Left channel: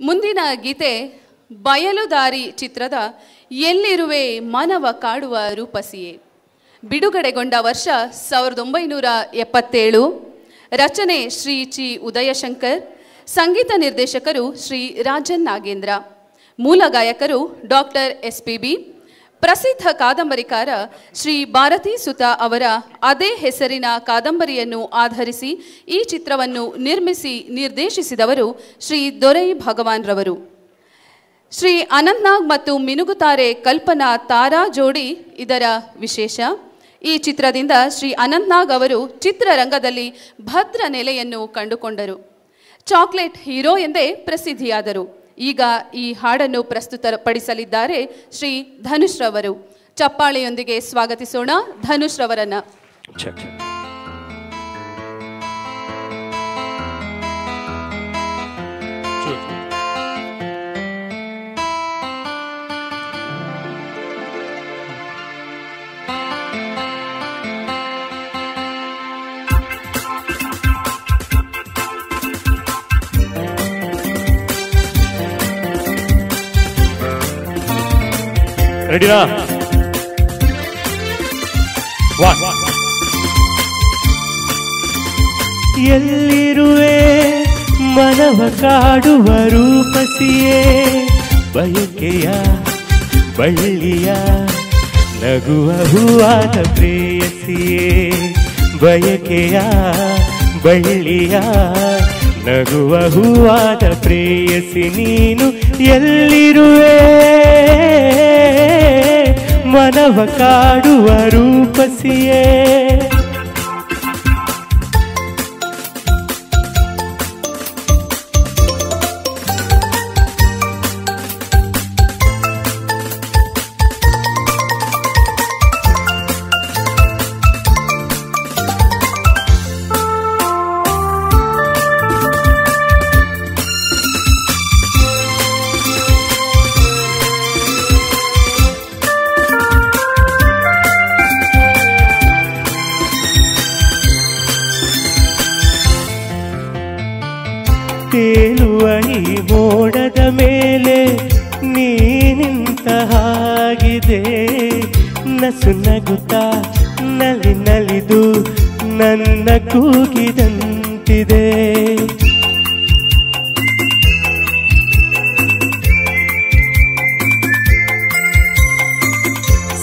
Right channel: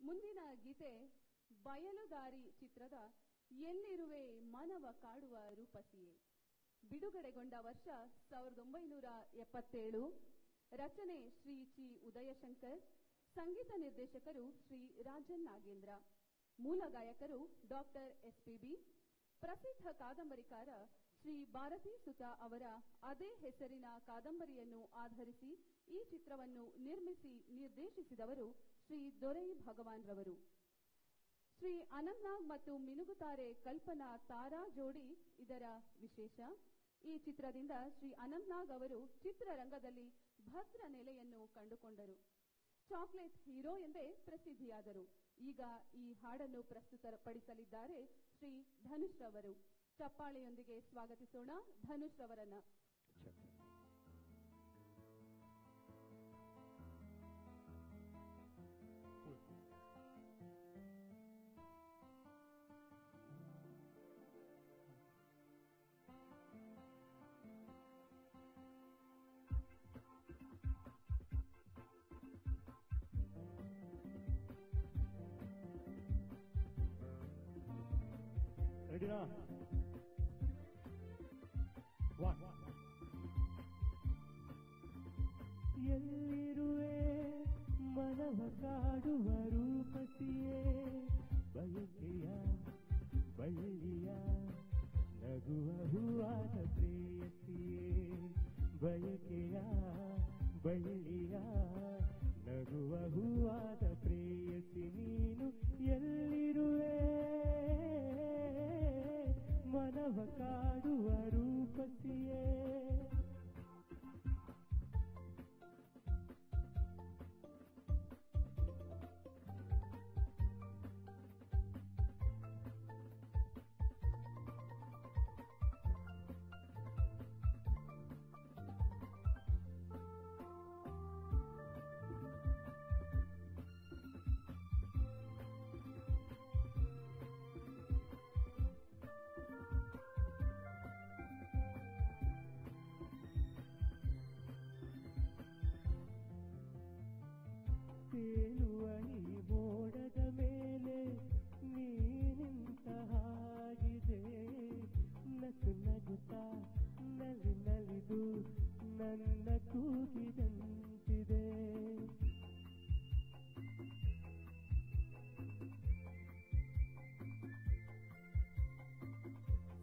ಮುಂದಿನ ಗೀತೆ ಬಯಲುದಾರಿ ಚಿತ್ರದ ಎಲ್ಲಿರುವೆ ಮಾನವ ಕಾಡುವ ರೂಪಸಿಯೇ. ಬಿಡುಗಡೆಗೊಂಡ ವರ್ಷ 1977. ರಚನೆ ಶ್ರೀ ಚಿ ಉದಯಶಂಕರ್. ಸಂಗೀತ ನಿರ್ದೇಶಕರು ಶ್ರೀ ರಾಜನ್ ನಾಗೇಂದ್ರ. ಮೂಲ ಗಾಯಕರು ಡಾಕ್ಟರ್ SPB. ಪ್ರಸಿದ್ಧ ಕಾದಂಬರಿಕಾರ ಶ್ರೀ ಭಾರತೀ ಸುತ ಅವರ ಅದೇ ಹೆಸರಿನ ಕಾದಂಬರಿಯನ್ನು ಆಧರಿಸಿ ಈ ಚಿತ್ರವನ್ನು ನಿರ್ಮಿಸಿ ನಿರ್ದೇಶಿಸಿದವರು ಶ್ರೀ ದೊರೈ ಭಗವಾನ್ ರವರು. ಶ್ರೀ ಅನಂತ್ನಾಗ್ ಮತ್ತು ಮಿನುಗುತಾರೆ ಕಲ್ಪನಾ ತಾರಾ ಜೋಡಿ ಇದರ ವಿಶೇಷ. ಈ ಚಿತ್ರದಿಂದ ಶ್ರೀ ಅನಂತ್ನಾಗ್ ಅವರು ಚಿತ್ರರಂಗದಲ್ಲಿ ಭದ್ರ ನೆಲೆಯನ್ನು ಕಂಡುಕೊಂಡರು. ಚಾಕ್ಲೇಟ್ ಹೀರೋ ಎಂದೇ ಪ್ರಸಿದ್ಧಿಯಾದರು. ಈಗ ಈ ಹಾಡನ್ನು ಪ್ರಸ್ತುತಪಡಿಸಲಿದ್ದಾರೆ ಶ್ರೀ ಧನುಷ್ ರವರು. ಚಪ್ಪಾಳೆಯೊಂದಿಗೆ ಸ್ವಾಗತಿಸೋಣ ಧನುಷ್ ರವರನ್ನ. ರೆಡಿನಾ? ಎಲ್ಲಿರುವೆ ಮನವ ಕಾಡುವ ರೂಪಸಿಯೇ, ಬಯಕೆಯ ಬಳ್ಳಿಯ ನಗುವ ಹೂವಾದ ಪ್ರೇಯಸಿಯೇ. ಬಯಕೆಯ ಬಳ್ಳಿಯ ನಗುವ ಹೂವಾದ ಪ್ರೇಯಸಿ ನೀನು ಎಲ್ಲಿರುವೆ ಮನವ ಕಾಡುವ ರೂಪಸಿಯೇ. ತೇಲುವ ಈ ಮೋಡದ ಮೇಲೆ ನೀನಿಂತ ಹಾಗಿದೆ, ನಸು ನಗುತ್ತಾ ನಲಿ ನಲಿದು ನನ್ನ ಕೂಗಿದಂತಿದೆ.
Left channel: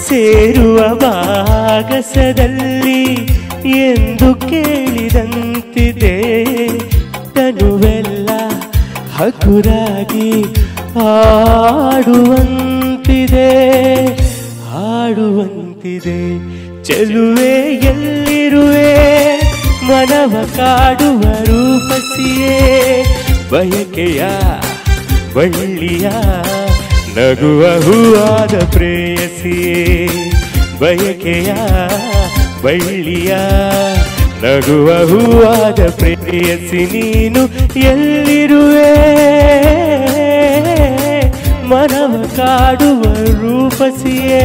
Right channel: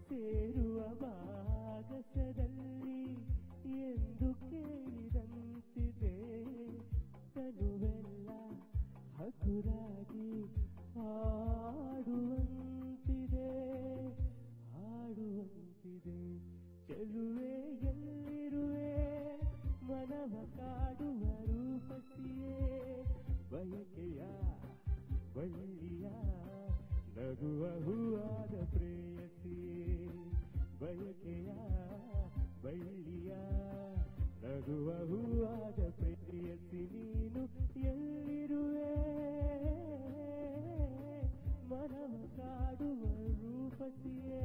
ಸೇರುವ ಭಾಗಸದಲ್ಲಿ ಎಂದು ಕೇಳಿದಂತಿದೆ, ತನುವೆಲ್ಲ ಹಗುರಾಗಿ ಹಾಡುವಂತಿದೆ ಹಾಡುವಂತಿದೆ. ಚೆಲುವೆ ಎಲ್ಲಿರುವೆ ಮನವ ಕಾಡುವ ರೂಪಸಿಯೇ. ಬಯಕೆಯ ಬಳ್ಳಿಯ ನಗುವ ಹೂವಾದ ಪ್ರೇಯಸಿಯೇ. ಬಯಕೆಯ ಬಳ್ಳಿಯ ನಗುವ ಹೂವಾದ ಪ್ರೇಯಸಿ ನೀನು ಎಲ್ಲಿರುವೆ ಮನವ ಕಾಡುವ ರೂಪಸಿಯೇ.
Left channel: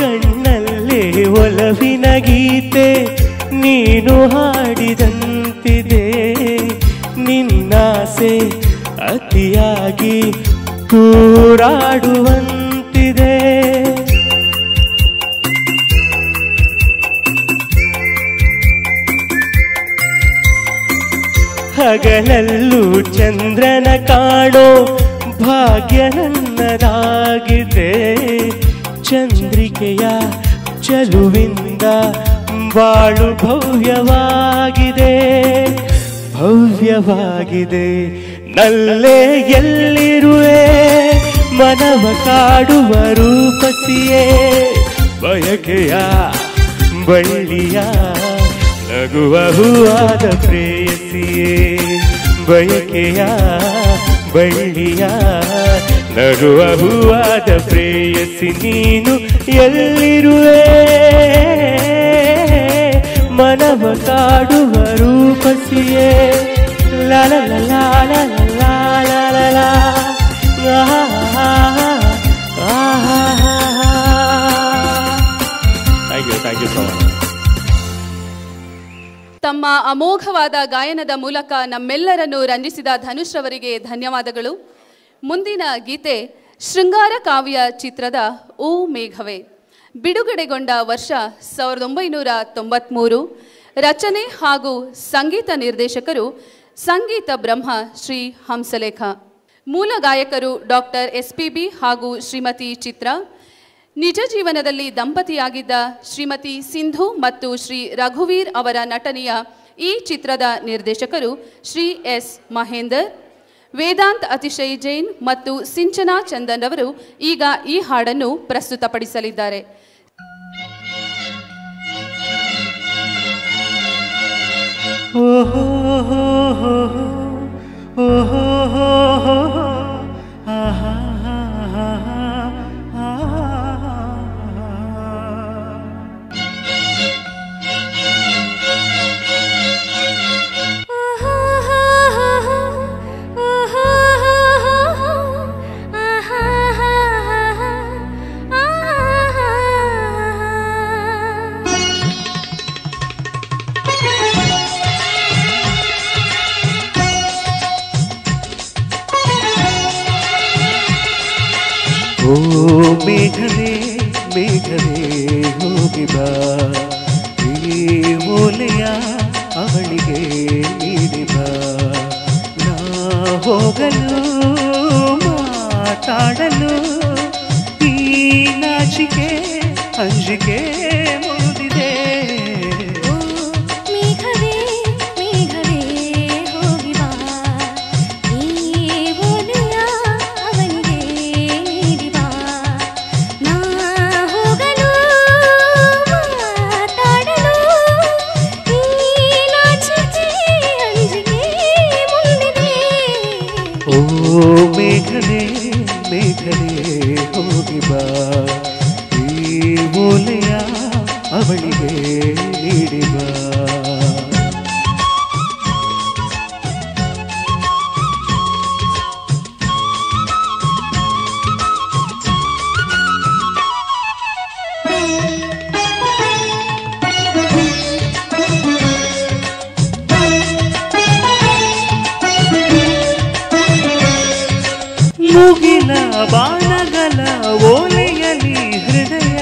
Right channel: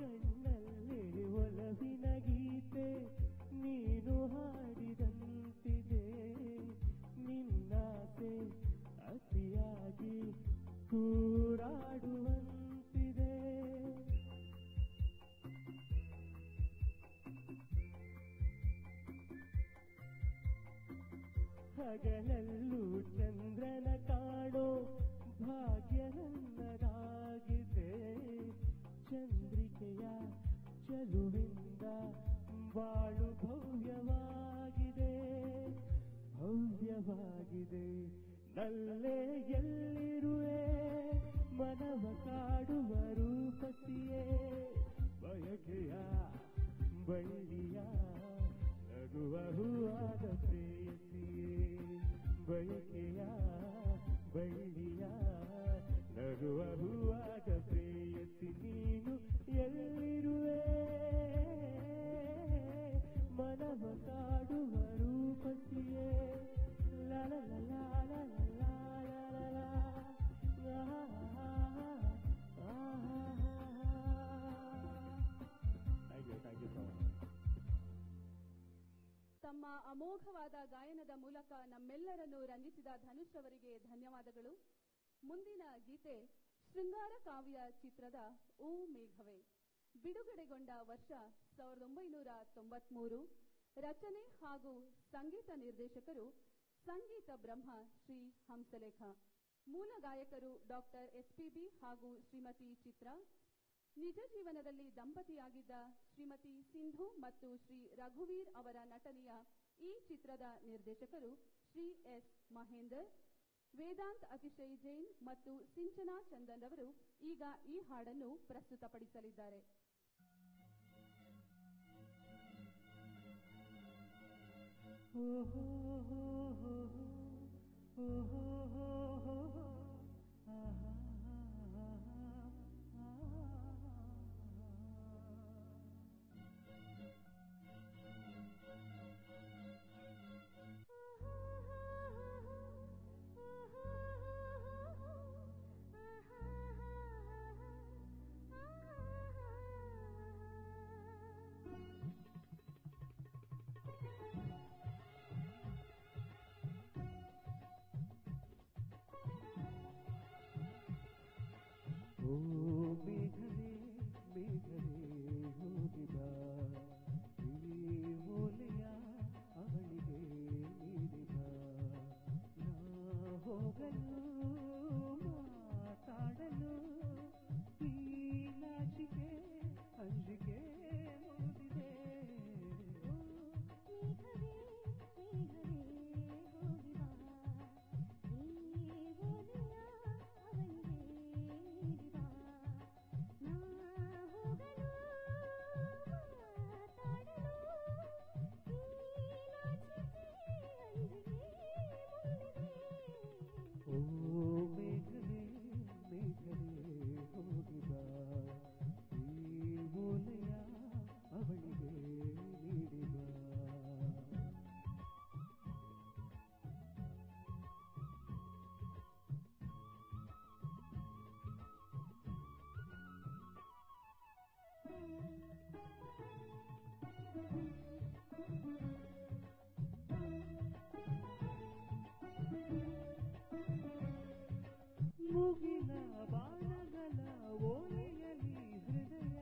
ಕಣ್ಣಲ್ಲೇ ಒಲವಿನ ಗೀತೆ ನೀನು ಹಾಡಿದಂತಿದೆ, ನಿನ್ನಾಸೆ ಅತಿಯಾಗಿ ತೂರಾಡುವಂತಿದೆ. ಹಗಲಲ್ಲೂ ಚಂದ್ರನ ಕಾಣೋ ಭಾಗ್ಯ ನನ್ನದಾಗಿದೆ, ಚಂದ್ರಿಕೆಯ ಚಲುವಿಂದ ಬಾಳು ಭವ್ಯವಾಗಿದೆ ಭವ್ಯವಾಗಿದೆ. ನಲ್ಲೇ ಎಲ್ಲಿರುವೆ ಮನವ ಕಾಡುವ ರೂಪಸಿಯೇ. ಬಯಕೆಯ ಬಳ್ಳಿಯ ನಗುವ ಹೂವಾದ ಪ್ರೇಯಸಿಯೇ ಬಯಕೆಯ ಬಳ್ಳಿಯ ನಗುವ ಹೂವಾದ ಪ್ರೇಯಸಿ ನೀನು ಎಲ್ಲಿರುವೆ ಮನವ ಕಾಡುವ ರೂಪಸಿಯೇ ಲಾಲ ಲಾಲ ಲಾಲ ಲಾಲ ಥ್ಯಾಂಕ್ ಯು ಸೊ ಮಚ್. ತಮ್ಮ ಅಮೋಘವಾದ ಗಾಯನದ ಮೂಲಕ ನಮ್ಮೆಲ್ಲರನ್ನು ರಂಜಿಸಿದ ಧನುಷ್ ರವರಿಗೆ ಧನ್ಯವಾದಗಳು. ಮುಂದಿನ ಗೀತೆ ಶೃಂಗಾರ ಕಾವ್ಯ ಚಿತ್ರದ ಓ ಮೇಘವೇ. ಬಿಡುಗಡೆಗೊಂಡ ವರ್ಷ 1993. ರಚನೆ ಹಾಗೂ ಸಂಗೀತ ನಿರ್ದೇಶಕರು ಸಂಗೀತ ಬ್ರಹ್ಮ ಶ್ರೀ ಹಂಸಲೇಖ. ಮೂಲ ಗಾಯಕರು ಡಾಕ್ಟರ್ SPB ಹಾಗೂ ಶ್ರೀಮತಿ ಚಿತ್ರ. ನಿಜ ಜೀವನದಲ್ಲಿ ದಂಪತಿಯಾಗಿದ್ದ ಶ್ರೀಮತಿ ಸಿಂಧು ಮತ್ತು ಶ್ರೀ ರಘುವೀರ್ ಅವರ ನಟನೆಯ ಈ ಚಿತ್ರದ ನಿರ್ದೇಶಕರು ಶ್ರೀ S ಮಹೇಂದರ್. ವೇದಾಂತ್ ಅತಿಶಯ್ ಜೈನ್ ಮತ್ತು ಸಿಂಚನಾ ಚಂದನ್ ಅವರು ಈಗ ಈ ಹಾಡನ್ನು ಪ್ರಸ್ತುತಪಡಿಸಲಿದ್ದಾರೆ. ಓ ಮೇಘವೇ ಮೇಘವೇ ಹೋಗಿ ಬಾ ಈ ಓಲೆಯ ಅವಳಿಗೆ ನೀಡಿ ಬಾ ನಾ ಹೋಗಲು ಮಾತಾಡಲು ಈ ನಾಚಿಕೆ ಅಂಜಿಕೆ ಮುಗಿದಿದೆ. ಮೇಘವೇ ಮೇಘವೇ ಹೋಗಿ ಬಾ ಈ ಓಲೆಯ ಅವಳಿಗೆ ನೀಡಿ ಬಾ. ಮುಗಿಲ ಬಾಣಗಳ ಓಲೆಯಲಿ ಹೃದಯ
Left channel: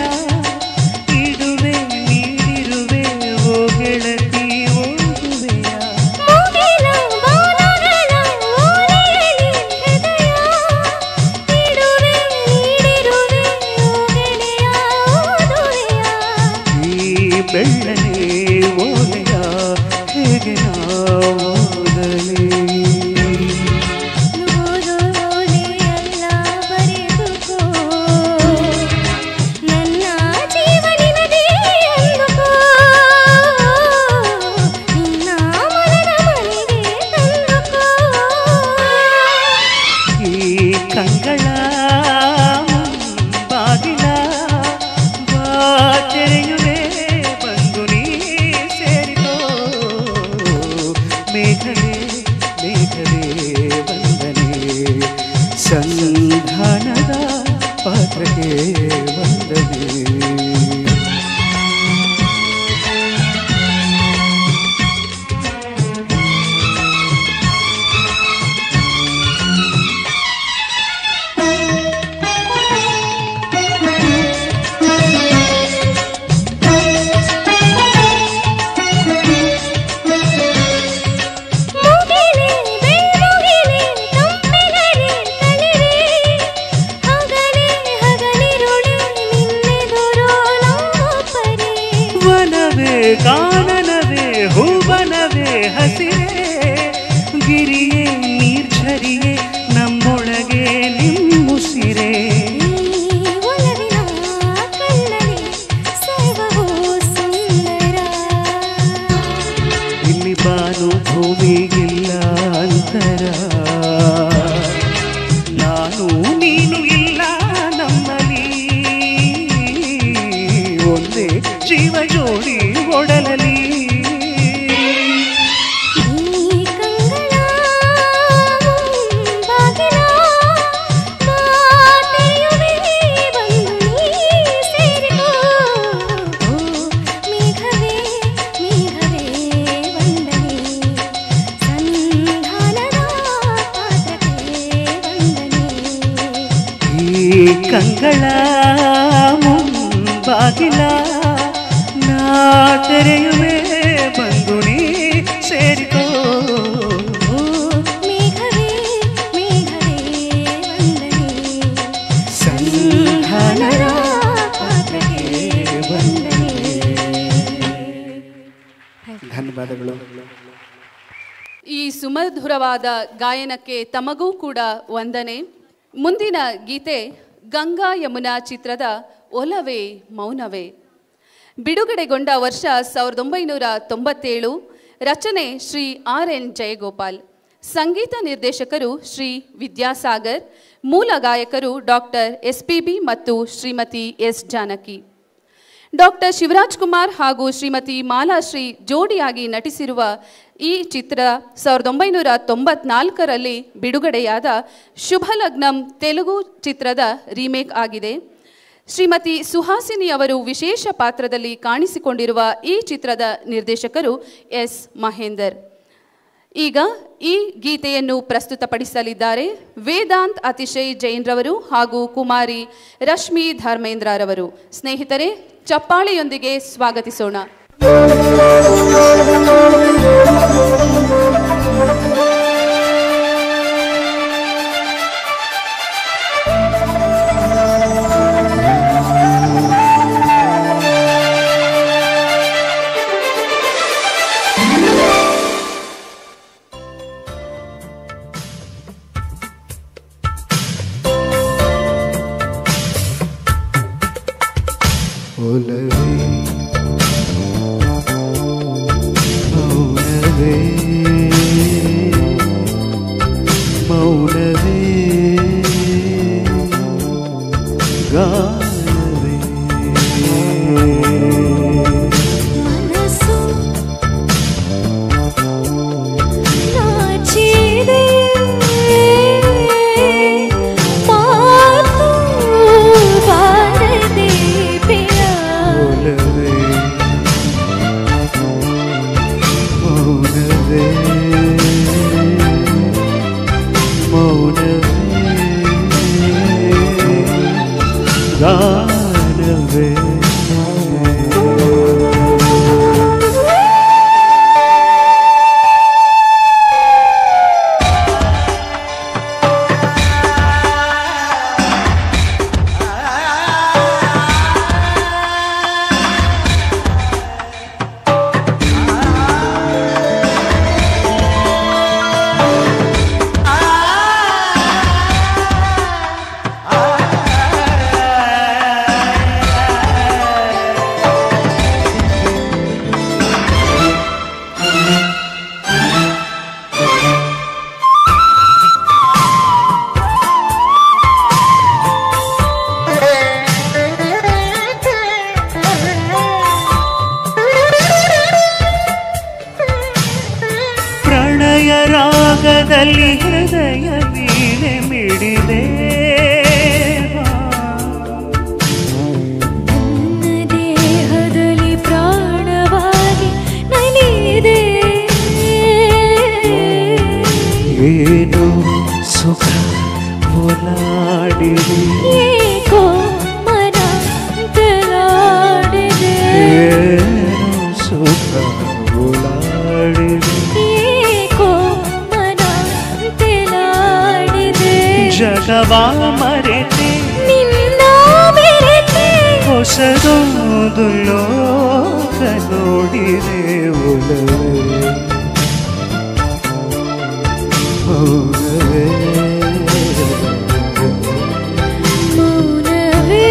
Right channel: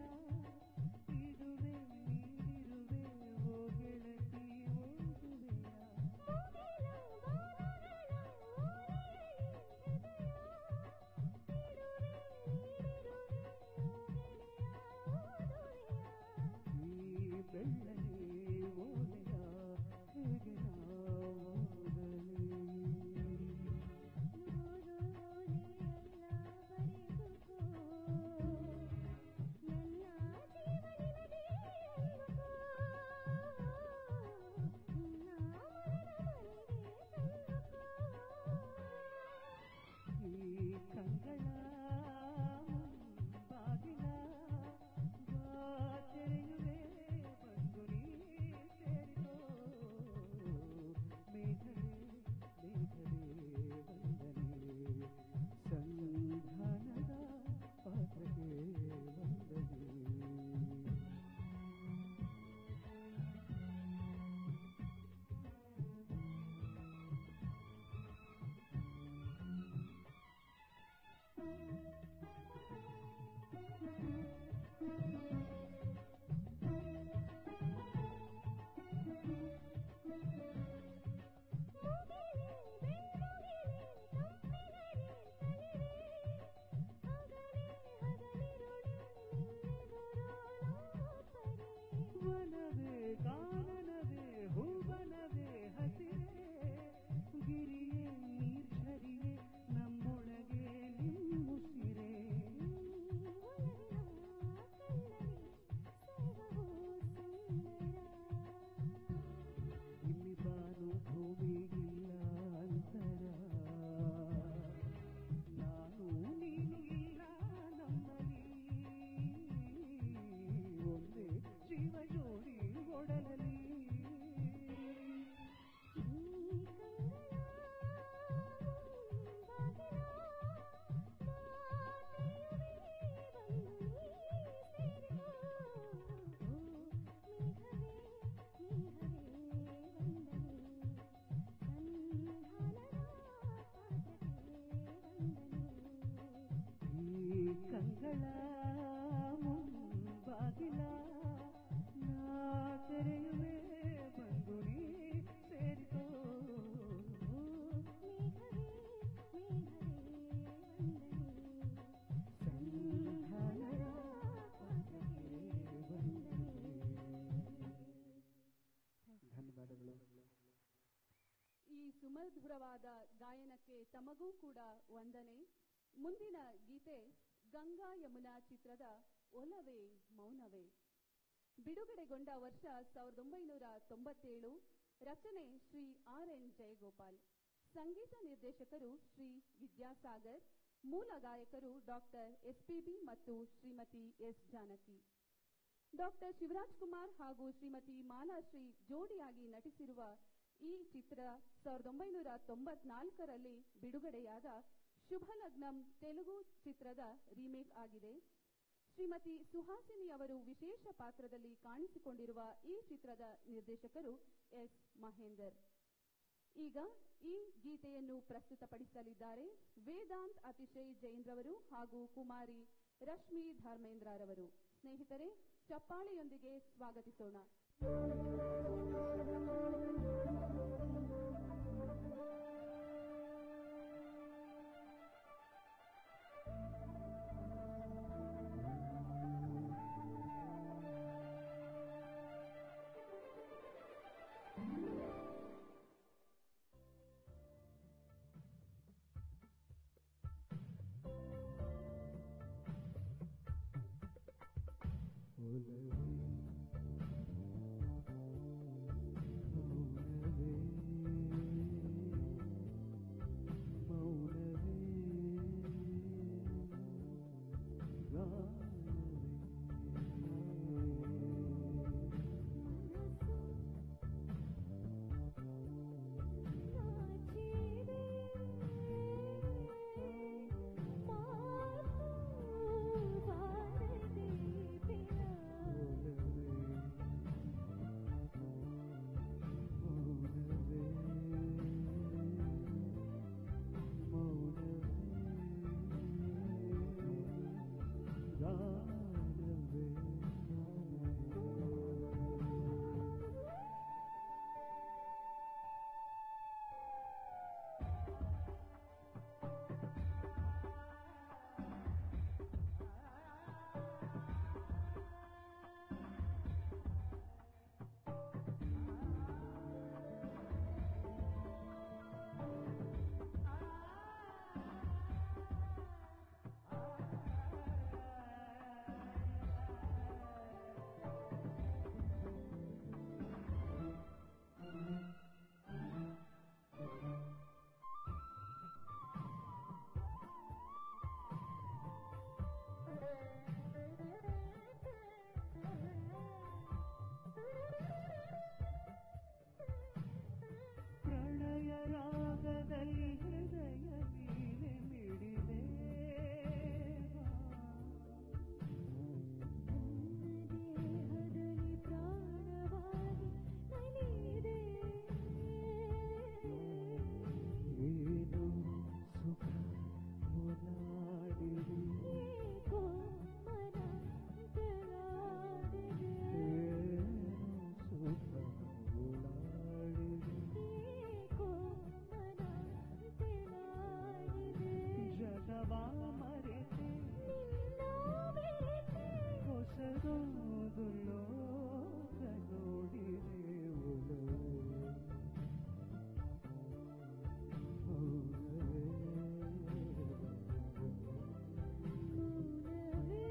ಇಡುವೆ ನೀಡಿರುವೆ ಓ ಗೆಳತಿ ಓದುವೆಯ. ಮುಗಿಲ ಬಾಣಗಳ ಓಲೆಯಲಿ ಹೃದಯ ಇಡುವೆ ನೀಡಿರುವೆ ಓ ಗೆಳೆಯ ಓದುವೆಯ. ಈ ಬೆಳ್ಳನೆ ಓಲೆಯ ಹೇಗೆ ನಾವು ಓದಲಿ. ಕಂಗಳ ಬಾಗಿಲ ಬಾಚೆರೆಯುವೆ ಬಂದು ನೀ ಸೇರಿಕೋ. ಮೇಘವೇ ಮೇಘವೇ ವಂದನೆ ಸಂಧಾನದ ಪಾತ್ರಕ್ಕೆ ವಂದನೆ. ನೋವಿಗಿಲ್ಲ ಅಂತರ ನಾನು ನೀನು ಇಲ್ಲ ನಮ್ಮಲ್ಲಿ ಒಂದೇ ಜೀವ ಜೋಡಿ ಒಡಲಲಿ ಕಂಗಳ ಮುಂಬಾಗಿಲ ನಾ ತೆರೆಯುವೆ ಬಂದು ನೀ ಸೇರಿಕೋ ಮೇಘವೇ ಮೇಘವೇ ವಂದನೆ ಸಂಧಾನದ ಪಾತ್ರಕ್ಕೆ ವಂದನೆ. ಧನ್ಯವಾದಗಳು. ಈ ಸುಮಧುರವಾದ ಗಾಯನಕ್ಕೆ ತಮಗೂ ಕೂಡ ವಂದನೆ. ಮುಂದಿನ ಗೀತೆ ಗಂಗಾ ಯಮುನಾ ಚಿತ್ರದ ಒಲವೇ ಮೌನವೇ. ಬಿಡುಗಡೆಗೊಂಡ ವರ್ಷ 1997. ರಚನೆ ಶ್ರೀ RN ಜಯಗೋಪಾಲ್. ಸಂಗೀತ ನಿರ್ದೇಶಕರು ಶ್ರೀ ವಿದ್ಯಾಸಾಗರ್. ಮೂಲ ಗಾಯಕರು ಡಾಕ್ಟರ್ SPB ಮತ್ತು ಶ್ರೀಮತಿ S ಜಾನಕಿ. ಡಾಕ್ಟರ್ ಶಿವರಾಜ್ ಕುಮಾರ್ ಹಾಗೂ ಶ್ರೀಮತಿ ಮಾಲಾಶ್ರೀ ಜೋಡಿಯಾಗಿ ನಟಿಸಿರುವ ಈ ಚಿತ್ರ 1994ರಲ್ಲಿ ಬಿಡುಗಡೆಯಾದ ಶುಭಲಗ್ನಂ ತೆಲುಗು ಚಿತ್ರದ ರೀಮೇಕ್ ಆಗಿದೆ. ಶ್ರೀಮತಿ ಸುಹಾಸಿನಿ ಅವರು ವಿಶೇಷ ಪಾತ್ರದಲ್ಲಿ ಕಾಣಿಸಿಕೊಂಡಿರುವ ಈ ಚಿತ್ರದ ನಿರ್ದೇಶಕರು S ಮಹೇಂದರ್. ಈಗ ಈ ಗೀತೆಯನ್ನು ಪ್ರಸ್ತುತಪಡಿಸಲಿದ್ದಾರೆ ವೇದಾಂತ್ ಅತಿಶಯ್ ಜೈನ್ರವರು ಹಾಗೂ ಕುಮಾರಿ ರಶ್ಮಿ ಧರ್ಮೇಂದ್ರರವರು. ಸ್ನೇಹಿತರೆ, ಚಪ್ಪಾಳೆಯೊಂದಿಗೆ ಸ್ವಾಗತಿಸೋಣ. ರಾಗದಲ್ಲಿ ಹೃದಯ ವೀಣೆ ಮಿಡಿದೆ ನನ್ನ ದೇಹದಲ್ಲಿ ಪ್ರಾಣವಾಗಿ ನಲಿದೆ ಏನು ಸುಖ ಓಲಾಡಿದೆ ಏಕೋ ಮನ ತಲಾಡಿದೆ ಏನು ಸುಖ ಓಲಾಡಿದೆ ಜಗವಾ ಮರೆತೆ ನಿನ್ನ ಬೆರೆತೆ ಹೊಸದೊಂದು ಲೋಕ ನೋಡಿದೆ ಒಲವೇ ಮೌನವೇ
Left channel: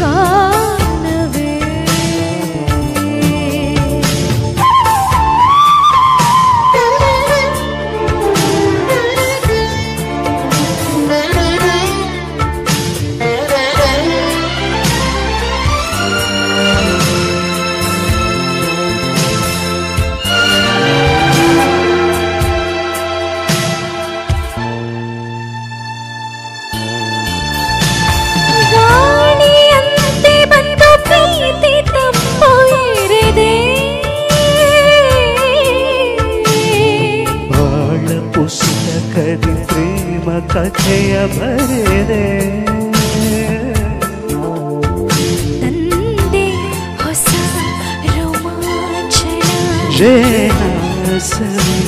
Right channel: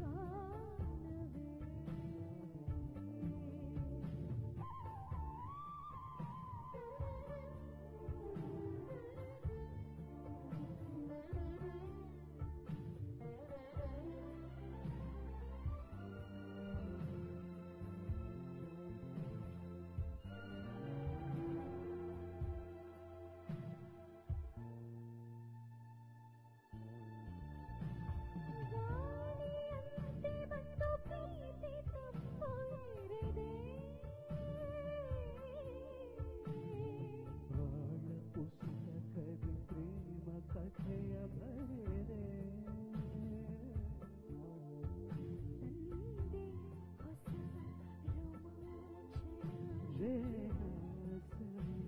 ಗಾನವೇ ಕಥೆಯ ಬರೆದೆ ತಂದೆ ಹೊಸ ರೋಮಾಂಚನ ಜೇನಾಸವಿ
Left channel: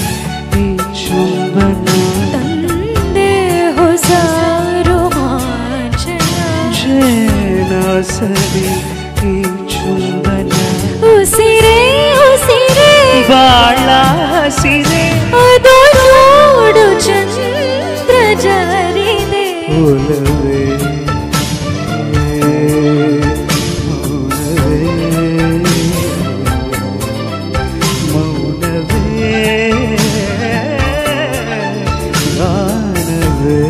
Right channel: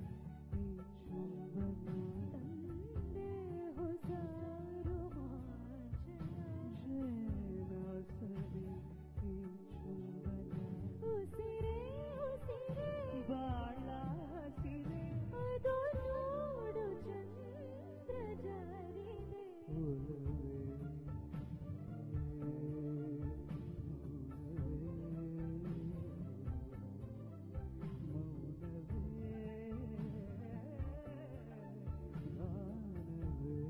ಈ ಚುಂಬನ ತಂದೆ ಹೊಸ ರೋಮಾಂಚನ ಜೇನಾಸವಿ ಈ ಚುಂಬನ ಉಸಿರೇ ಉಸಿರೇ ಬಾಳ ಹಸಿರೆ ಅದು ನೋಡು ಚಂದ್ರ ಜಾರಿದೆ ಒಲವೇ ಮೌನವೇ ಗಾನವೇ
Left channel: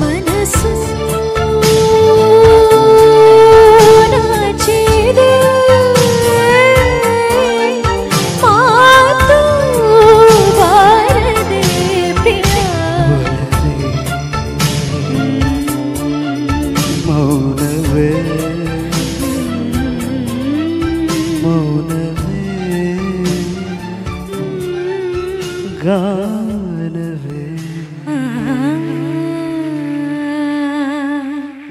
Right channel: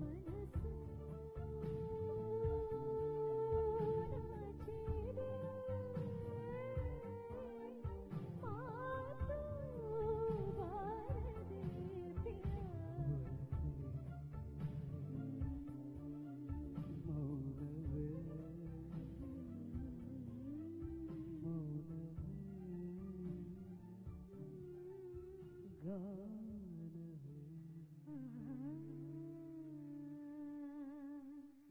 ಮನಸ್ಸು ನಾಚಿದೆ ಮಾತು ಬಾರದೆ ಪ್ರಿಯ ಮೌನವೇ ಮೌನವೇ ಗಾನವೇ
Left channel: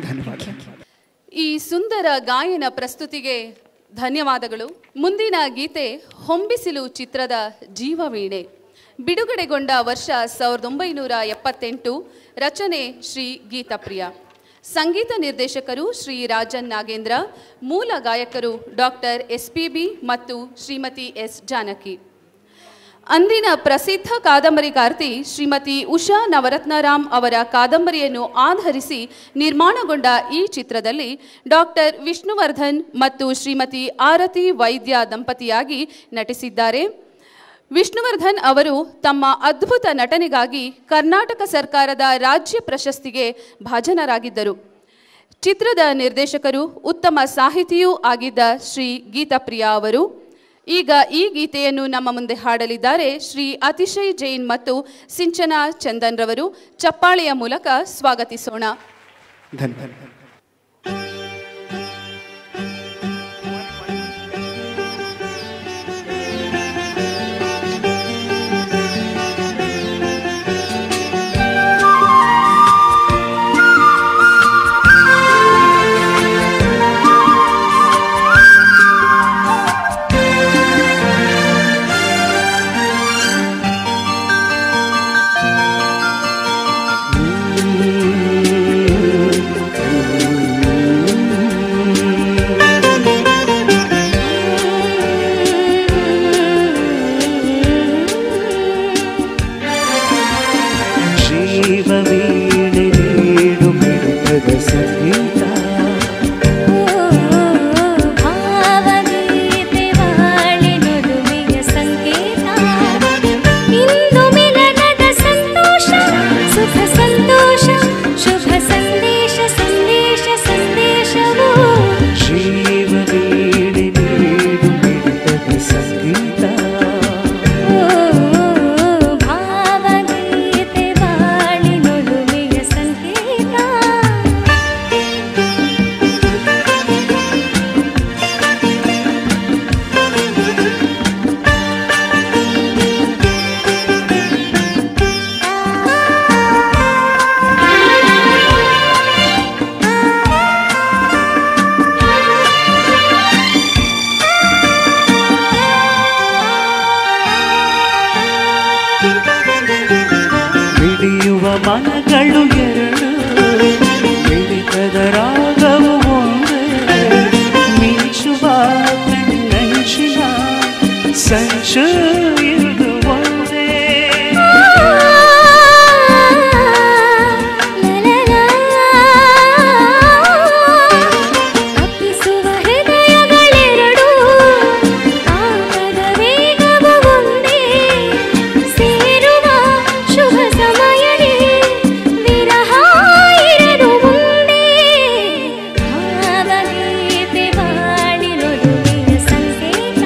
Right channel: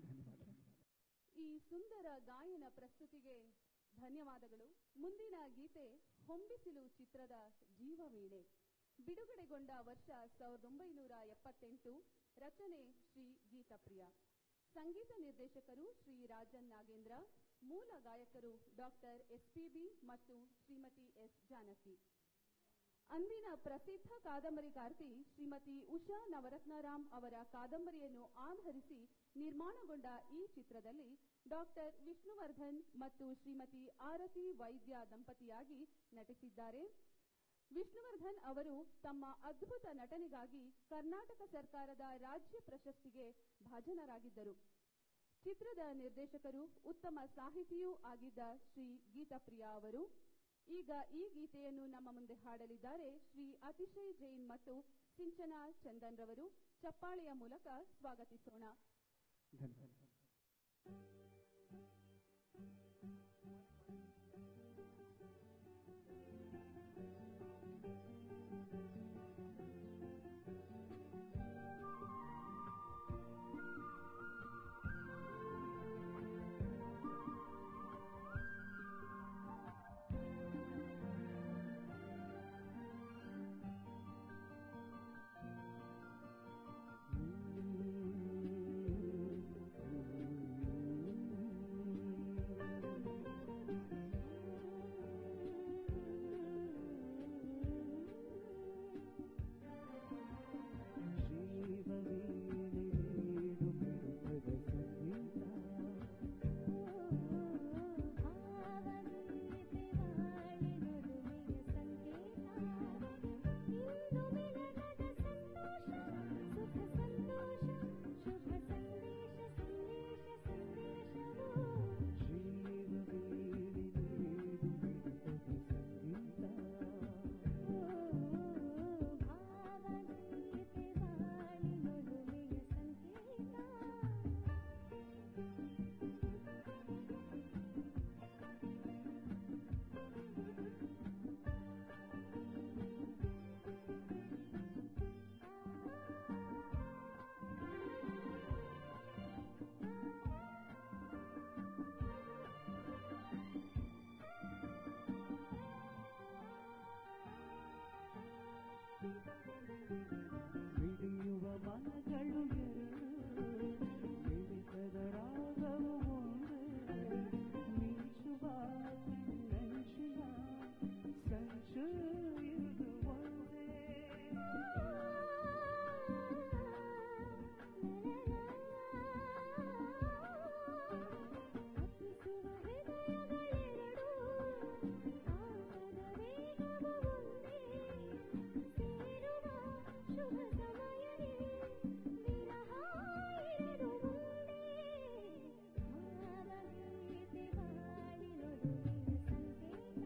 ಧನ್ಯವಾದ. ಈ ಸುಂದರ ಗಾಯನ ಪ್ರಸ್ತುತಿಗೆ ಧನ್ಯವಾದಗಳು. ಮುಂದಿನ ಗೀತೆ ಹೊಂಬಿಸಿಲು ಚಿತ್ರದ ಜೀವವೀಣೆ. ಬಿಡುಗಡೆಗೊಂಡ ವರ್ಷ 1978. ರಚನೆ ಶ್ರೀ ಗೀತಪ್ರಿಯ. ಸಂಗೀತ ನಿರ್ದೇಶಕರು ಶ್ರೀ ರಾಜನ್ ನಾಗೇಂದ್ರ. ಮೂಲ ಗಾಯಕರು ಡಾಕ್ಟರ್ SPB ಮತ್ತು ಶ್ರೀಮತಿ S ಜಾನಕಿ. ಅಂದಿನ ಪ್ರಸಿದ್ಧ ಕಾದಂಬರಿಕಾರ್ತಿ ಶ್ರೀಮತಿ ಉಷಾ ನವರತ್ನರಾಮ್ ಅವರ ಕಾದಂಬರಿಯನ್ನು ಆಧರಿಸಿ ನಿರ್ಮಾಣಗೊಂಡ ಈ ಚಿತ್ರದಲ್ಲಿ ಡಾಕ್ಟರ್ ವಿಷ್ಣುವರ್ಧನ್ ಮತ್ತು ಶ್ರೀಮತಿ ಆರತಿ ವೈದ್ಯ ದಂಪತಿಯಾಗಿ ನಟಿಸಿದ್ದಾರೆ. ವಿಷ್ಣುವರ್ಧನ್ ಅವರು ತಮ್ಮ ಅದ್ಭುತ ನಟನೆಗಾಗಿ ಕರ್ನಾಟಕ ಸರ್ಕಾರದ ರಾಜ್ಯ ಪ್ರಶಸ್ತಿಗೆ ಭಾಜನರಾಗಿದ್ದರು. ಚಿತ್ರದ ನಿರ್ದೇಶಕರು ಉತ್ತಮ ಸಾಹಿತಿಯೂ ಆಗಿದ್ದ ಶ್ರೀ ಗೀತಪ್ರಿಯ ಅವರು. ಈಗ ಈ ಗೀತೆಯನ್ನು ನಮ್ಮ ಮುಂದೆ ಹಾಡಲಿದ್ದಾರೆ ಶ್ರೀ ಅತಿಶಯ್ ಜೈನ್ ಮತ್ತು ಸಿಂಚನಾ ಚಂದನ್ ರವರು. ಚಪ್ಪಾಳೆಯ ಮೂಲಕ ಸ್ವಾಗತಿಸೋಣ. ಧನ್ಯವಾದ. ಮನಗಳು ಎರಡು ಮಿಡಿತದ ರಾಗವು ಒಂದೇ ಮಿಂಚುವ ಕಣ್ಣಂಚಿನ ಸಂಚು ಇದು ಒಂದೇ ಅಪ್ಪಿಸುವ ಹೃದಯಗಳೆರಡು ಆಗದ ವೇಗವು ಒಂದೇ ಸೇರುವ ಶುಭ ಸಮಯದಲ್ಲಿ ವಿರಹ ಇರದು ಮುಂದೆ ಭಾವಗೀತೆ ಬಾಳಿನೊಲುವಿನ ಸಂಕೇತ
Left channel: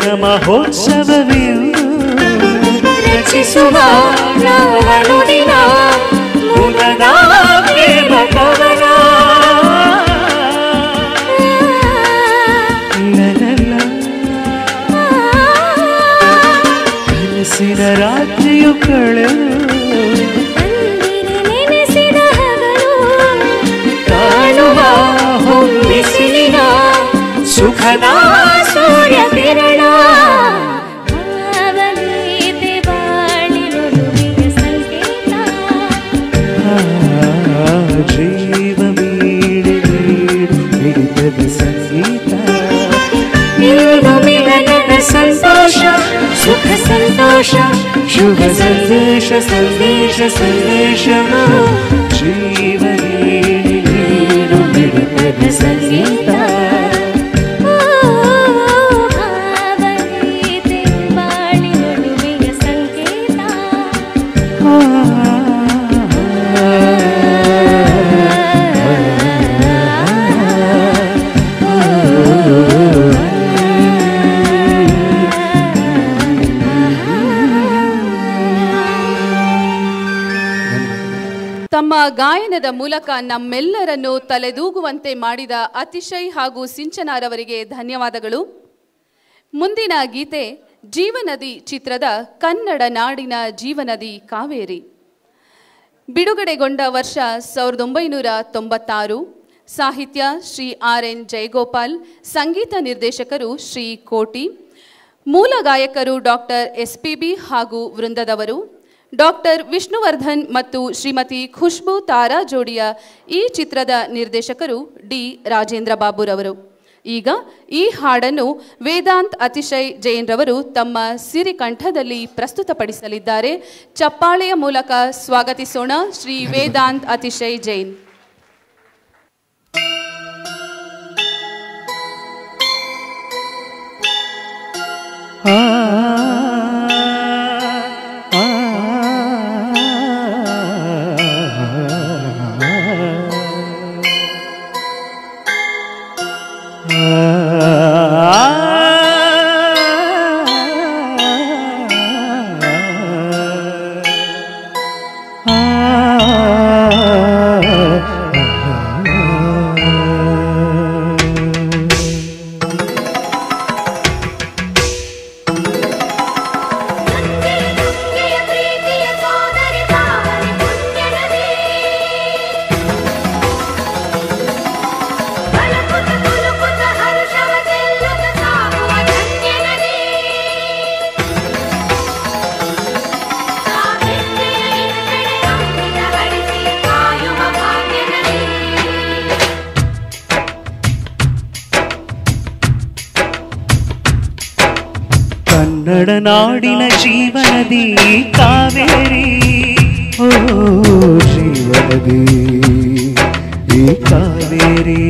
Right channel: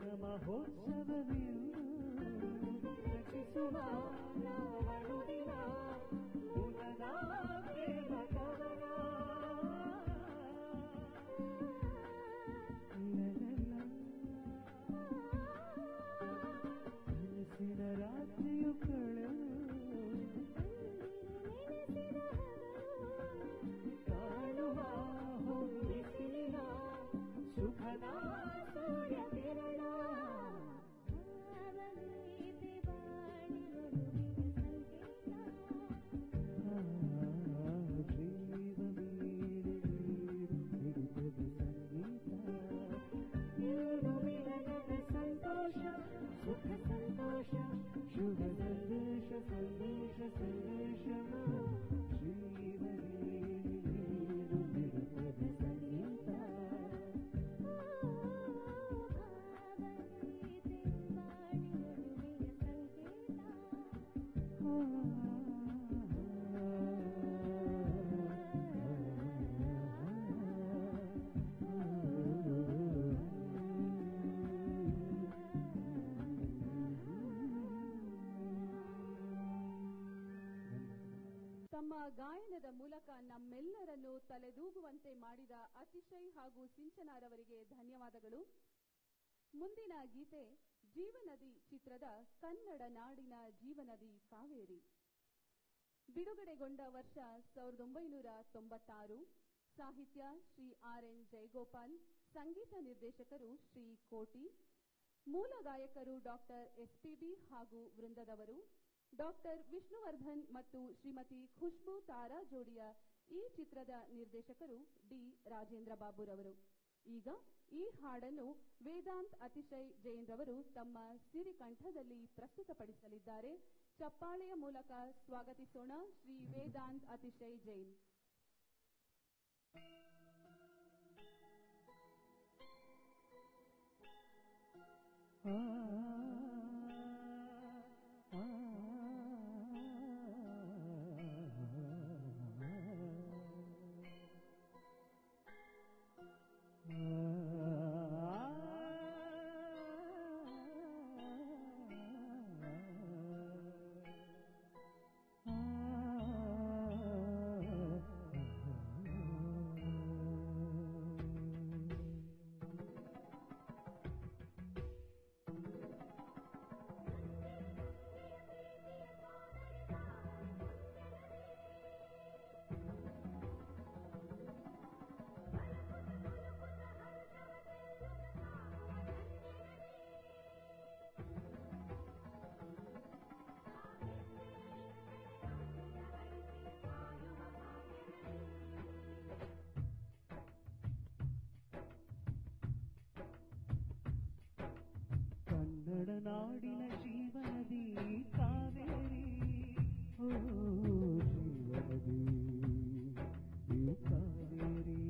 ಮಿಲನ ಮಹೋತ್ಸವವೆಂದು ರಚಿಸುವ ನಾವನುದಿನ ಮುದದ ಪ್ರೇಮ ಕವನ. ಕನಸಿನ ರಾತ್ರಿಯು ಕಳೆದು ನೆನೆಸಿದ ಹಗಲು ಕಾಣುವ ಹೊಂಬಿಸಿಲಿನ ಸುಖದ ಸೂರ್ಯ ಕಿರಣ. ಭಾವಗೀತೆ ಬಾಳಿನುಡಿಯ ಸಂಕೇತ. ಜೀವ ಮೀಡಿ ಹಿಡಿತದ ಸಂಗೀತ. ಇಂದು ಮಿಲನದ ಸಂತೋಷ ಸುಖ ಸಂತೋಷ ಶುಭ ಸಂದೇಶ ಸಂದೇಶ ಸಂದೇಶವ ಜೀವ ನೀಡಿ ಹಿಡಿತದ ಸಂಗೀತ. ಭಾವಗೀತೆ ಬಾಳಿನುಡಿಯ ಸಂಕೇತ. ತಮ್ಮ ಗಾಯನದ ಮೂಲಕ ನಮ್ಮೆಲ್ಲರನ್ನು ತಲೆದೂಗುವಂತೆ ಮಾಡಿದ ಅತಿಶಯ್ ಹಾಗೂ ಸಿಂಚನಾರವರಿಗೆ ಧನ್ಯವಾದಗಳು. ಮುಂದಿನ ಗೀತೆ ಜೀವನದಿ ಚಿತ್ರದ ಕನ್ನಡ ನಾಡಿನ ಜೀವನದಿ ಕಾವೇರಿ. ಬಿಡುಗಡೆಗೊಂಡ ವರ್ಷ 1996. ಸಾಹಿತ್ಯ ಶ್ರೀ RN ಜಯಗೋಪಾಲ್, ಸಂಗೀತ ನಿರ್ದೇಶಕರು ಶ್ರೀ ಕೋಟಿ, ಮೂಲ ಗಾಯಕರು ಡಾಕ್ಟರ್ SPB ಹಾಗೂ ವೃಂದದವರು. ಡಾಕ್ಟರ್ ವಿಷ್ಣುವರ್ಧನ್ ಮತ್ತು ಶ್ರೀಮತಿ ಖುಷ್ಬು ತಾರಾ ಜೋಡಿಯ ಈ ಚಿತ್ರದ ನಿರ್ದೇಶಕರು ಡಿ ರಾಜೇಂದ್ರ ಬಾಬುರವರು. ಈಗ ಈ ಹಾಡನ್ನು ವೇದಾಂತ್ ಅತಿಶಯ್ ಜೈನ್ ರವರು ತಮ್ಮ ಸಿರಿಕಂಠದಲ್ಲಿ ಪ್ರಸ್ತುತಪಡಿಸಲಿದ್ದಾರೆ. ಚಪ್ಪಾಳೆಯ ಮೂಲಕ ಸ್ವಾಗತಿಸೋಣ ಶ್ರೀ ವೇದಾಂತ್ ಅತಿಶಯ್ ಜೈನ್. ಕನ್ನಡ ನಾಡಿನ ಜೀವನದಿ ಕಾವೇರಿ. ಓ ಜೀವನದಿ ಈ ಕಾವೇರಿ.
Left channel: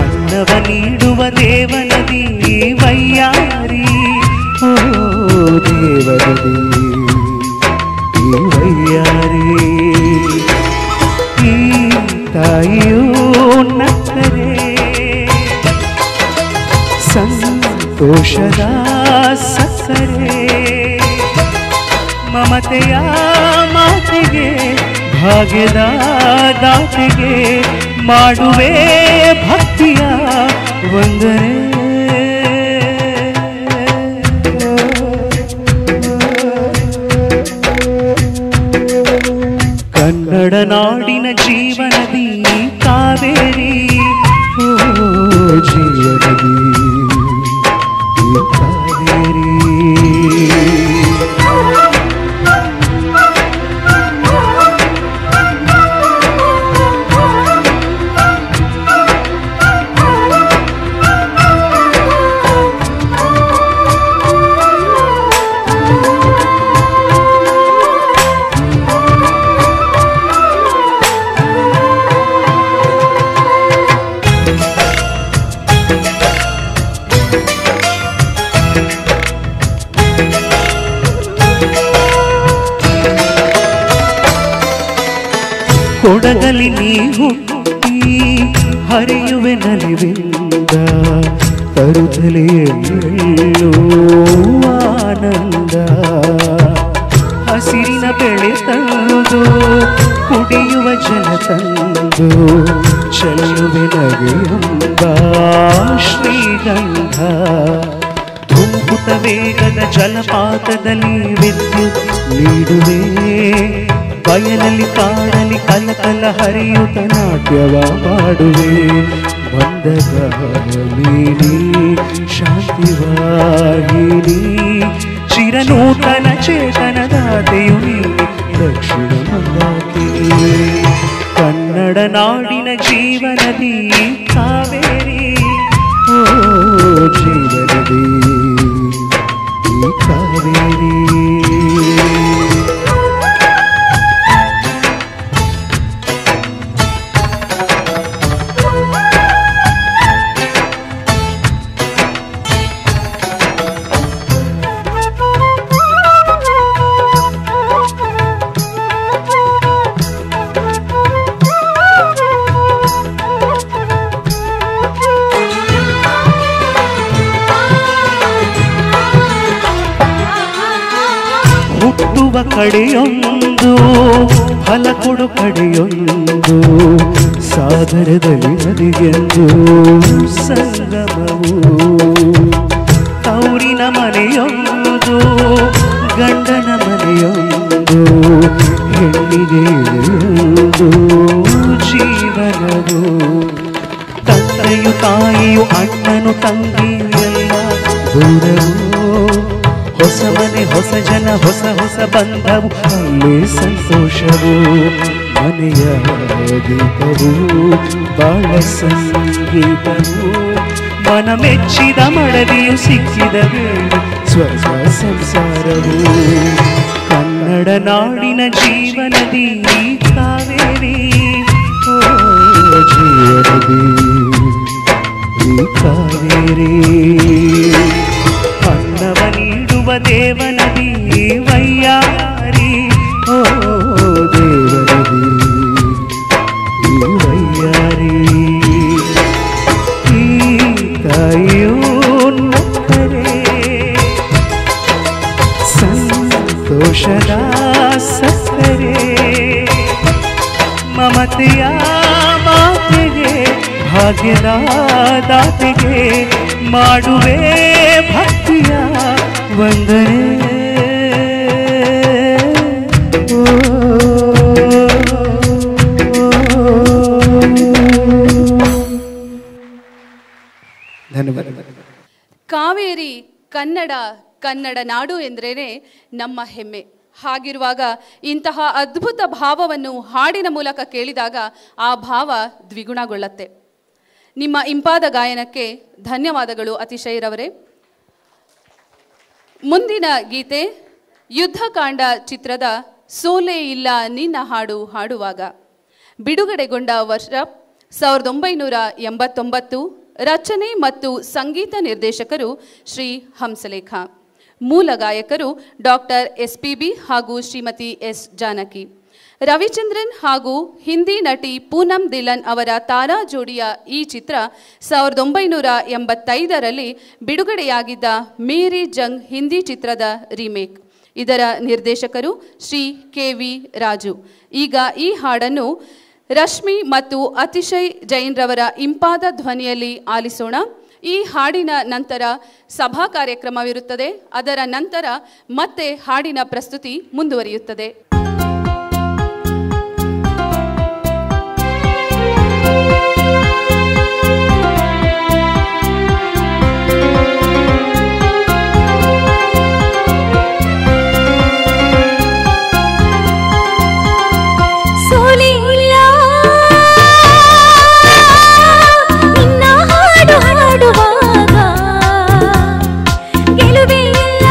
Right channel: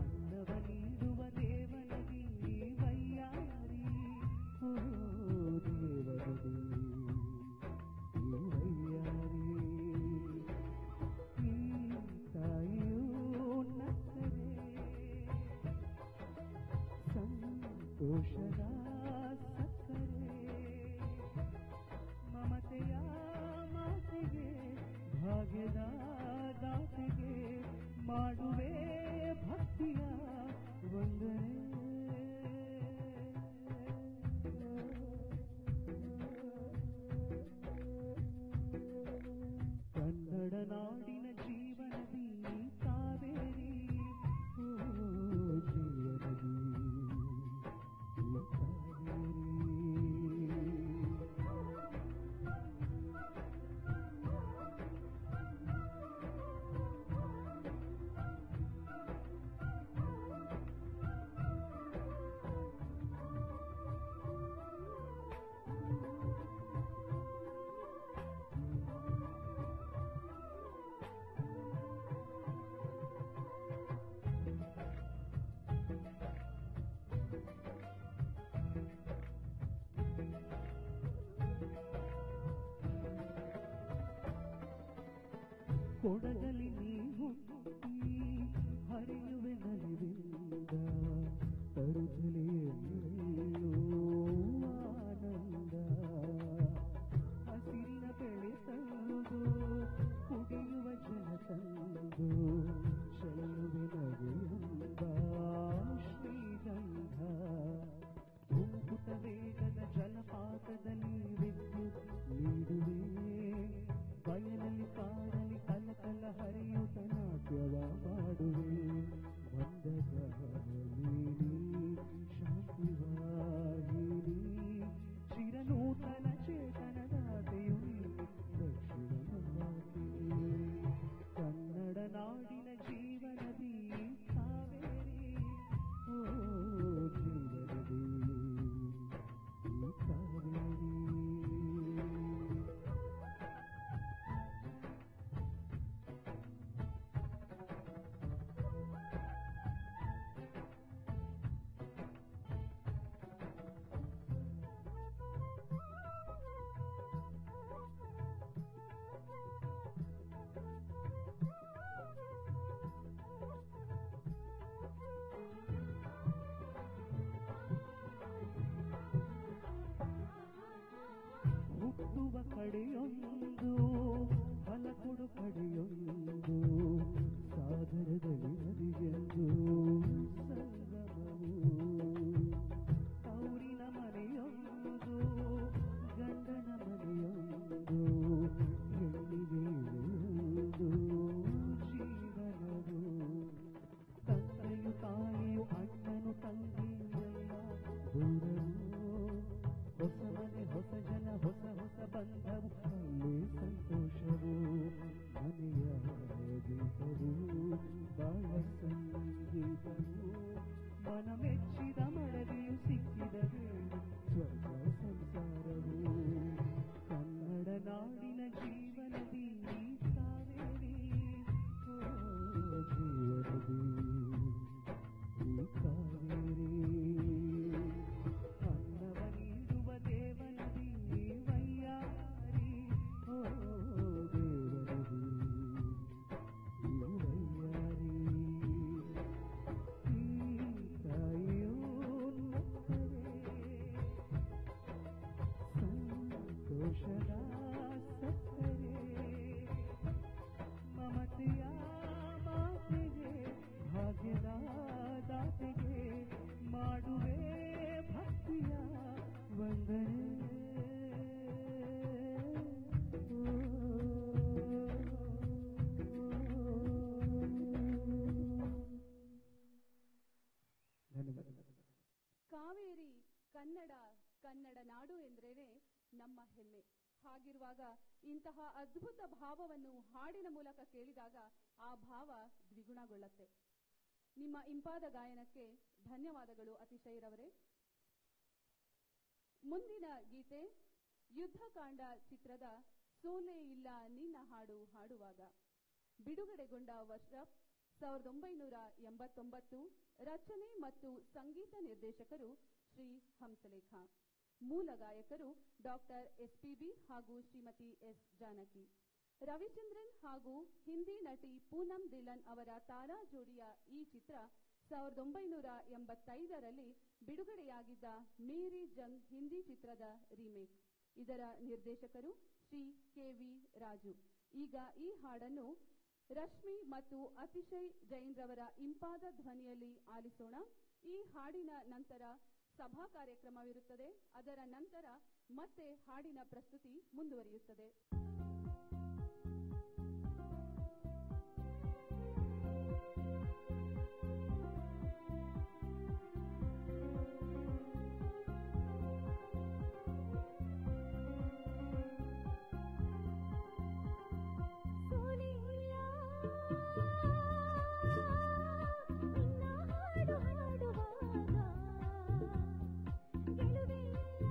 ಅನ್ನವ ನೀಡುವ ದೇವನದಿ ವೈಯಾರಿ. ಓ ದೇವನದಿ ಈ ವೈಯಾರಿ. ಈ ತಾಯಿಯೂ ನಕ್ಕರೆ ಸಂತೋಷದ ಸಕ್ಕರೆ. ಮಮತೆಯ ಮಾತೆಗೆ ಭಾಗ್ಯದ ದಾತೆಗೆ ಮಾಡುವೆ ಭಕ್ತಿಯ ವಂದನೆ. ಕನ್ನಡ ನಾಡಿನ ಜೀವನದಿ ಕಾವೇರಿ. ಓ ಜೀವನದಿ ಈ ಕಾವೇರಿ. ಕೊಡಗಲಿ ನೀ ಹುಟ್ಟಿ ಹರಿಯುವೆ ನಲಿವಿಂದ ತರುತ್ತಲೆಯಲ್ಲೂ ಆನಂದ ಹಸಿರಿನ ಬೆಳೆ ತಂದು ಕುಡಿಯುವ ಜನ ತಂದು ಚೆಲ್ಲುವೆ ನಗೆಯೆಂಬ ಶ್ರೀಗಂಧ ಧುಮುಕುತ ವೇಗದ ಜಲಪಾತದಲ್ಲಿ ವಿದ್ಯುತ್ ನೀಡುವೆ ಬಯಲಲ್ಲಿ ಕಾಡಲಿ ಕಲಕಲ ಹರಿಯುತ್ತ ನಾಟ್ಯವ ಮಾಡುವೆ ಮಂದಗಾಮಿನಿ ಶಾಂತಿವಾಹಿನಿ ಚಿರನೂತನ ಚೇತನದಾತೆಯು ನೀನೆ ದಕ್ಷಿಣ ಮಂದಾಕಿನಿ ಕನ್ನಡ ನಾಡಿನ ಜೀವನದಿ ಕಾವೇರಿ ಓ ಜೀವನದಿ ಈ ಕಾವೇರಿ ಕಡೆಯೊಂದು ಫಲ ಕೊಡು ಕಡೆಯೊಂದು ಸಾಗರದಲ್ಲಿ ನದಿಗೆಂದು ಸಂಗಮವು ತೌರಿನ ಮನೆಯೊಂದು ಗಂಡನ ಮನೆಯೊಂದು ಹೆಣ್ಣಿಗೆ ಒಂದು ಜೀವನವು ತಂದೆಯು ತಾಯಿಯು ಅಣ್ಣನು ತಂಗಿಯೆಲ್ಲ ದೂರವು ಹೊಸ ಮನೆ ಹೊಸ ಜನ ಹೊಸ ಹೊಸ ಬಂಧವು ಅಲ್ಲೇ ಸಂತೋಷವು ಮನೆಯ ದೀಪವು ಬಾಳ ಸಂಗೀತವು ಮನ ಮೆಚ್ಚಿದ ಮಡದಿಯು ಸಿಕ್ಕಿದ ವೇಳೆ ಸ್ವರ್ಗ ಸಂಸಾರವು ಕನ್ನಡ ನಾಡಿನ ಜೀವನದಿ ಕಾವೇರಿ ಓ ಜೀವನದಿ ಈ ಕಾವೇರಿ ಅನ್ನವ ನೀಡುವ ದೇವನದಿ ವೈಯಾರಿ ಓ ದೇವನದಿ ಈ ವೈಯಾರಿ ಈ ತಾಯಿಯೂ ನಕ್ಕರೆ ಸಂತೋಷದ ಸಕ್ಕರೆ ಮಮತೆಯ ಮಾತೆಗೆ ಭಾಗ್ಯದ ದಾತೆಗೆ ಮಾಡುವೆ ಭಕ್ತಿಯ ವಂದನೆ ಧನ್ಯವಾದ. ಕಾವೇರಿ ಕನ್ನಡ ಕನ್ನಡ ನಾಡು ಎಂದ್ರೇನೆ ನಮ್ಮ ಹೆಮ್ಮೆ. ಹಾಗಿರುವಾಗ ಇಂತಹ ಅದ್ಭುತ ಭಾವವನ್ನು ಹಾಡಿನ ಮೂಲಕ ಕೇಳಿದಾಗ ಆ ಭಾವ ದ್ವಿಗುಣಗೊಳ್ಳುತ್ತೆ. ನಿಮ್ಮ ಇಂಪಾದ ಗಾಯನಕ್ಕೆ ಧನ್ಯವಾದಗಳು ಅತಿಶಯರವರೇ. ಮುಂದಿನ ಗೀತೆ ಯುದ್ಧಕಾಂಡ ಚಿತ್ರದ ಸೋಲೆ ಇಲ್ಲ ನಿನ್ನ ಹಾಡು ಹಾಡುವಾಗ. ಬಿಡುಗಡೆಗೊಂಡ ವರ್ಷ 1989. ರಚನೆ ಮತ್ತು ಸಂಗೀತ ನಿರ್ದೇಶಕರು ಶ್ರೀ ಹಂಸಲೇಖ. ಮೂಲ ಗಾಯಕರು ಡಾಕ್ಟರ್ SPB ಹಾಗೂ ಶ್ರೀಮತಿ S. ಜಾನಕಿ. ರವಿಚಂದ್ರನ್ ಹಾಗೂ ಹಿಂದಿ ನಟಿ ಪೂನಂ ದಿಲನ್ ಅವರ ತಾರಾ ಜೋಡಿಯ ಈ ಚಿತ್ರ 1985ರಲ್ಲಿ ಬಿಡುಗಡೆಯಾಗಿದ್ದ ಮೇರಿ ಜಂಗ್ ಹಿಂದಿ ಚಿತ್ರದ ರೀಮೇಕ್. ಇದರ ನಿರ್ದೇಶಕರು ಶ್ರೀ KV ರಾಜು. ಈಗ ಈ ಹಾಡನ್ನು ರಶ್ಮಿ ಮತ್ತು ಅತಿಶಯ್ ಜೈನ್ ರವರ ಇಂಪಾದ ಧ್ವನಿಯಲ್ಲಿ ಆಲಿಸೋಣ. ಈ ಹಾಡಿನ ನಂತರ ಸಭಾ ಕಾರ್ಯಕ್ರಮವಿರುತ್ತದೆ. ಅದರ ನಂತರ ಮತ್ತೆ ಹಾಡಿನ ಪ್ರಸ್ತುತಿ ಮುಂದುವರಿಯುತ್ತದೆ. ಗೆಲುವೇ ಇಲ್ಲ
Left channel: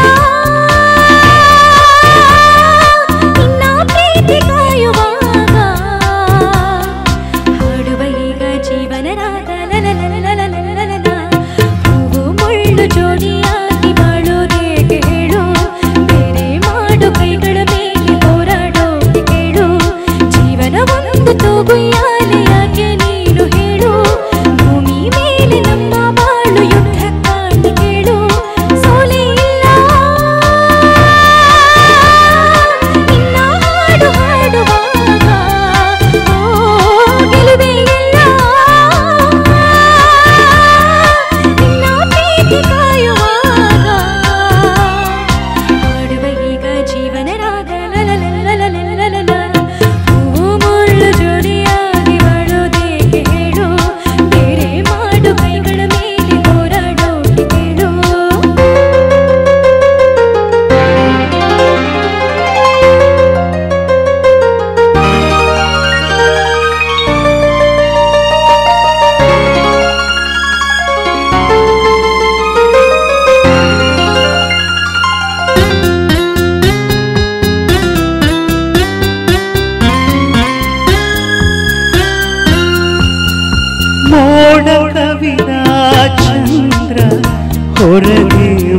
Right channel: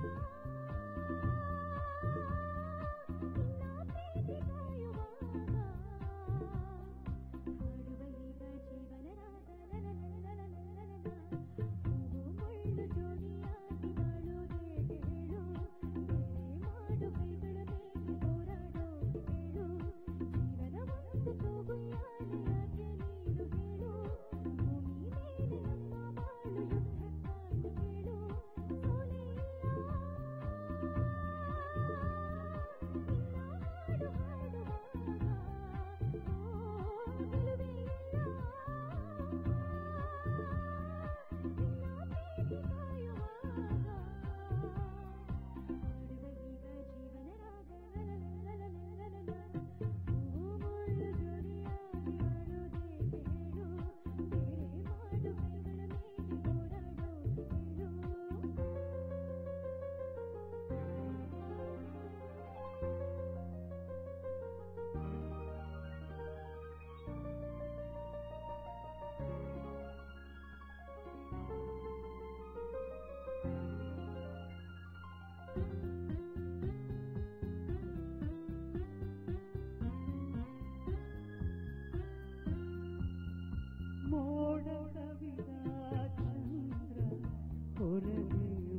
ನಿನ್ನ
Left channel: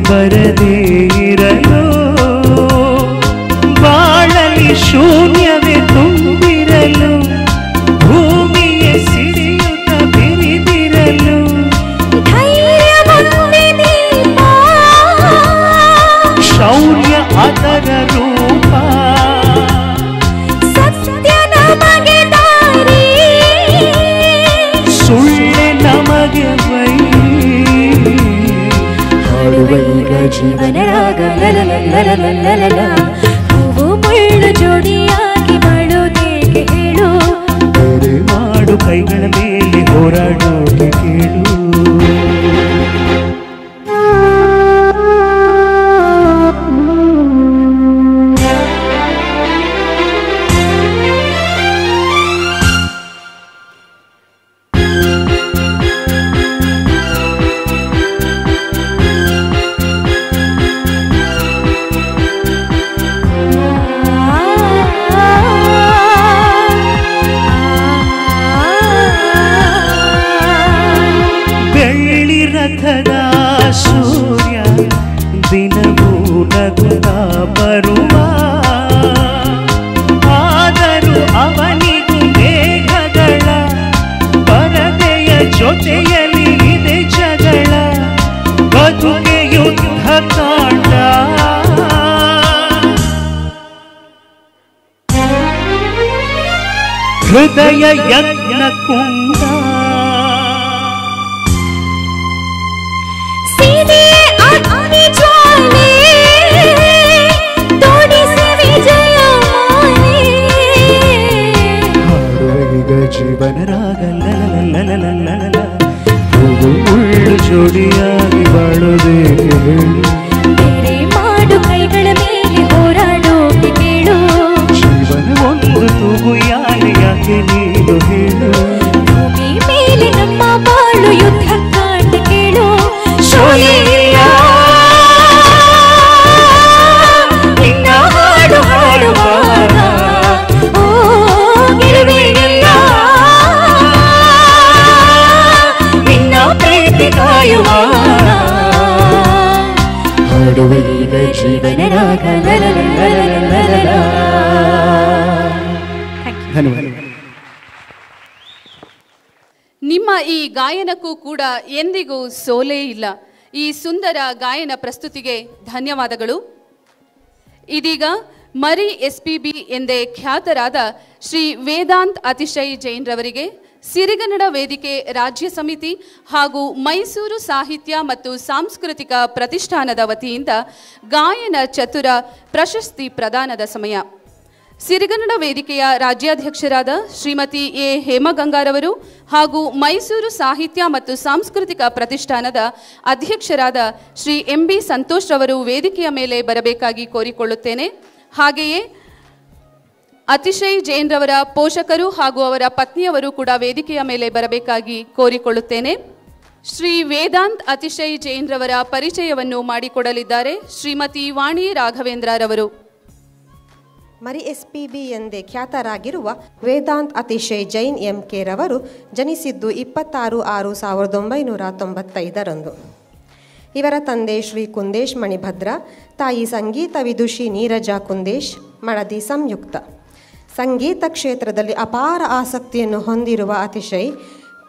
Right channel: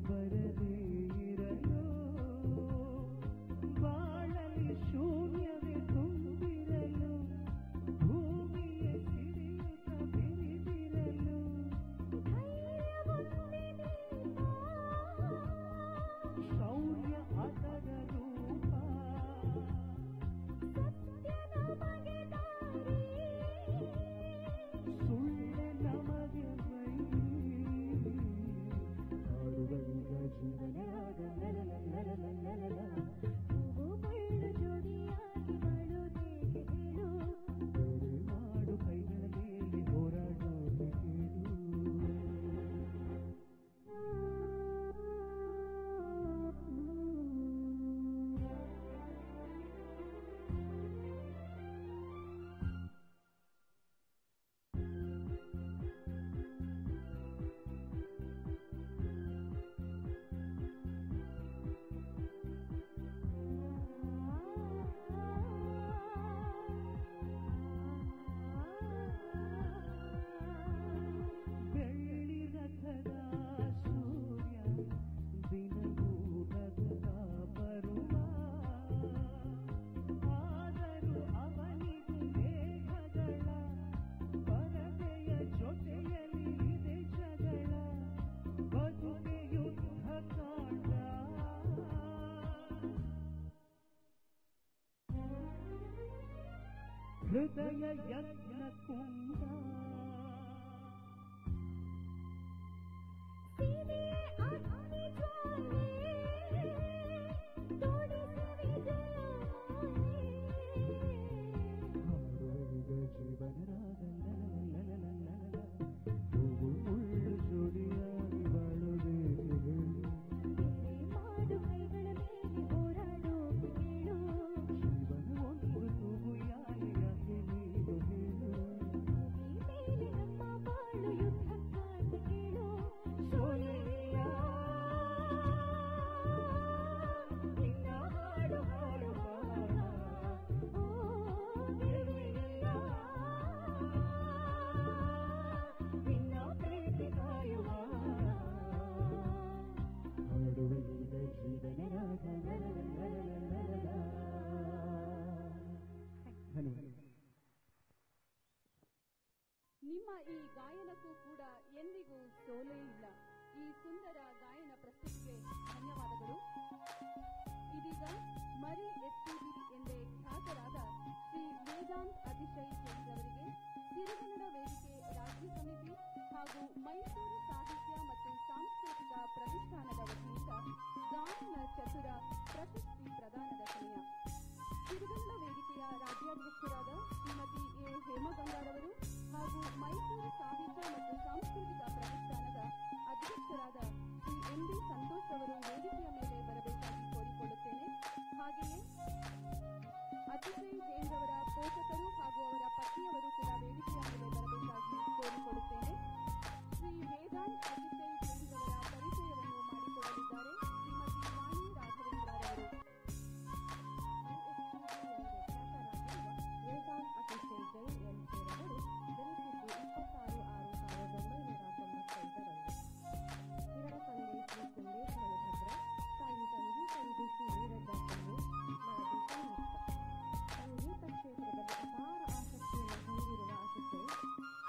ಬರದೇ ಇರಲು ಬಾಳಲಿ ಶೂನ್ಯವೇ ತುಂಬಿರಲು ಭೂಮಿಯ ಸಿಡಿಯುತ್ತ ಬಿರಿದಿರಲು ಶೌರ್ಯ ಅದರ ರೂಪ ಸುಳ್ಳೆ ನಮಗೆ ಜೀವನ ರಾಗ ಹೂವು ಮುಳ್ಳು ಜೋಡಿಯಾಗಿ ಮಾಡೋದೇಗೆ ಹೇಳು ಬೇರೆ ಮಾಡು ಕೈಗಳ ಮೇಲೆ ಹೋರಾಡೋಕೆ ಕೇಳು ಸೂರ್ಯ ದಿನವೂ ನಗುತ್ತಾ ಬರುವ ಆದರೂ ಅವನಿಗೂ ಮೇಘಗಳ ಪರದೆಯ ಜೊತೆಯಲ್ಲಿ ಇದೆ ಜಗಳ ಬದುಕೆ ಯುದ್ಧ ಕಾಂಡ ಹೃದಯ ಯಜ್ಞ ಕುಂಡ ಜೀವನ ರಾಗ ಹೂವು ಮುಳ್ಳು ಜೋಡಿಯಾಗಿ ಬಾಳೋದೇಗೆ ಹೇಳು ಬೇರೆ ಮಾಡು ಕೈಗಳ ಮೇಲೆ ಹೋರಾಡೋಕೆ ಕೇಳು ಜೀವನ ಒಂದು ತೂಗು ಯಾಕೆ ನೀನು ಹೇಳು ಭೂಮಿ ಮೇಲೆ ನಮ್ಮ ಬಾಳು ಯುದ್ಧ ಕಾಂಡ ಕೇಳು ಶೋಲೆಯಿಲ್ಲ ನಿನ್ನ ಹಾಡು ಹಾಡುವಾಗ ಓ ಗಿರುವೆಯಿಲ್ಲ ನಿನ್ನ ಪ್ರೀತಿ ಕಾಯುವಾಗ ಹಾಡುವ ಈಗ ಜೀವನ ರಾಗ ಧನ್ಯವಾದ. ನಿಮ್ಮ ಈ ಗಾಯನಕ್ಕೂ ಕೂಡ ಎಂದಿಗೂ ಸೋಲೇ ಇಲ್ಲ. ಈ ಸುಂದರ ಗಾಯನ ಪ್ರಸ್ತುತಿಗೆ ಧನ್ಯವಾದಗಳು. ಇದೀಗ ಮರಿ SPB ಎಂದೇ ಖ್ಯಾತರಾದ ಶ್ರೀ ವೇದಾಂತ್ ಅತಿಶಯ್ ಜೈನ್ ರವರಿಗೆ ಸಿರಿಗನ್ನಡ ವೇದಿಕೆ ರಾಜ್ಯ ಸಮಿತಿ ಹಾಗೂ ಮೈಸೂರು ಸಾಹಿತ್ಯ ಮತ್ತು ಸಾಂಸ್ಕೃತಿಕ ಪ್ರತಿಷ್ಠಾನದ ವತಿಯಿಂದ ಗಾಯನ ಚತುರ ಪ್ರಶಸ್ತಿ ಪ್ರದಾನದ ಸಮಯ. ಸಿರಿಗನ್ನಡ ವೇದಿಕೆಯ ರಾಜ್ಯಾಧ್ಯಕ್ಷರಾದ ಶ್ರೀಮತಿ ಎ ಹೇಮಗಂಗಾರವರು ಹಾಗೂ ಮೈಸೂರು ಸಾಹಿತ್ಯ ಮತ್ತು ಸಾಂಸ್ಕೃತಿಕ ಪ್ರತಿಷ್ಠಾನದ ಅಧ್ಯಕ್ಷರಾದ ಶ್ರೀ MB ಸಂತೋಷ್ ರವರು ವೇದಿಕೆಯ ಮೇಲೆ ಬರಬೇಕಾಗಿ ಕೋರಿಕೊಳ್ಳುತ್ತೇನೆ. ಹಾಗೆಯೇ ಅತಿಶಯ್ ಜೈನ್ ರವರ ಪೋಷಕರು ಹಾಗೂ ಅವರ ಪತ್ನಿಯವರು ಕೂಡ ವೇದಿಕೆಯ ಮೇಲೆ ಬರಬೇಕಾಗಿ ಕೋರಿಕೊಳ್ಳುತ್ತೇನೆ. ಶ್ರೀ ವೇದಾಂತ್ ಅತಿಶಯ್ ಜೈನ್ ರವರ ಪರಿಚಯವನ್ನು ಮಾಡಿಕೊಡಲಿದ್ದಾರೆ ಶ್ರೀಮತಿ ವಾಣಿ ರಾಘವೇಂದ್ರ ರವರು. ಮರಿ SPB ಎಂದೇ ಖ್ಯಾತರಾಗಿರುವ ವೇದಾಂತ್ ಅತಿಶಯ್ ಜೈನ್ MK ರವರು ಜನಿಸಿದ್ದು 26/6/1995 ಇವರ ತಂದೆ ಶ್ರೀ ಕುಂದೇಶ್ ಮಣಿಭದ್ರ, ತಾಯಿ ಸಂಗೀತ ವಿದುಷಿ ನೀರಜಾ ಕುಂದೇಶ್, ಮಡದಿ ಸಂಯುಕ್ತ. ಸಂಗೀತ ಕ್ಷೇತ್ರದಲ್ಲಿ ಅಪಾರ ಆಸಕ್ತಿಯನ್ನು ಹೊಂದಿರುವ ಅತಿಶಯ್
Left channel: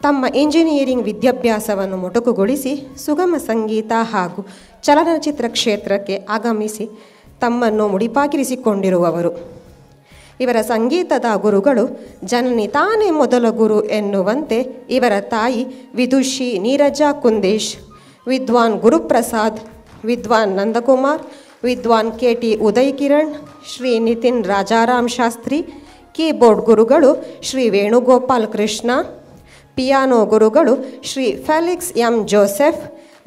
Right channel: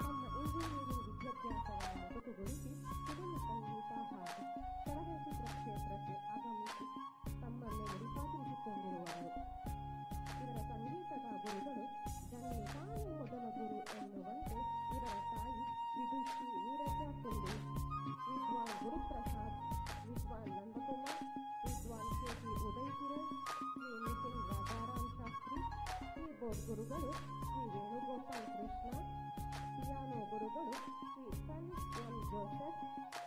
ತಮ್ಮ ಇಂಜಿನಿಯರಿಂಗ್ ವಿದ್ಯಾಭ್ಯಾಸವನ್ನು ಮೊಟಕುಗೊಳಿಸಿ ಸುಗಮ ಸಂಗೀತ ಹಾಗೂ ಚಲನಚಿತ್ರ ಕ್ಷೇತ್ರಕ್ಕೆ ಆಗಮಿಸಿ ತಮ್ಮನ್ನು ಮುಡಿಪಾಗಿರಿಸಿಕೊಂಡಿರುವವರು. ಇವರ ಸಂಗೀತದ ಗುರುಗಳು ಜನನಿ ತಾನೇ ಮೊದಲ ಗುರು ಎನ್ನುವಂತೆ ಇವರ ತಾಯಿ ವಿದುಷಿ ನೀರಜಾ ಕುಂದೇಶ್, ವಿದ್ವಾನ್ ಗುರುಪ್ರಸಾದ್, ವಿದ್ವಾನ್ ನಂದಕುಮಾರ್, ವಿದ್ವಾನ್ KT ಉದಯ್ ಕಿರಣ್, ಶ್ರೀ ನಿತಿನ್ ರಾಜಾರಾಮ್ ಶಾಸ್ತ್ರಿ, ಕೀಬೋರ್ಡ್ ಗುರುಗಳು ಶ್ರೀ ವೇಣುಗೋಪಾಲ್ ಕೃಷ್ಣ, ಪಿಯಾನೋ ಗುರುಗಳು Shri Felix M Joseph,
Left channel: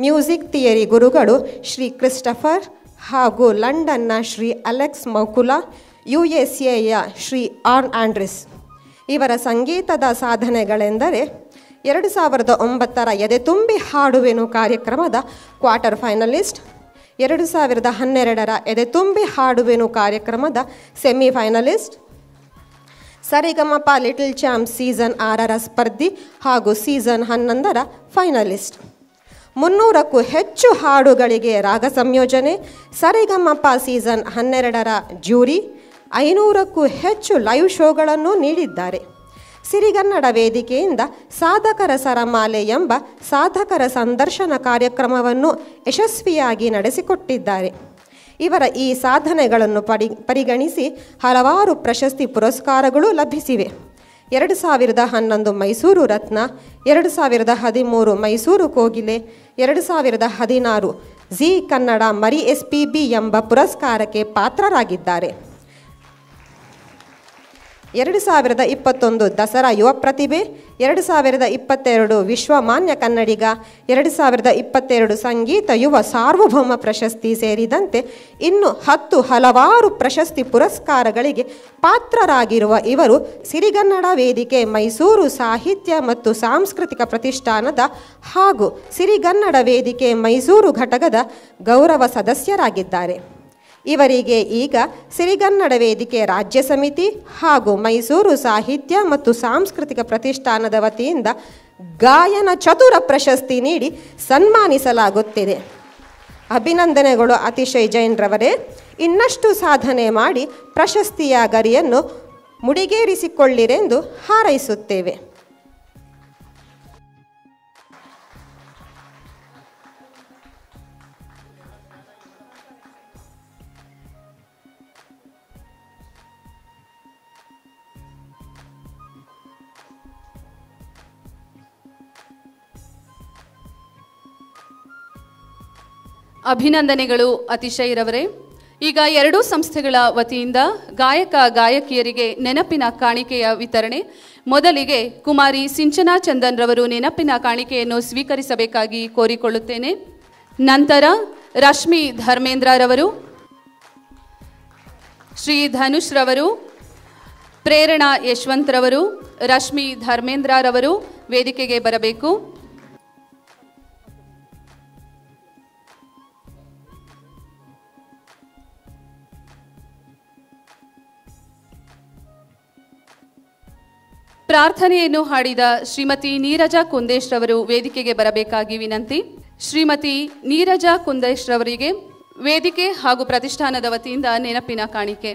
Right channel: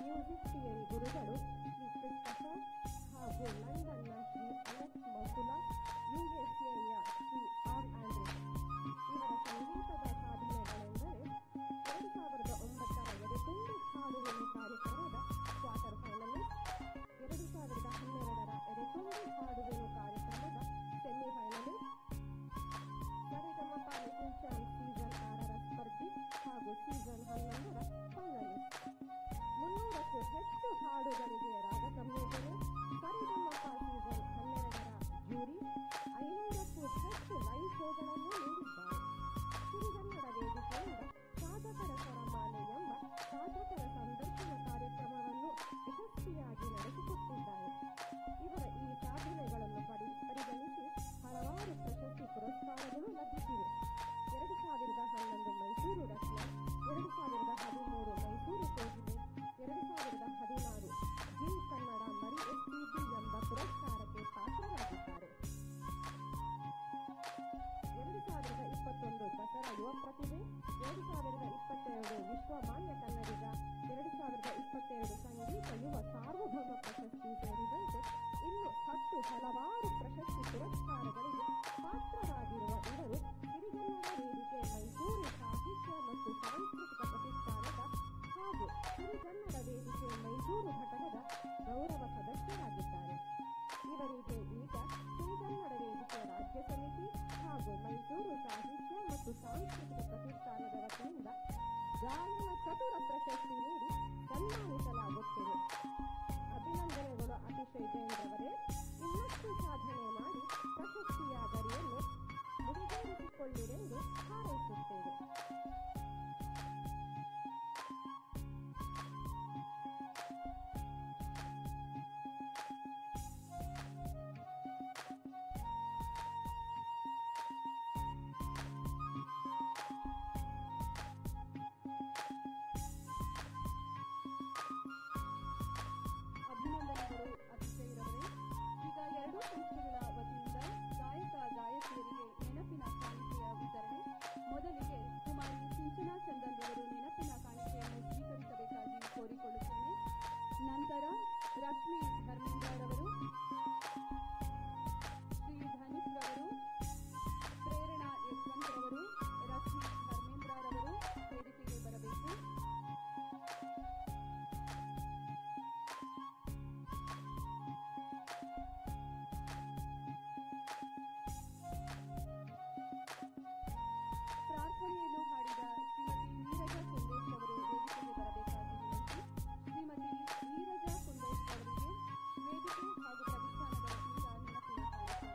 music theory ಗುರುಗಳು ಶ್ರೀ ಕ್ರಿಸ್ಟಫರ್ ಹಾಗೂ ಲಂಡನ್ನ ಶ್ರೀ ಅಲೆಕ್ಸ್ ಮೌಕುಲಾ, USAಯ ಶ್ರೀ ಆರ್ನ್ ಆಂಡ್ರಿಸ್. ಇವರ ಸಂಗೀತದ ಸಾಧನೆಗಳೆಂದರೆ 2009ರ ಎದೆತುಂಬಿ ಹಾಡುವೆನು ಕಾರ್ಯಕ್ರಮದ ಕ್ವಾರ್ಟರ್ ಫೈನಲಿಸ್ಟ್, 2012ರ ಎದೆತುಂಬಿ ಹಾಡುವೆನು ಕಾರ್ಯಕ್ರಮದ ಸೆಮಿಫೈನಲಿಸ್ಟ್, ಸರಿಗಮಪ ಲಿಟಲ್ ಚಾಂಪ್ ಸೀಸನ್ 6ರ ಸ್ಪರ್ಧಿ ಹಾಗೂ ಸೀಸನ್ 11ರ ಫೈನಲಿಸ್ಟ್. 300ಕ್ಕೂ ಹೆಚ್ಚು ಹಾಡುಗಳಿಗೆ ರಾಗ ಸಂಯೋಜನೆ, ಸರಿಗಮಪ ಸೀಸನ್ 12ರ ಜ್ಯೂರಿ, 500ಕ್ಕೂ ಹೆಚ್ಚು ಲೈವ್ ಶೋಗಳನ್ನು ನೀಡಿದ್ದಾರೆ. ಸಿರಿಗನ್ನಡ ವೇದಿಕೆಯಿಂದ ಸಾಧಕರ ಸರಮಾಲೆ ಎಂಬ ಸಾಧಕರ ಸಂದರ್ಶನ ಕಾರ್ಯಕ್ರಮವನ್ನು ಯಶಸ್ವಿಯಾಗಿ ನಡೆಸಿಕೊಟ್ಟಿದ್ದಾರೆ. ಇವರ ಈ ಸಾಧನೆಗಳನ್ನು ಪರಿಗಣಿಸಿ ಹಲವಾರು ಪ್ರಶಸ್ತಿ ಪುರಸ್ಕಾರಗಳು ಲಭಿಸಿವೆ. 2011 ಮೈಸೂರು ರತ್ನ, 2013 ಮೈಸೂರು ಕೋಗಿಲೆ, 2016 ಜಿ ಕನ್ನಡ ಮರಿ SPB ಎಂಬ ಪುರಸ್ಕಾರಕ್ಕೆ ಪಾತ್ರರಾಗಿದ್ದಾರೆ. 2021 ದಸರಾ ಯುವ ಪ್ರತಿಭೆ, 2022 ವಿಶ್ವಮಾನ್ಯ ಕನ್ನಡಿಗ, 2022 ಸಂಗೀತ ಯುವ ಸಾರ್ವಭೌಮ ಪ್ರಶಸ್ತಿ ಸೇರಿದಂತೆ ಇನ್ನು 10 ಹಲವಾರು ಪ್ರಶಸ್ತಿ ಪುರಸ್ಕಾರಗಳಿಗೆ ಪಾತ್ರರಾಗಿರುವ ಇವರು ಸಿರಿಗನ್ನಡ ವೇದಿಕೆ ಮೈಸೂರು ಸಾಹಿತ್ಯ ಮತ್ತು ಸಾಂಸ್ಕೃತಿಕ ಪ್ರತಿಷ್ಠಾನದ ಹಾಗೂ ಸಿರಿಗನ್ನಡ ವೇದಿಕೆ ಮೈಸೂರು ಘಟಕದ ಗೌರವ ಸದಸ್ಯರಾಗಿದ್ದಾರೆ. ಇವರಿಗೆ ಈಗ ಸಿರಿಗನ್ನಡ ವೇದಿಕೆ ರಾಜ್ಯ ಸಮಿತಿ ಹಾಗೂ ಮೈಸೂರು ಸಾಹಿತ್ಯ ಮತ್ತು ಸಾಂಸ್ಕೃತಿಕ ಪ್ರತಿಷ್ಠಾನದ ವತಿಯಿಂದ ಗಾಯನ ಚತುರ ಪ್ರಶಸ್ತಿ ನೀಡಿ ಸನ್ಮಾನಿಸಲಾಗುತ್ತಿದೆ. ಅಭಿನಂದನೆಗಳು ಅತಿಶಯ್ ಜೈನ್ ರವರೇ. ಇನ್ನಷ್ಟು ಸಾಧನೆ ಮಾಡಿ ಪ್ರಶಸ್ತಿಯ ಗರಿಯನ್ನು ಮುಡಿಗೇರಿಸಿಕೊಳ್ಳಿರೆಂದು ಹಾರೈಸುತ್ತೇವೆ. ಅಭಿನಂದನೆಗಳು ಅತಿಶಯ್ ರವರೇ. ಈಗ ಎರಡೂ ಸಂಸ್ಥೆಗಳ ವತಿಯಿಂದ ಗಾಯಕ ಗಾಯಕಿಯರಿಗೆ ನೆನಪಿನ ಕಾಣಿಕೆಯ ವಿತರಣೆ. ಮೊದಲಿಗೆ ಕುಮಾರಿ ಸಿಂಚನಾ ಚಂದನ್ ರವರು ನೆನಪಿನ ಕಾಣಿಕೆಯನ್ನು ಸ್ವೀಕರಿಸಬೇಕಾಗಿ ಕೋರಿಕೊಳ್ಳುತ್ತೇನೆ. ನಂತರ ರಶ್ಮಿ ಧರ್ಮೇಂದ್ರ ರವರು, ಶ್ರೀ ಧನುಷ್ ರವರು, ಪ್ರೇರಣಾ ಯಶವಂತ್ ರವರು, ರಶ್ಮಿ ಧರ್ಮೇಂದ್ರ ರವರು ವೇದಿಕೆಗೆ ಬರಬೇಕು. ಪ್ರಾರ್ಥನೆಯನ್ನು ಹಾಡಿದ ಶ್ರೀಮತಿ ನೀರಜಾ ಕುಂದೇಶ್ ರವರು ವೇದಿಕೆಗೆ ಬರಬೇಕಾಗಿ ವಿನಂತಿ. ಶ್ರೀಮತಿ ನೀರಜಾ ಕುಂದೇಶ್ ರವರಿಗೆ ವೇದಿಕೆ ಹಾಗೂ ಪ್ರತಿಷ್ಠಾನದ ವತಿಯಿಂದ ನೆನಪಿನ ಕಾಣಿಕೆ.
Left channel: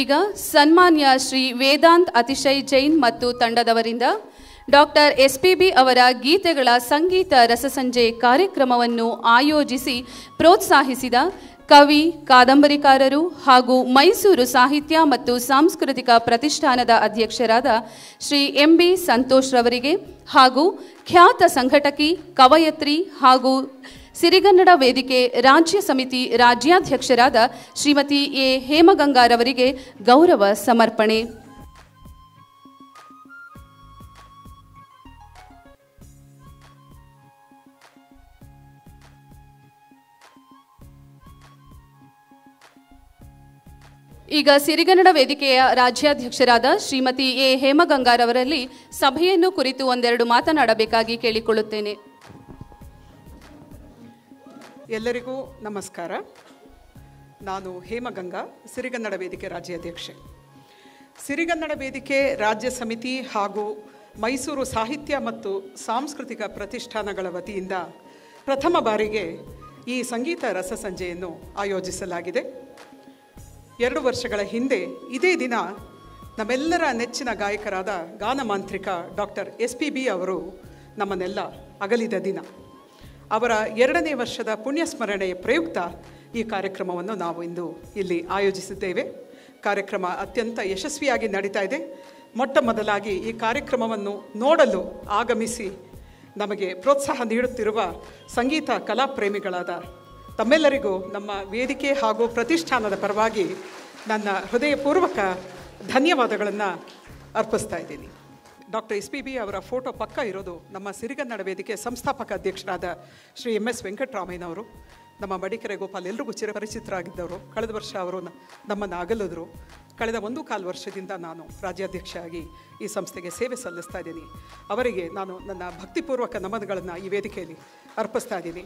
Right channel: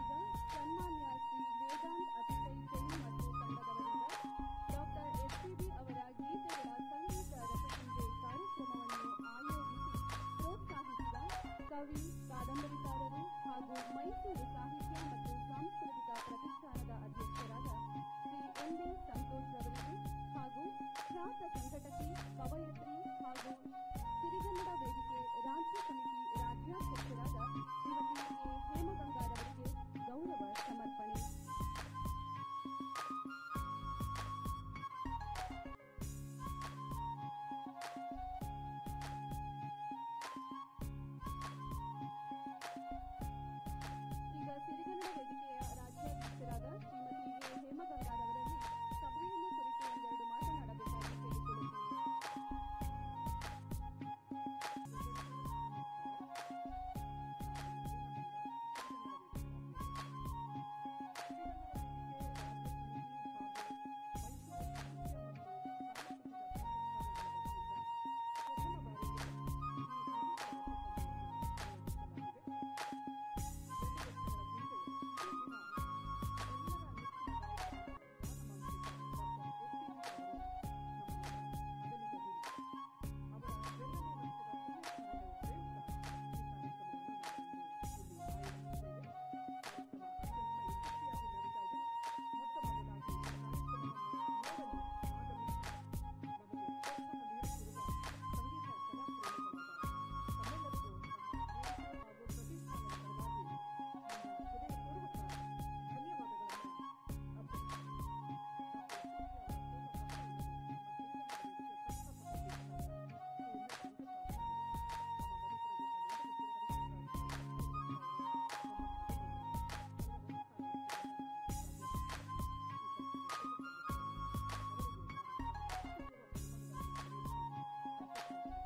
ಈಗ ಸನ್ಮಾನ್ಯ ಶ್ರೀ ವೇದಾಂತ್ ಅತಿಶಯ್ ಜೈನ್ ಮತ್ತು ತಂಡದವರಿಂದ ಡಾಕ್ಟರ್ SPB ಅವರ ಗೀತೆಗಳ ಸಂಗೀತ ರಸಸಂಜೆ ಕಾರ್ಯಕ್ರಮವನ್ನು ಆಯೋಜಿಸಿ ಪ್ರೋತ್ಸಾಹಿಸಿದ ಕವಿ, ಕಾದಂಬರಿಕಾರರು ಹಾಗೂ ಮೈಸೂರು ಸಾಹಿತ್ಯ ಮತ್ತು ಸಾಂಸ್ಕೃತಿಕ ಪ್ರತಿಷ್ಠಾನದ ಅಧ್ಯಕ್ಷರಾದ ಶ್ರೀ MB ಸಂತೋಷ್ ರವರಿಗೆ ಹಾಗೂ ಖ್ಯಾತ ಸಂಘಟಕಿ, ಕವಯತ್ರಿ ಹಾಗೂ ಸಿರಿಗನ್ನಡ ವೇದಿಕೆ ರಾಜ್ಯ ಸಮಿತಿ ರಾಜ್ಯಾಧ್ಯಕ್ಷರಾದ ಶ್ರೀಮತಿ A ಹೇಮಗಂಗಾರವರಿಗೆ ಗೌರವ ಸಮರ್ಪಣೆ. ಈಗ ಸಿರಿಗನ್ನಡ ವೇದಿಕೆಯ ರಾಜ್ಯಾಧ್ಯಕ್ಷರಾದ ಶ್ರೀಮತಿ A ಹೇಮಗಂಗಾರವರಲ್ಲಿ ಸಭೆಯನ್ನು ಕುರಿತು ಒಂದೆರಡು ಮಾತನಾಡಬೇಕಾಗಿ ಕೇಳಿಕೊಳ್ಳುತ್ತೇನೆ. ಎಲ್ಲರಿಗೂ ನಮಸ್ಕಾರ. ನಾನು ಹೇಮಗಂಗಾ, ಸಿರಿಗನ್ನಡ ವೇದಿಕೆ ರಾಜ್ಯಾಧ್ಯಕ್ಷೆ. ಸಿರಿಗನ್ನಡ ವೇದಿಕೆ ರಾಜ್ಯ ಸಮಿತಿ ಹಾಗೂ ಮೈಸೂರು ಸಾಹಿತ್ಯ ಮತ್ತು ಸಾಂಸ್ಕೃತಿಕ ಪ್ರತಿಷ್ಠಾನಗಳ ವತಿಯಿಂದ ಪ್ರಥಮ ಬಾರಿಗೆ ಈ ಸಂಗೀತ ರಸಸಂಜೆಯನ್ನು ಆಯೋಜಿಸಲಾಗಿದೆ. 2 ವರ್ಷಗಳ ಹಿಂದೆ ಇದೇ ದಿನ ನಮ್ಮೆಲ್ಲರ ನೆಚ್ಚಿನ ಗಾಯಕರಾದ ಗಾನಮಾಂತ್ರಿಕ ಡಾಕ್ಟರ್ SPB ಅವರು ನಮ್ಮನ್ನೆಲ್ಲ ಅಗಲಿದ ದಿನ. ಅವರ 2ನೇ ವರ್ಷದ ಪುಣ್ಯಸ್ಮರಣೆಯ ಪ್ರಯುಕ್ತ ಈ ಕಾರ್ಯಕ್ರಮವನ್ನು ನಾವು ಇಂದು ಇಲ್ಲಿ ಆಯೋಜಿಸಿದ್ದೇವೆ. ಕಾರ್ಯಕ್ರಮ ಅತ್ಯಂತ ಯಶಸ್ವಿಯಾಗಿ ನಡೀತಾ ಇದೆ. ಮೊಟ್ಟ ಮೊದಲಾಗಿ ಈ ಕಾರ್ಯಕ್ರಮವನ್ನು ನೋಡಲು ಆಗಮಿಸಿ ನಮಗೆ ಪ್ರೋತ್ಸಾಹ ನೀಡುತ್ತಿರುವ ಸಂಗೀತ ಕಲಾ ಪ್ರೇಮಿಗಳಾದ ತಮ್ಮೆಲ್ಲರಿಗೂ ನಮ್ಮ ವೇದಿಕೆ ಹಾಗೂ ಪ್ರತಿಷ್ಠಾನದ ಪರವಾಗಿ ನನ್ನ ಹೃದಯಪೂರ್ವಕ ಧನ್ಯವಾದಗಳನ್ನು ಅರ್ಪಿಸ್ತಾ ಇದ್ದೀನಿ. ಡಾಕ್ಟರ್ SPB ಅವರ ಫೋಟೋ ಪಕ್ಕ ಇರೋದು ನಮ್ಮ ಸಿರಿಗನ್ನಡ ವೇದಿಕೆ ಸಂಸ್ಥಾಪಕ ಅಧ್ಯಕ್ಷರಾದ ಶ್ರೀ MS ವೆಂಕಟರಾಮಯ್ಯನವರು. ನಮ್ಮ ಮಡಿಕೆರೆ ಗೋಪಾಲ್ ಎಲ್ರಿಗೂ ಚಿರಪರಿಚಿತರಾಗಿದ್ದವರು. ಕಳೆದ ವರ್ಷ ಅವರು ನಮ್ಮನ್ನು ಅಗಲಿದ್ರು. ಕಳೆದ 1.25 ವರ್ಷದಿಂದ ನಾನು ರಾಜ್ಯಾಧ್ಯಕ್ಷರಾಗಿ ಈ ಸಂಸ್ಥೆಗೆ ಸೇವೆ ಸಲ್ಲಿಸ್ತಾ ಇದ್ದೀನಿ. ಅವರಿಗೆ ನಾನು ನನ್ನ ಭಕ್ತಿಪೂರ್ವಕ ನಮನಗಳನ್ನು ಈ ವೇದಿಕೆಯಲ್ಲಿ ಅರ್ಪಿಸ್ತಾ ಇದ್ದೀನಿ.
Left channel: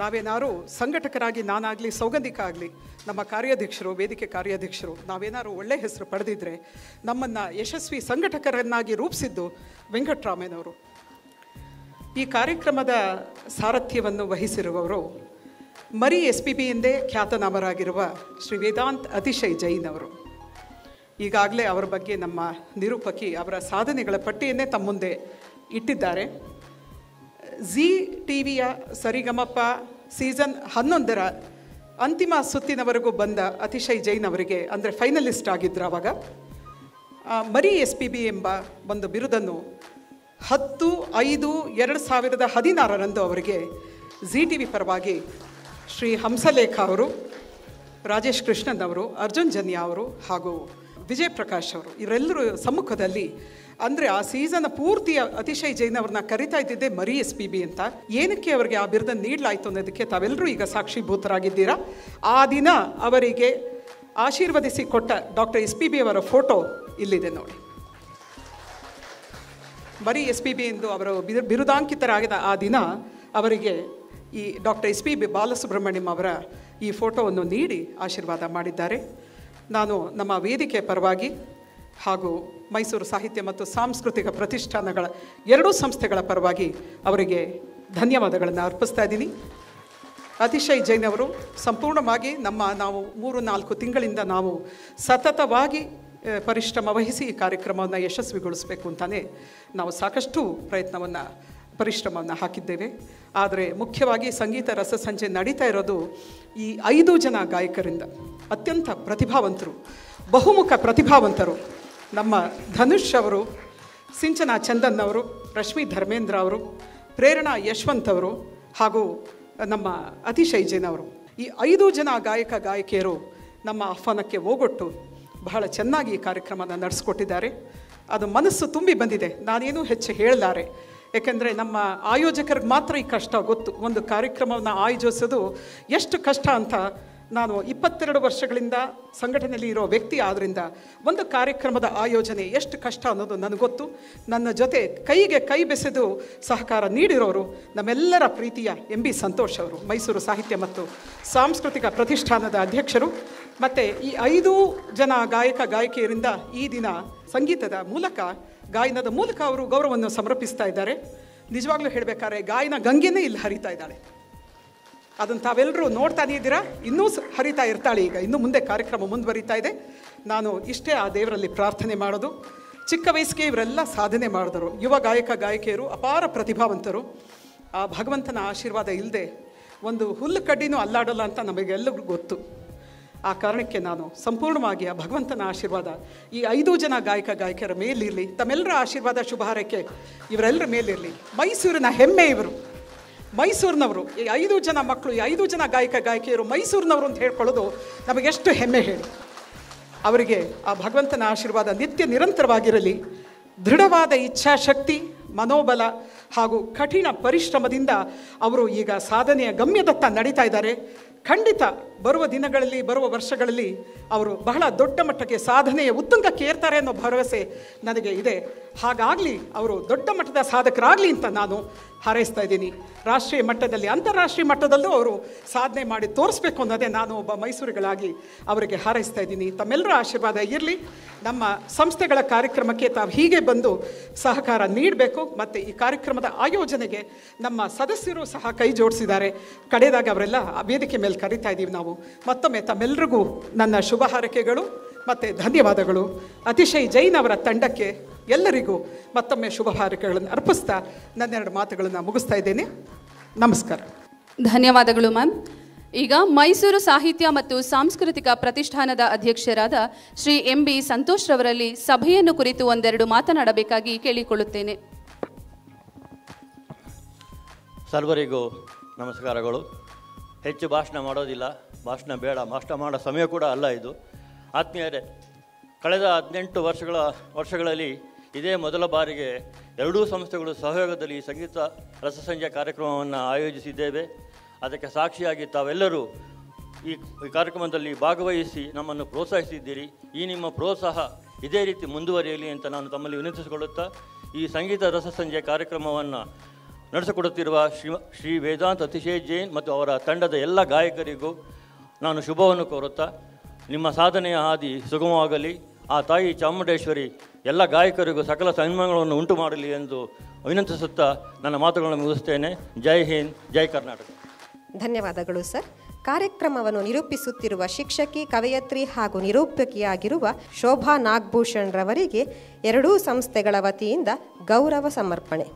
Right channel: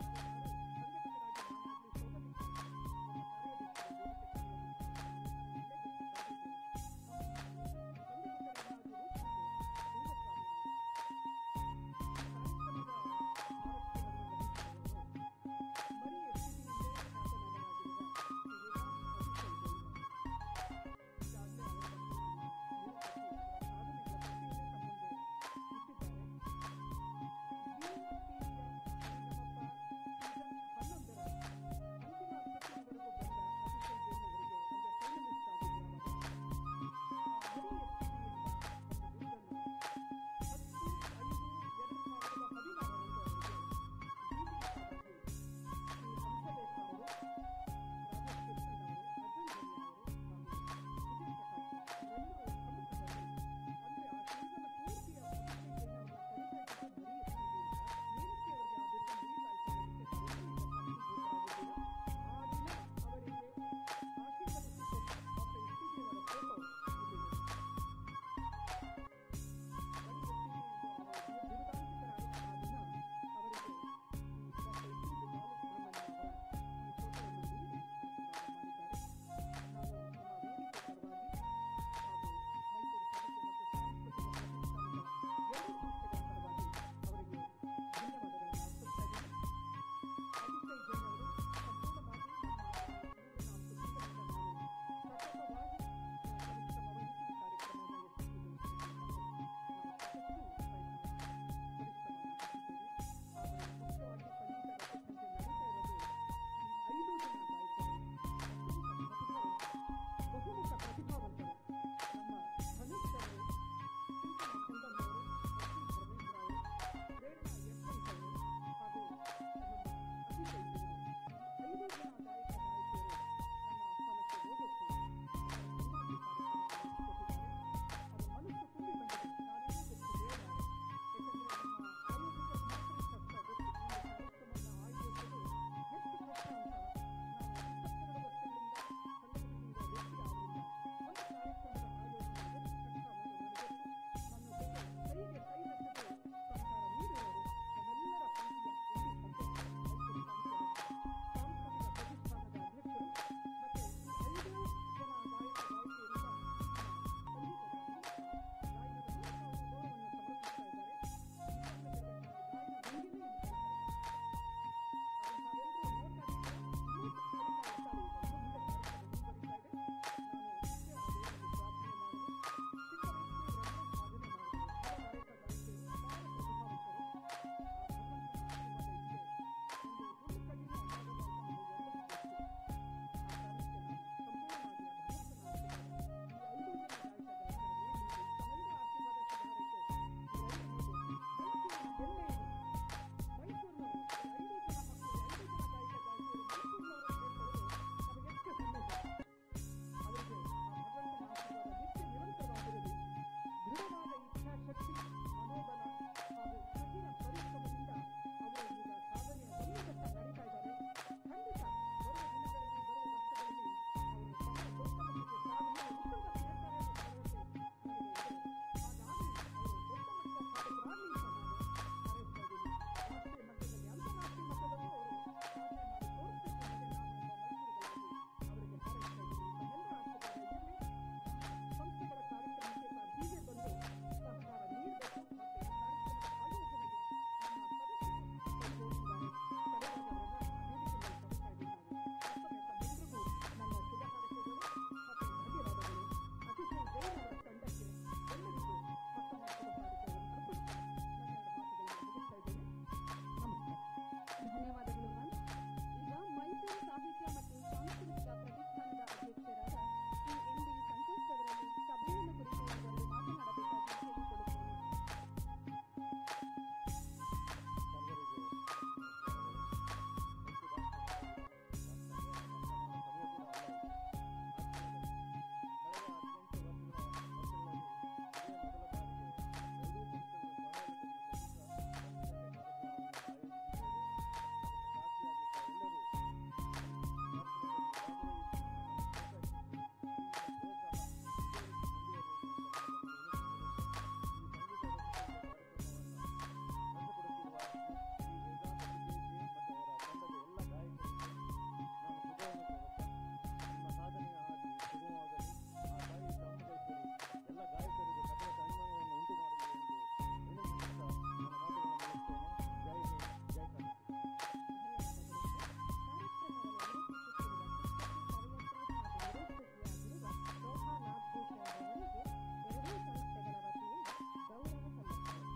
ನಾವೇನಾದ್ರು ಸಂಘಟಕರಾಗಿ ನಾನಾಗಲಿ ಸೌಗಂಧಿಕ ಆಗಲಿ ನಮ್ಮ ಕಾರ್ಯಾಧ್ಯಕ್ಷರು ವೇದಿಕೆ ಕಾರ್ಯಾಧ್ಯಕ್ಷರು ನಾವೇನಾದ್ರು ಒಳ್ಳೆ ಹೆಸರು ಪಡೆದಿದ್ದರೆ ನಮ್ಮನ್ನು ಯಶಸ್ವಿ ಸಂಘಟಕರನ್ನಾಗಿ ರೂಪಿಸಿದ್ದು ವೆಂಕಟರಾಮಯ್ಯನವರು. ಈ ಕಾರ್ಯಕ್ರಮದ ಸಾರಥ್ಯವನ್ನು ವಹಿಸಿರುವವರು ಮರಿ SPB ಎಂದೇ ಖ್ಯಾತನಾಮರಾಗಿರುವ ಶ್ರೀ ವೇದಾಂತ್ ಅತಿಶಯ್ ಜೈನ್ ಅವರು. ಈಗಾಗಲೇ ಅವರ ಬಗ್ಗೆ ನಮ್ಮ ನಿರೂಪಕಿ ಅವರ ಸಾಧನೆಗಳ ಪಟ್ಟಿಯನ್ನೇ ತಮ್ಮ ಮುಂದೆ ಇಟ್ಟಿದ್ದಾರೆ. ಜಿ ಟಿವಿಯ ಸರಿಗಮಪ ಸೀಸನ್ 11ರ ಅಂತಿಮ ಸುತ್ತಿನವರೆಗೂ ಬಂದ ಅತಿಶಯ್ ಜೈನ್ ಅವರಿಗೆ, ಅಂದರೆ ಫೈನಲಿಸ್ಟ್ ಆಗಿದ್ದರು ಆವಾಗ, ಮರಿ SPB ಎಂಬ ಒಂದು ಬಿರುದನ್ನು 10/5/2016 ಅವರಿಗೆ ಜಿ ಟಿವಿ ಪರವಾಗಿ ಶ್ರೀ ಹಂಸಲೇಖ ಅವರು, ರಾಜೇಶ್ ಕೃಷ್ಣನ್ ಅವರು, ಅರ್ಜುನ್ ಜನ್ಯ ಅವರು ಹಾಗೂ ವಿಜಯ್ ಪ್ರಕಾಶ್ ಅವರು ಇವರೆಲ್ಲರೂ ಸಮ್ಮುಖದಲ್ಲಿ, ಅಂದರೆ ಆ ಸೀಸನ್ ಪೂರ್ತಿ ಅತಿಶಯ್ ಜೈನ್ ಅವ್ರನ್ನ ಕರಿತಾ ಇದ್ದಿದ್ದೆ ಮರಿ SPB ಅಂತ. ಏನಕ್ಕೆ ಅವರಿಗೆ ಆ ಬಿರುದನ್ನು ನೀಡಲಾಯಿತು ಅನ್ನೋದಕ್ಕೆ ತಾವೆಲ್ಲರೂ ಈಗ ಸಾಕ್ಷೀಭೂತರಾಗಿದ್ದೀರಾ. ಆ ದಿನ ಅವರಿಗೆ ಆಶೀರ್ವದಿಸಿ ಕೊಟ್ಟ ಡಾಕ್ಟರ್ SPB ಅವರ ಫೋಟೋ ಇಲ್ಲಿದೆ ನೋಡಿ. ಮರಿ SPB ಎಂದು ಅವರು ಬಿರುದಾಂಕಿತರಾಗಿದ್ದ ಆ ದಿನ ಅವರಿಗೆ ಈ ಡಾಕ್ಟರ್ SPB ಬಾಲಸುಬ್ರಹ್ಮಣ್ಯಂ ಅವರ ಈ ಫೋಟೋವನ್ನು ನೀಡಿ ಆಶೀರ್ವಾದ ಮಾಡಿದ್ದಾರೆ. ನಾನು ನಮ್ಮ ವೇದಿಕೆ ಪರವಾಗಿ ಹಾಗೂ ಮೈಸೂರು ಸಾಹಿತ್ಯ ಮತ್ತು ಸಾಂಸ್ಕೃತಿಕ ಪ್ರತಿಷ್ಠಾನಗಳ ಎರಡೂ ಸಂಸ್ಥೆಗಳ ಪರವಾಗಿ ಅವರಿಗೆ ಧನ್ಯವಾದಗಳನ್ನು ಅರ್ಪಿಸ್ತಾ ಇದ್ದೀನಿ. ಅತಿಶಯ್ ಜೈನ್ ಅವರು ಸಂಪೂರ್ಣವಾಗಿ ನಾವು 3-4 ತಿಂಗಳಿಂದ ನಾವು ಸತತವಾಗಿ ಪರಿಶ್ರಮ ವಹಿಸಿ ಈ ಕಾರ್ಯಕ್ರಮವನ್ನು ಯಶಸ್ವಿಗೊಳಿಸಬೇಕು ಅಂತಲೇ ನಾವು ಸಾಕಷ್ಟು ಪರಿಶ್ರಮವನ್ನು ಹಾಕಿದ್ದೇವೆ. ಆದರೆ ಮುಖ್ಯವಾಗಿ ಸಂಗೀತ ರಸಸಂಜೆ ನಡೀತಾ ಇರೋದು ಈ 5 ಜನ ಗಾಯಕರಿಂದ, ಅತ್ಯಂತ ಪ್ರತಿಭಾವಂತರು, ಬಹುಮುಖ ಪ್ರತಿಭಾವಂತರು. ನಮ್ಮ ಧನುಷ್ ಅವರು, ಸಿಂಚನಾ ಚಂದನ್ ಅವರು, ರಶ್ಮಿ ಧರ್ಮೇಂದ್ರ ಅವರು, ಪ್ರೇರಣಾ ಯಶವಂತ್ ಅವರು ಹಾಗೂ ನಮ್ಮ ಅತಿಶಯ್ ಜೈನ್ ಅವರು, ಈ 5 ಜನ ಗಾಯಕಿಯರು ನಮ್ಮ ಆಹ್ವಾನಕ್ಕೆ ಓಗೊಟ್ಟು ಬಹಳ ಚೆನ್ನಾಗಿ ಈ ಕಾರ್ಯಕ್ರಮನ ನಡೆಸ್ಕೊಟ್ಟಿದ್ದಾರೆ. ಅದು ಮನಸ್ಸು ತುಂಬಿ ಬಂದಿದೆ. ನಾನೇನು ಹೆಚ್ಚು ಹೇಳಲಾರೆ, ಏಕೆಂದರೆ ನಮ್ಮ ಆಯೋಜಕರಿಗೆ ಮಾತ್ರ ಈ ಕಷ್ಟ ಗೊತ್ತು. ಒಂದು ಕಾರ್ಯಕ್ರಮವನ್ನು ಆಯೋಜಿಸೋದು ಎಷ್ಟು ಕಷ್ಟ ಅಂತ ನಾನು 22 ವರ್ಷಗಳಿಂದ ಸಂಘಟನೆಯಲ್ಲಿ ಇರೋ ವ್ಯಕ್ತಿ ಆದ್ದರಿಂದ ಒಂದು ಕಾರ್ಯಕ್ರಮದ ಆಯೋಜನೆ ಎಷ್ಟು ಕಷ್ಟ ಅನ್ನೋದು ನನಗೆ ಗೊತ್ತು. ನನ್ನ ಜೊತೆ ಕೈಗೆ ಕೈ ಬೆಸೆದು ಸಹಕಾರ ನೀಡಿರೋರು ನಮ್ಮೆಲ್ಲರ ಪ್ರೀತಿಯ MB ಸಂತೋಷ್ ಅವರು, ಮೈಸೂರು ಸಾಹಿತ್ಯ ಮತ್ತು ಸಾಂಸ್ಕೃತಿಕ ಪ್ರತಿಷ್ಠಾನದ ಅಧ್ಯಕ್ಷರು. ಮತ್ತು ಈ 5 ಜನ ಗಾಯಕಿಯರಿಂದ ಈ ದಿನ ಸಂಗೀತದ ಮೂಲಕ, ಗಾಯನದ ಮೂಲಕ ಅವರು ಗೌರವವನ್ನು ಸಮರ್ಪಿಸ್ತಾ ಇದ್ದಾರೆ. ನಿಜವಾಗ್ಲೂ ಹೇಳಬೇಕಾದ್ರೆ ಗಾಯನ ಗಂಗೆನೇ ಇಲ್ಲಿ ಹರಿತಾ ಇದ್ದಾಳೆ. ಅದನ್ನು ತಾವೆಲ್ಲರೂ ನೋಡ್ತಾನೆ ಇದ್ದೀರಾ. ಇನ್ನೂ ಹರಿತಾ ಇರ್ತಾಳೆ. ಈಗ ಇನ್ನು ಮುಂದೆ ಕಾರ್ಯಕ್ರಮ ಮುಂದುವರಿತಾ ಇದೆ. ನಾನು ಇಷ್ಟೇ ಆ ದೇವರಲ್ಲಿ ಪ್ರಾರ್ಥನೆ ಮಾಡೋದು. ಚಿಕ್ಕ ವಯಸ್ಸಿಗೆ ಇವರೆಲ್ಲ ಸಾಧನೆ ಮಾಡಿದರು. ಯುವ ಗಾಯಕಿಯರು ಅಪಾರ ಪ್ರತಿಭಾವಂತರು. ಆ ಭಗವಂತನ ಆಶೀರ್ವಾದ ಇಲ್ಲದೆ ಒಂದು ಹುಲ್ಲು ಕಡ್ಡಿನೂ ಅಲ್ಲಾಡಲ್ಲ ಅಂತ ನಮಗೆಲ್ಲರಿಗೂ ಗೊತ್ತು. ಆ ಕಾರಣಕ್ಕೆ ನಾನು ಸಂಪೂರ್ಣವಾಗಿ ಆ ಭಗವಂತನ ಆಶೀರ್ವಾದ ಈ 5 ಜನ ಗಾಯಕಿಯರ ಮೇಲಿರಲಿ. ತಮ್ಮೆಲ್ಲರ ಆಶೀರ್ವಾದ ಶುಭ ಹಾರೈಕೆ ಇವರೆಲ್ಲರ ಮೇಲಿರಲಿ. ಮೈಸೂರಿನ ಹೆಮ್ಮೆ ಇವರು, ಮೈಸೂರಿನವರು. ಈ 5 ಜನ ಮಕ್ಕಳು, ಈ 5 ಜನ ಗಾಯಕಿಯರು ಮೈಸೂರಿನವರು ಅಂತ ಹೇಳ್ಕೊಳ್ಳೋದು ನಮಗೆಷ್ಟು ಹೆಮ್ಮೆ ಹೇಳಿ. ಅವರಿಗೆ ಆ ಭಗವಂತನ ಆಶೀರ್ವಾದ ನಿತ್ಯ ನಿರಂತರವಾಗಿರಲಿ. ದೃಢವಾದ ಇಚ್ಛಾಶಕ್ತಿ, ಮನೋಬಲ ಹಾಗೂ ಕಠಿಣ ಪರಿಶ್ರಮದಿಂದ ಅವರು ಈಗ ಸಾಧನೆಯ ಗಮ್ಯದತ್ತ ನಡೀತಾ ಇದ್ದಾರೆ. ಖಂಡಿತ ಬರುವ ದಿನಗಳಲ್ಲಿ, ಬರುವ ವರ್ಷಗಳಲ್ಲಿ ಅವರು ಬಹಳ ದೊಡ್ಡ ಮಟ್ಟಕ್ಕೆ ಸಾಧನೆಯ ಉತ್ತುಂಗಕ್ಕೆ ಏರ್ತಾರೆ ಅನ್ನೋ ಭರವಸೆ ನನಗೆ ಇದೆ. ಹಾಗಾಗಲಿ, ಅವರು ದೊಡ್ಡ ಮಟ್ಟದ ಸಾಧಕರಾಗಲಿ ಅಂತ ನಾನು ಹಾರೈಸ್ತಾ ಇದ್ದೀನಿ. ರಾಷ್ಟ್ರೀಯ ಮಟ್ಟದಲ್ಲಿ, ಅಂತಾರಾಷ್ಟ್ರೀಯ ಮಟ್ಟದಲ್ಲೂ ಅವರು ಸಾಧನೆ ಮಾಡಿ ತೋರಿಸ್ಬೇಕು ಅನ್ನೋದೇ ನಾನು ಒಬ್ಬ ಮೈಸೂರಿಗಳಾಗಿ ಅವರಿಗೆ ಹಾರೈಸ್ತಾ ಇದ್ದೀನಿ. ತಮ್ಮೆಲ್ಲರ ಆಶೀರ್ವಾದ ಇರಲಿ. ನಮ್ಮ ಸಂಸ್ಥೆಗಳ ಕಾರ್ಯಕ್ರಮಕ್ಕೆ ತಾವು ಹೀಗೆ ಬಂದು ಸಹಕಾರ ನೀಡಬೇಕು. ಮತ್ತು ಈ ಕಾರ್ಯಕ್ರಮದ ಆಯೋಜನೆಗೆ ನಮ್ಮ ಸದಸ್ಯರು ಸಹ ಕೈ ಜೋಡಿಸಿದ್ದಾರೆ. ಕಡೆದಾಗ ಅವರೆಲ್ಲ ವೇದಿಕೆ ಮೇಲೆ ಕರಿತಾ ಇದ್ದೀವಿ ನಾವು. ಮತ್ತೊಮ್ಮೆ ತಮ್ಮೆಲ್ಲರಿಗೂ ನನ್ನ ಶುಭ ಹಾರೈಕೆಗಳು ಮತ್ತು ಧನ್ಯವಾದಗಳು. ಅತಿಶಯ್ ಜೈನ್ ಅವರ ತಂಡಕ್ಕೆ ಎಲ್ಲರಿಗೂ ಮತ್ತೊಮ್ಮೆ ಶುಭ ಹಾರೈಕೆಗಳನ್ನು ಅರ್ಪಿಸ್ತಾ ನನ್ನೆರಡು ಮಾತುಗಳನ್ನು ಮುಗಿಸ್ತಾ ಇದ್ದೇನೆ. ನಮಸ್ಕಾರ. ಧನ್ಯವಾದಗಳು ಮ್ಯಾಮ್. ಈಗ ಮೈಸೂರು ಸಾಹಿತ್ಯ ಮತ್ತು ಸಾಂಸ್ಕೃತಿಕ ಪ್ರತಿಷ್ಠಾನದ ಅಧ್ಯಕ್ಷರಾದ ಶ್ರೀ MB ಸಂತೋಷ್ ರವರಲ್ಲಿ ಸಭೆಯನ್ನು ಕುರಿತು ಒಂದೆರಡು ಮಾತನಾಡಬೇಕಾಗಿ ಕೇಳಿಕೊಳ್ಳುತ್ತೇನೆ. ಸರ್ವರಿಗೂ ನಮಸ್ಕಾರಗಳು. ಹೆಚ್ಚು ಭಾಷಣ ಮಾಡೋದಿಲ್ಲ, ಭಾಷಣ ಬೇಡ, ಭಾಷಣ ಮಾಡೋ ಸಮಯ ಕೂಡ ಅಲ್ಲ ಇದು. ಆತ್ಮೀಯರೇ, ಕಳೆದ 18 ವರ್ಷಗಳಲ್ಲಿ ಇದೇ ಮೊದಲ ಬಾರಿಗೆ ಎರಡೂ ಸಂಸ್ಥೆಗಳು ಸಹಯೋಗದಲ್ಲಿ ಸಂಗೀತ ರಸಸಂಜೆ ಕಾರ್ಯಕ್ರಮವನ್ನು ಆಯೋಜಿಸಿದ್ದೇವೆ. ಅದಕ್ಕೆ ಸಾಕ್ಷಿಯಾಗಿ ತಾವೆಲ್ಲರೂ ಈ ಕಾರ್ಯಕ್ರಮದಲ್ಲಿ ಭಾಗವಹಿಸಿ ನಮ್ಮನ್ನು ಪ್ರೋತ್ಸಾಹಿಸಿದ್ದೀರಿ. ಈ ನಿಮ್ಮ ಪ್ರೋತ್ಸಾಹ ಇದೇ ರೀತಿ ಮುಂದುವರಿಯಲಿ ಅಂತ ನಾನು ತಮ್ಮಲ್ಲಿ ವಿನಂತಿಸಿಕೊಳ್ಳುತ್ತಾ, ಈ ಸಂಗೀತ ರಸಸಂಜೆ ಕಾರ್ಯಕ್ರಮವನ್ನು ನಡೆಸಿಕೊಡುತ್ತಿರುವ ಶ್ರೀ ವೇದಾಂತ್ ಅತಿಶೇಷ್ ಜೈನ್ ಮತ್ತು ಅವರ ತಂಡದ ಎಲ್ಲ ಗಾಯಕರಿಗೂ ನಾನು ಶುಭವನ್ನು ಕೋರುತ್ತಾ, ನಿಮ್ಮ ಸಾಧನೆಯ ಹಾದಿ ಸುಗಮವಾಗಲಿ, ಆ ತಾಯಿ ಚಾಮುಂಡೇಶ್ವರಿ ಎಲ್ಲ ಗಾಯಕರಿಗೂ ಸಕಲ ಸನ್ಮಾನಗಳನ್ನು ಉಂಟು ಮಾಡಲಿ ಎಂದು ವಿನಂತಿಸುತ್ತಾ ನನ್ನ ಮಾತುಗಳನ್ನು ಮುಗಿಸ್ತೇನೆ. ಜೈ ಹಿಂದ್, ಜೈ ಕರ್ನಾಟಕ. ಧನ್ಯವಾದಗಳು ಸರ್. ಕಾರ್ಯಕ್ರಮವನ್ನು ನಿರೂಪಿಸುತ್ತಿರುವ ಶಿಕ್ಷಕಿ, ಕವಯತ್ರಿ ಹಾಗೂ ನಿರೂಪಕಿಯಾಗಿರುವ ಶೋಭಾ ನಾಗಭೂಷಣ್ ರವರಿಗೆ ಎರಡೂ ಸಂಸ್ಥೆಗಳ ವತಿಯಿಂದ ಗೌರವ ಸಮರ್ಪಣೆ.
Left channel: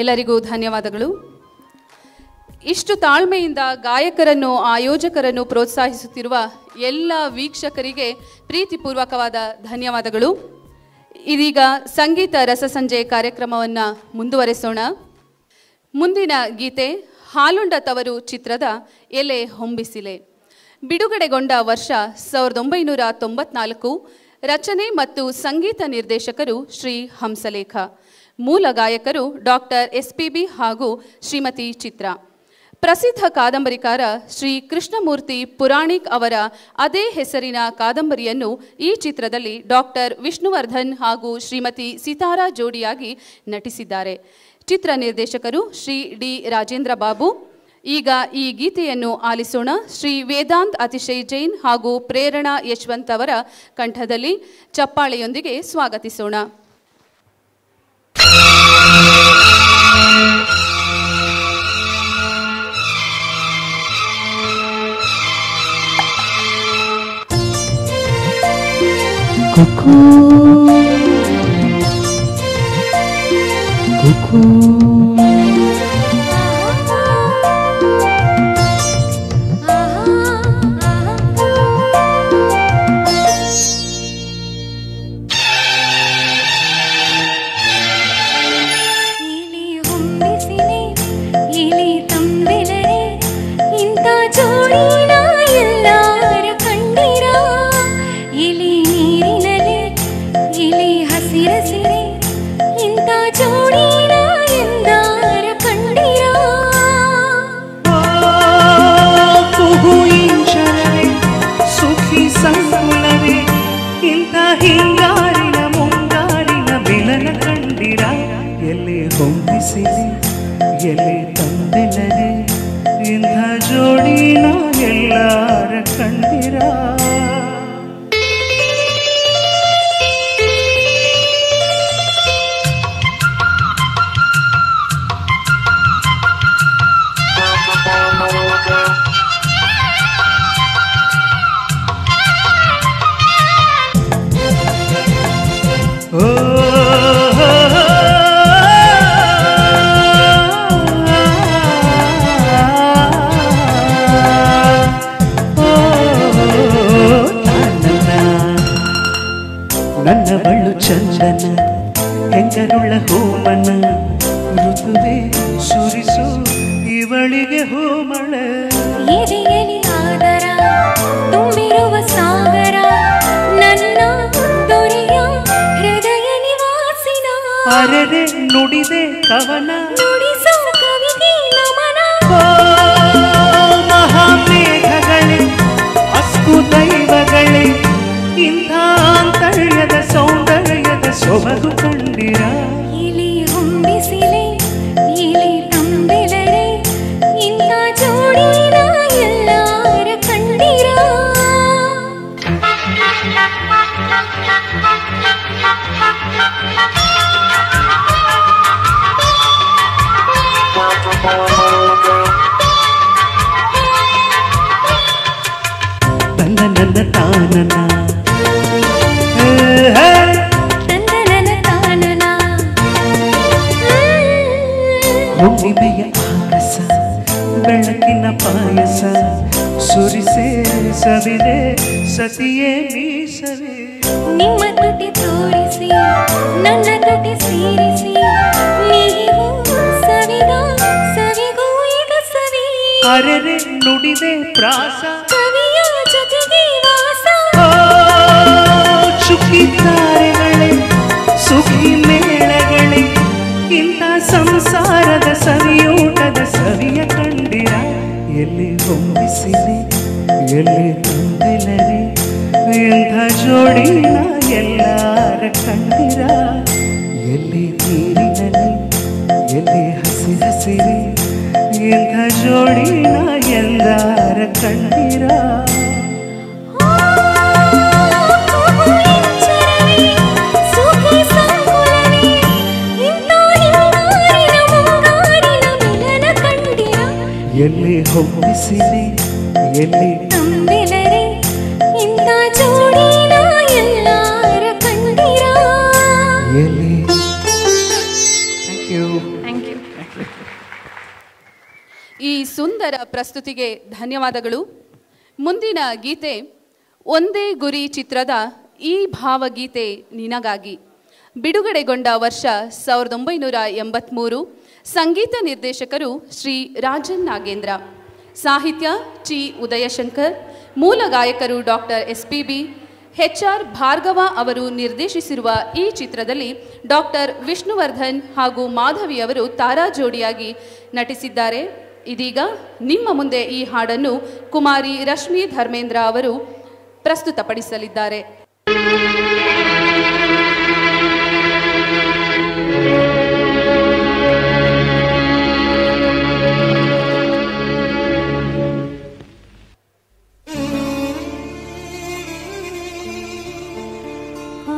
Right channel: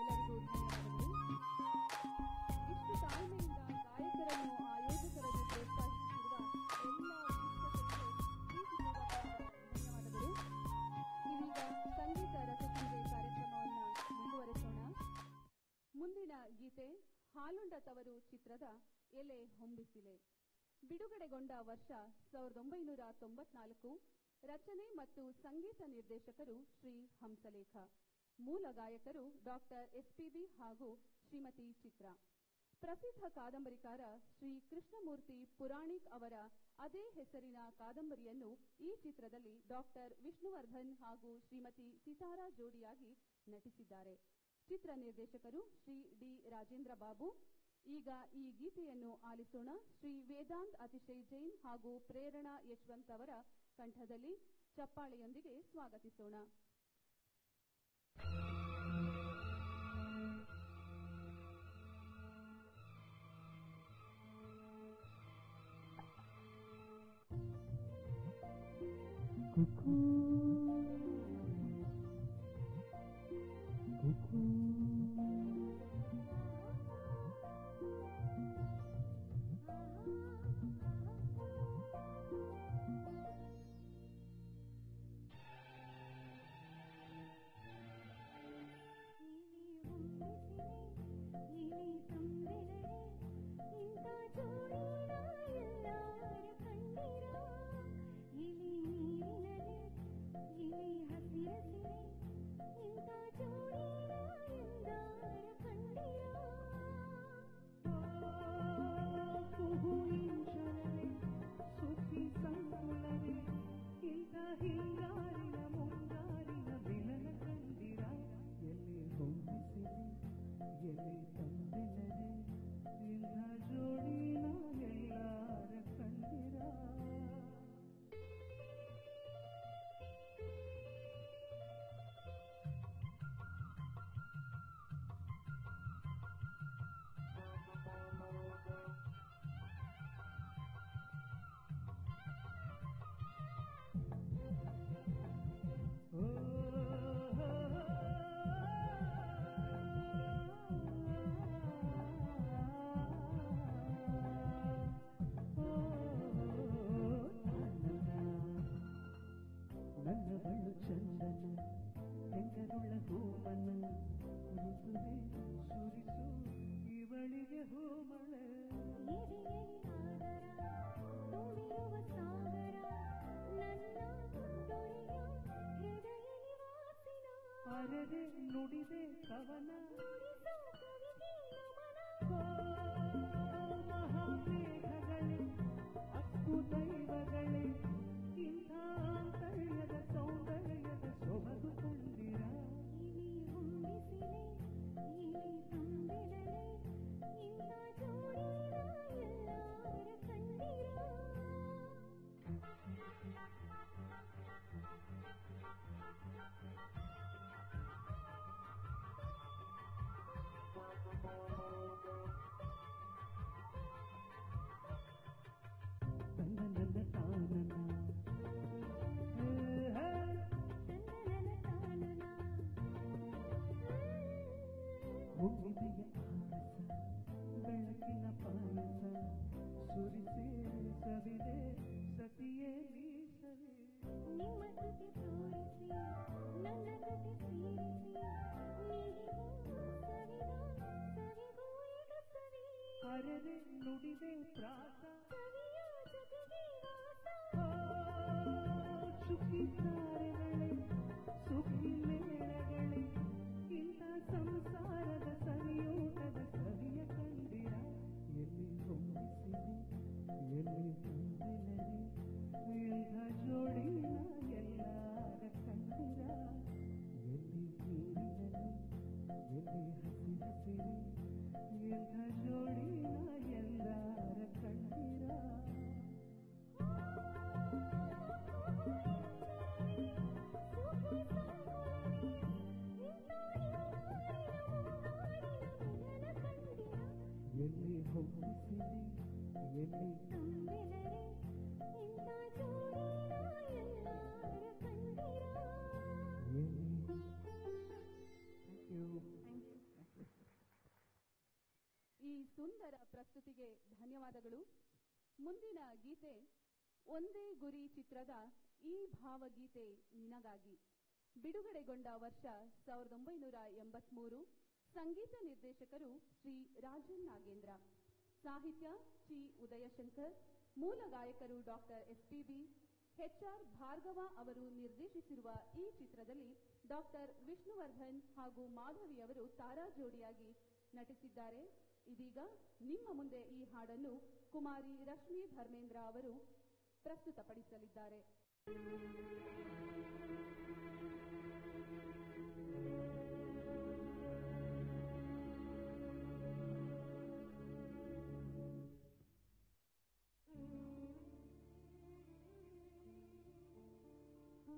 ಎಲ್ಲರಿಗೂ ಧನ್ಯವಾದಗಳು. ಇಷ್ಟು ತಾಳ್ಮೆಯಿಂದ ಗಾಯಕರನ್ನು, ಆಯೋಜಕರನ್ನು ಪ್ರೋತ್ಸಾಹಿಸುತ್ತಿರುವ ಎಲ್ಲ ವೀಕ್ಷಕರಿಗೆ ಪ್ರೀತಿಪೂರ್ವಕವಾದ ಧನ್ಯವಾದಗಳು. ಇದೀಗ ಸಂಗೀತ ರಸಸಂಜೆ ಕಾರ್ಯಕ್ರಮವನ್ನು ಮುಂದುವರೆಸೋಣ. ಮುಂದಿನ ಗೀತೆ ಹಾಲುಂಡ ತವರು ಚಿತ್ರದ ಎಲೆ ಹೊಂಬಿಸಿಲೆ. ಬಿಡುಗಡೆಗೊಂಡ ವರ್ಷ 1994. ರಚನೆ ಮತ್ತು ಸಂಗೀತ ನಿರ್ದೇಶಕರು ಶ್ರೀ ಹಂಸಲೇಖ. ಮೂಲ ಗಾಯಕರು ಡಾಕ್ಟರ್ SPB ಹಾಗೂ ಶ್ರೀಮತಿ ಚಿತ್ರಾ. ಪ್ರಸಿದ್ಧ ಕಾದಂಬರಿಕಾರ ಶ್ರೀ ಕೃಷ್ಣಮೂರ್ತಿ ಪುರಾಣಿಕ್ ಅವರ ಅದೇ ಹೆಸರಿನ ಕಾದಂಬರಿಯನ್ನು ಈ ಚಿತ್ರದಲ್ಲಿ ಡಾಕ್ಟರ್ ವಿಷ್ಣುವರ್ಧನ್ ಹಾಗೂ ಶ್ರೀಮತಿ ಸಿತಾರಾ ಜೋಡಿಯಾಗಿ ನಟಿಸಿದ್ದಾರೆ. ಚಿತ್ರ ನಿರ್ದೇಶಕರು ಶ್ರೀ ಡಿ ರಾಜೇಂದ್ರ ಬಾಬು. ಈಗ ಈ ಗೀತೆಯನ್ನು ಆಲಿಸೋಣ. ಶ್ರೀ ವೇದಾಂತ್ ಅತಿಶಯ್ ಜೈನ್ ಹಾಗೂ ಪ್ರೇರಣಾ ಯಶವಂತ್ ಅವರ ಕಂಠದಲ್ಲಿ ಚಪ್ಪಾಳೆಯೊಂದಿಗೆ ಸ್ವಾಗತಿಸೋಣ. ಹುಣ್ಣಿಮೆಯ ಆಗಸ ಬೆಳಕಿನ ಪಾಯಸ ಸುರಿಸೆ ಸವಿದೆ ಸತಿಯೇ ಮೀಸವೆ ನಿಮ್ಮ ತುಟಿ ತೋರಿಸಿ ನನ್ನ ತುಟಿ ಸೇರಿಸಿ ನೀವು ಸವಿದ ಸವಿಗೂ ಈಗ ಸವಿ ಅರೆರೆ ನುಡಿದೆ ಪ್ರಾಸ ಕವಿಯ ಜೊತೆಗೆ ವಾಸ ಚುಕ್ಕಿದ್ದಾರೆಗಳೇ ಸುಖಿ ಮೇಳಗಳೇ ಇಂಥ ಸಂಸಾರದ ಸವಿಯೂಟದ ಸವಿಯ ಕಂಡಿರ ಎಲ್ಲಿ ಹೊಂಬಿಸಿದೆ ಎಲ್ಲಿ ತಂದಿಲ್ಲರೆ ಹುಟ್ಟಿಸಿರಿ ಎಂಥ ಜೋಡಿನ ಎಂದಾರ ಕಂಡಿರ ಎಲ್ಲಿ ಹುಟ್ಟಿಸಿರಿ ಎಲ್ಲಿ ನಂಬಿದರೆ ಇಂಥ ಜೋಡಿನ ಎಲ್ಲಾರ ಕಂಡಿರ. ಎಲ್ಲಿ ಥ್ಯಾಂಕ್ ಯು. ಈ ಸುಂದರ ಪ್ರಸ್ತುತಿಗೆ ಧನ್ಯವಾದಗಳು. ಮುಂದಿನ ಗೀತೆ ಒಂದೇ ಗುರಿ ಚಿತ್ರದ ಈ ಭಾವಗೀತೆ ನಿನಗಾಗಿ. ಬಿಡುಗಡೆಗೊಂಡ ವರ್ಷ 1983. ಸಂಗೀತ ನಿರ್ದೇಶಕರು ಶ್ರೀ ರಾಜನ್ ನಾಗೇಂದ್ರ. ಸಾಹಿತ್ಯ ಚಿ ಉದಯಶಂಕರ್. ಮೂಲ ಗಾಯಕರು ಡಾಕ್ಟರ್ SPB. HR ಭಾರ್ಗವ ಅವರು ನಿರ್ದೇಶಿಸಿರುವ ಈ ಚಿತ್ರದಲ್ಲಿ ಡಾಕ್ಟರ್ ವಿಷ್ಣುವರ್ಧನ್ ಹಾಗೂ ಮಾಧವಿ ಅವರು ತಾರಾ ಜೋಡಿಯಾಗಿ ನಟಿಸಿದ್ದಾರೆ. ಇದೀಗ ನಿಮ್ಮ ಮುಂದೆ ಈ ಹಾಡನ್ನು ಕುಮಾರಿ ರಶ್ಮಿ ಧರ್ಮೇಂದ್ರ ಅವರು ಪ್ರಸ್ತುತಪಡಿಸಲಿದ್ದಾರೆ. ಆ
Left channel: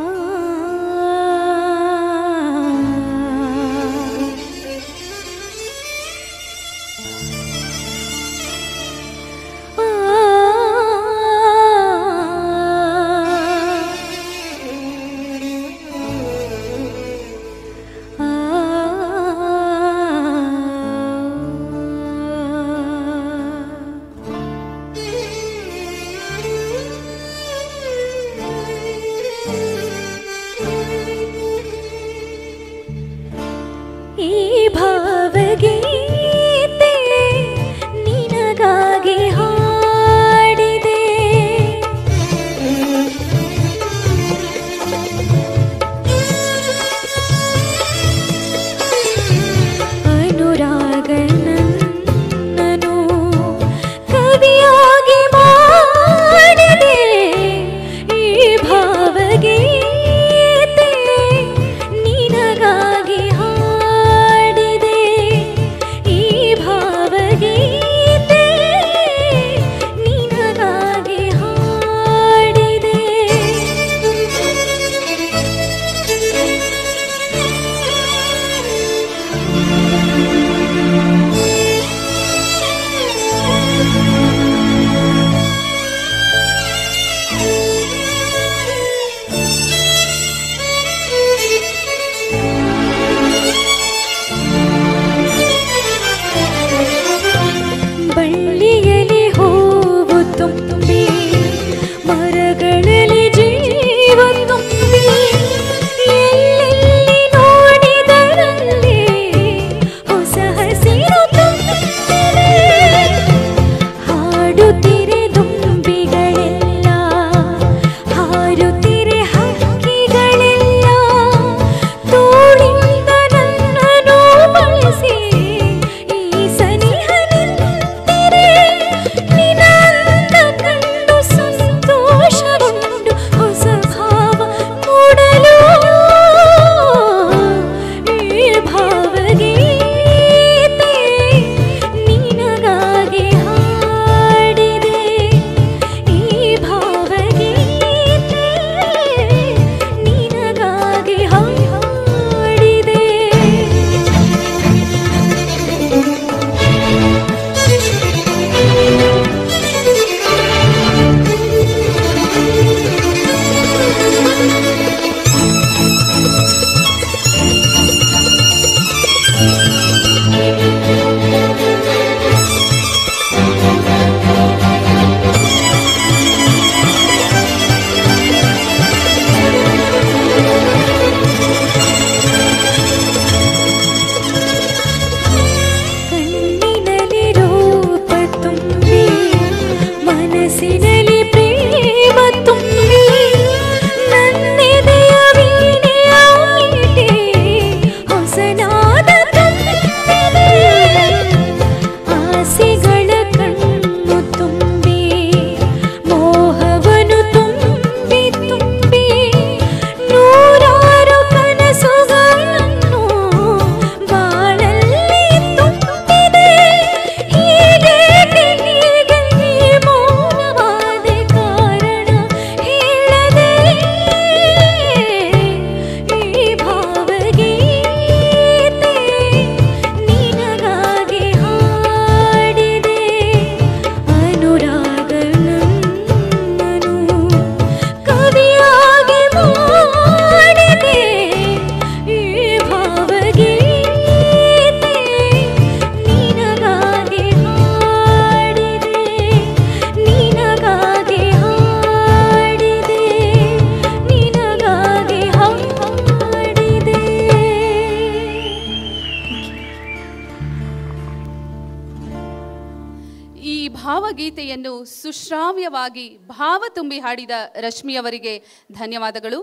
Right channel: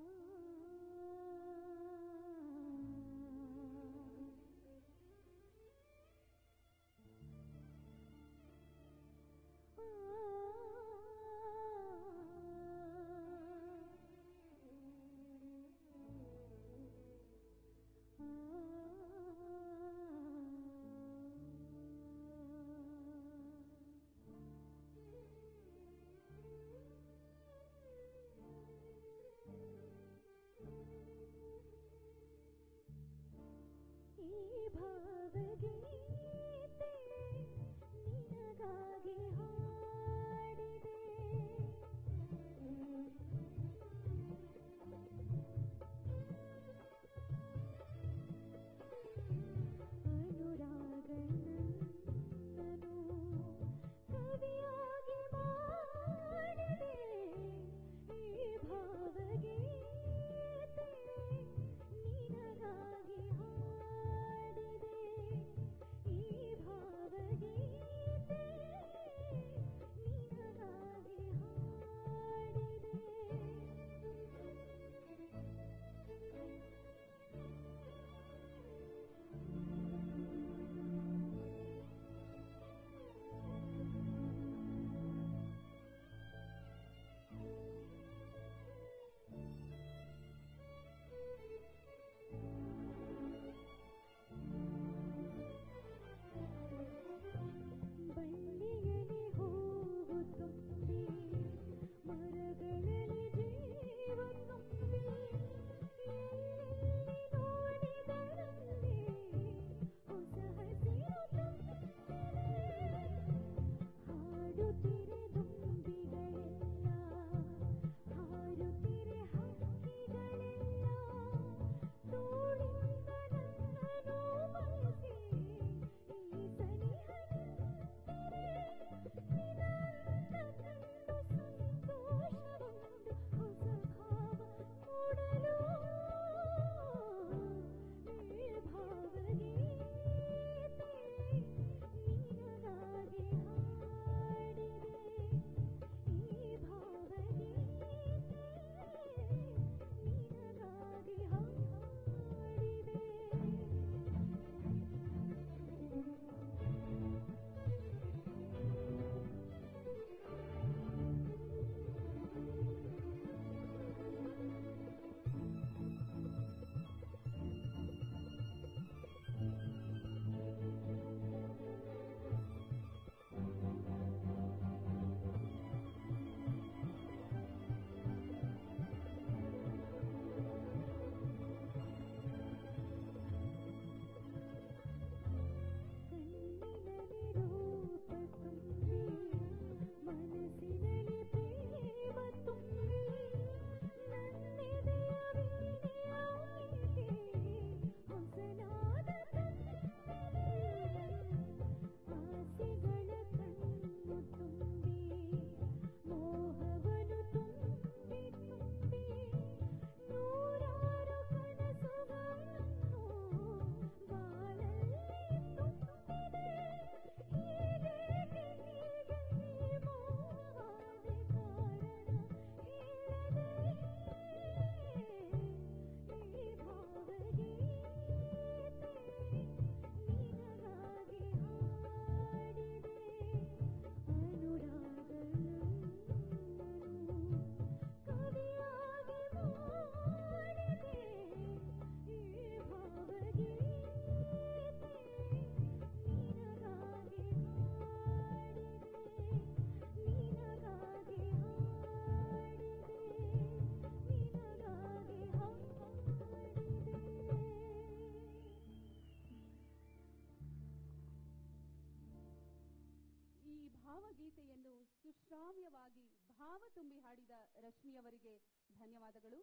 ಭಾವಗೀತೆಯನ್ನು ಸುಶ್ರಾವ್ಯವಾಗಿ ಭಾವ ತುಂಬಿ ಹಾಡಿದ ರಶ್ಮಿಯವರಿಗೆ ಧನ್ಯವಾದಗಳು.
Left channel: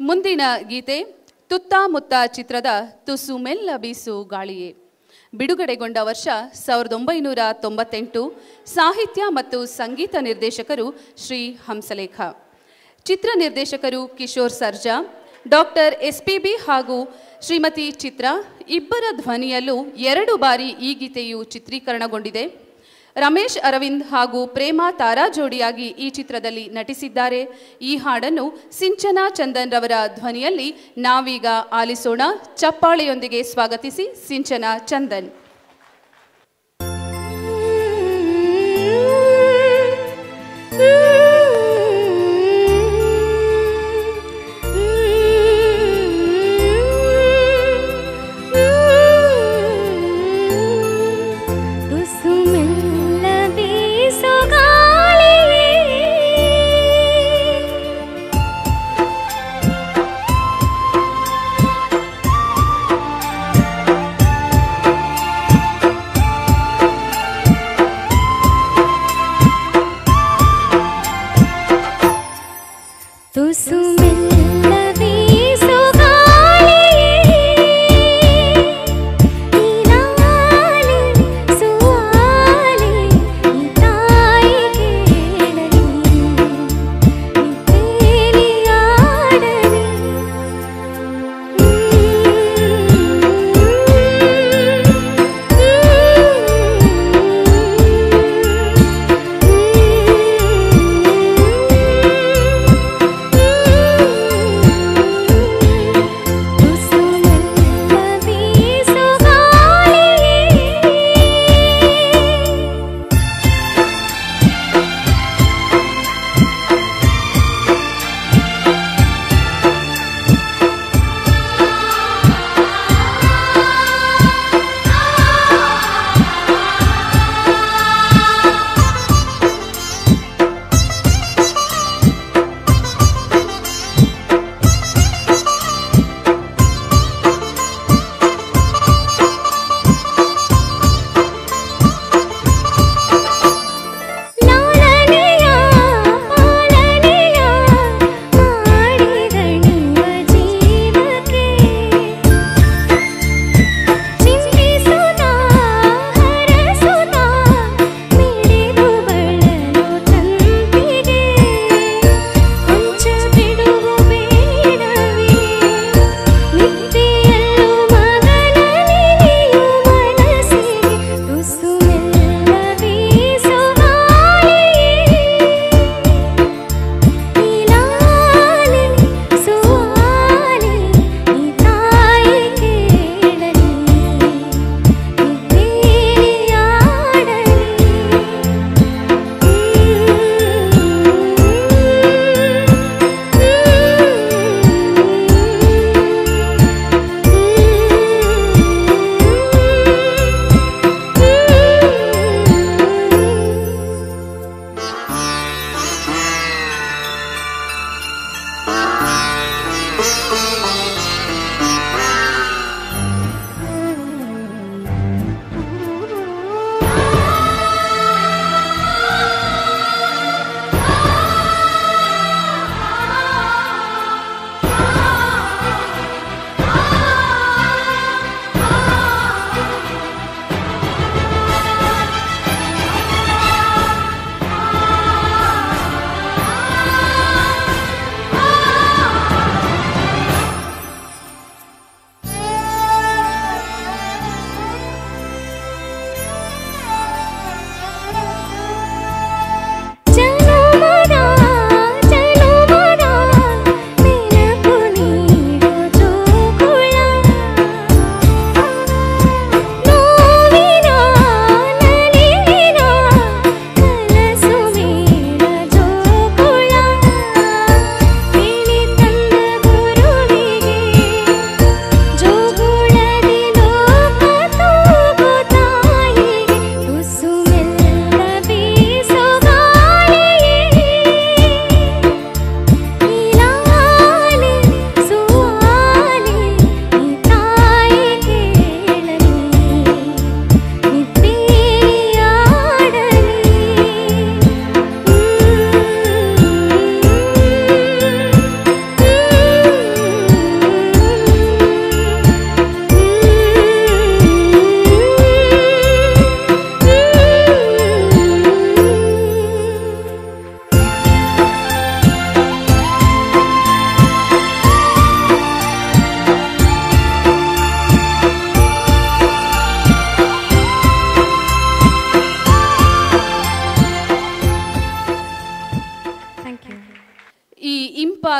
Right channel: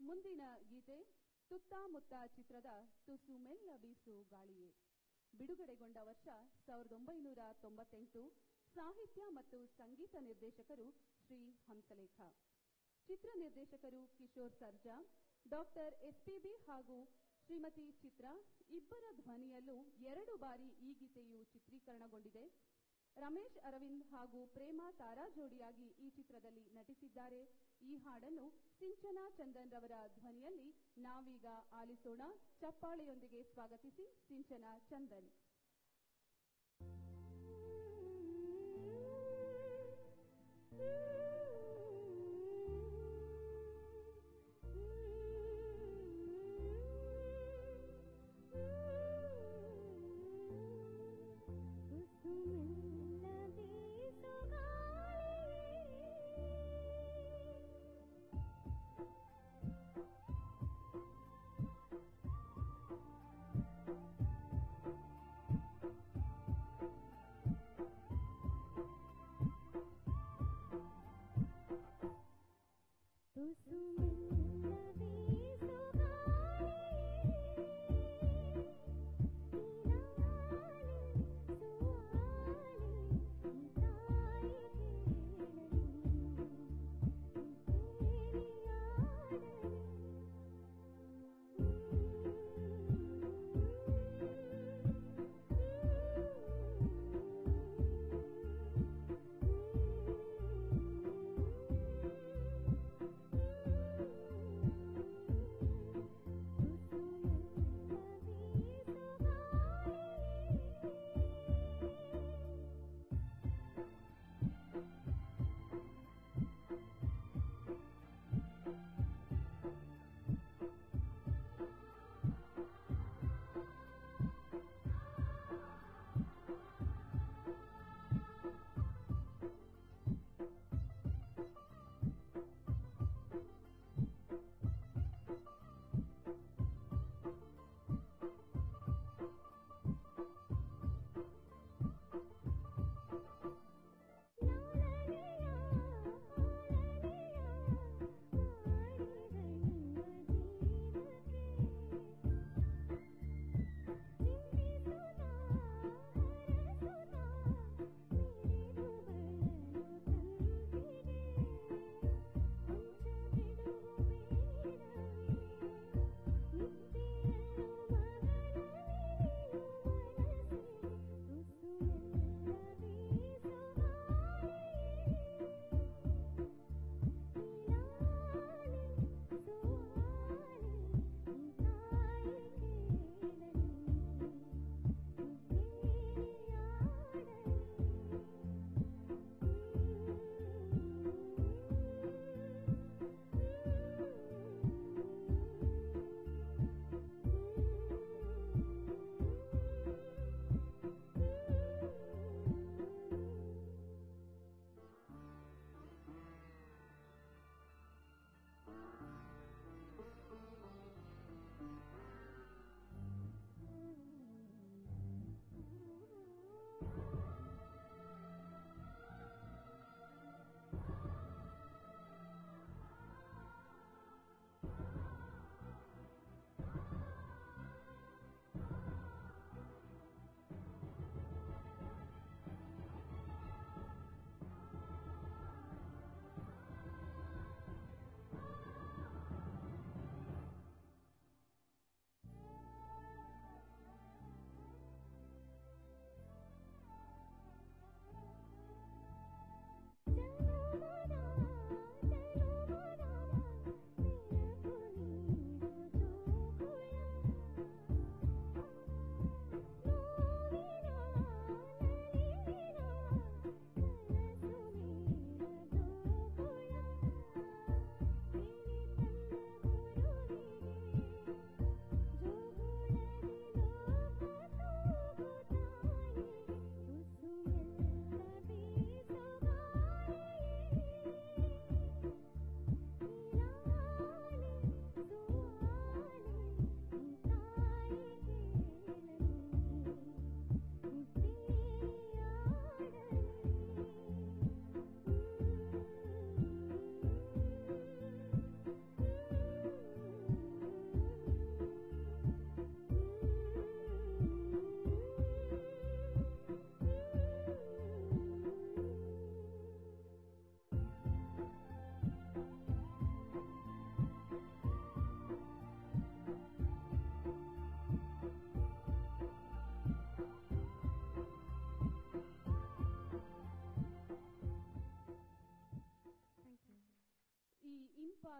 ಮುಂದಿನ ಗೀತೆ ತುತ್ತಾಮುತ್ತ ಚಿತ್ರದ ತುಸು ಮೆಲ್ಲ ಬೀಸು ಗಾಳಿಯೇ. ಬಿಡುಗಡೆಗೊಂಡ ವರ್ಷ 1998. ಸಾಹಿತ್ಯ ಮತ್ತು ಸಂಗೀತ ನಿರ್ದೇಶಕರು ಶ್ರೀ ಹಂಸಲೇಖ. ಚಿತ್ರ ನಿರ್ದೇಶಕರು ಕಿಶೋರ್ ಸರ್ಜಾ. ಡಾಕ್ಟರ್ SPB ಹಾಗೂ ಶ್ರೀಮತಿ ಚಿತ್ರ ಇಬ್ಬರ ಧ್ವನಿಯಲ್ಲೂ 2 ಬಾರಿ ಈ ಗೀತೆಯು ಚಿತ್ರೀಕರಣಗೊಂಡಿದೆ. ರಮೇಶ್ ಅರವಿಂದ್ ಹಾಗೂ ಪ್ರೇಮಾ ತಾರಾ ಜೋಡಿಯಾಗಿ ಈ ಚಿತ್ರದಲ್ಲಿ ನಟಿಸಿದ್ದಾರೆ. ಈ ಹಾಡನ್ನು ಸಿಂಚನಾ ಚಂದನ್ ರವರ ಧ್ವನಿಯಲ್ಲಿ ನಾವೀಗ ಆಲಿಸೋಣ. ಚಪ್ಪಾಳೆಯೊಂದಿಗೆ ಸ್ವಾಗತಿಸಿ ಸಿಂಚನಾ ಚಂದನ್.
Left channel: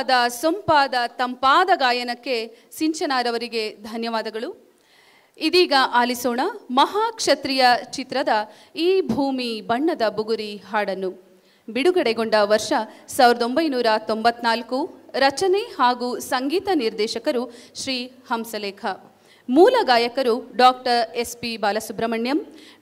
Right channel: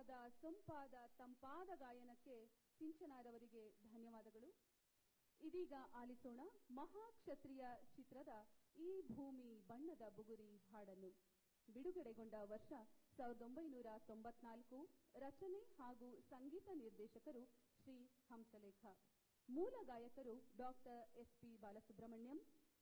ಸೊಗಸಾದ ಸೊಂಪಾದ ತಂಪಾದ ಗಾಯನಕ್ಕೆ ಸಿಂಚನಾರವರಿಗೆ ಧನ್ಯವಾದಗಳು. ಇದೀಗ ಆಲಿಸೋಣ ಮಹಾಕ್ಷತ್ರಿಯ ಚಿತ್ರದ ಈ ಭೂಮಿ ಬಣ್ಣದ ಬುಗುರಿ ಹಾಡನ್ನು. ಬಿಡುಗಡೆಗೊಂಡ ವರ್ಷ 1994. ರಚನೆ ಹಾಗೂ ಸಂಗೀತ ನಿರ್ದೇಶಕರು ಶ್ರೀ ಹಂಸಲೇಖ. ಮೂಲ ಗಾಯಕರು doctor SP Balasubrahmanyam,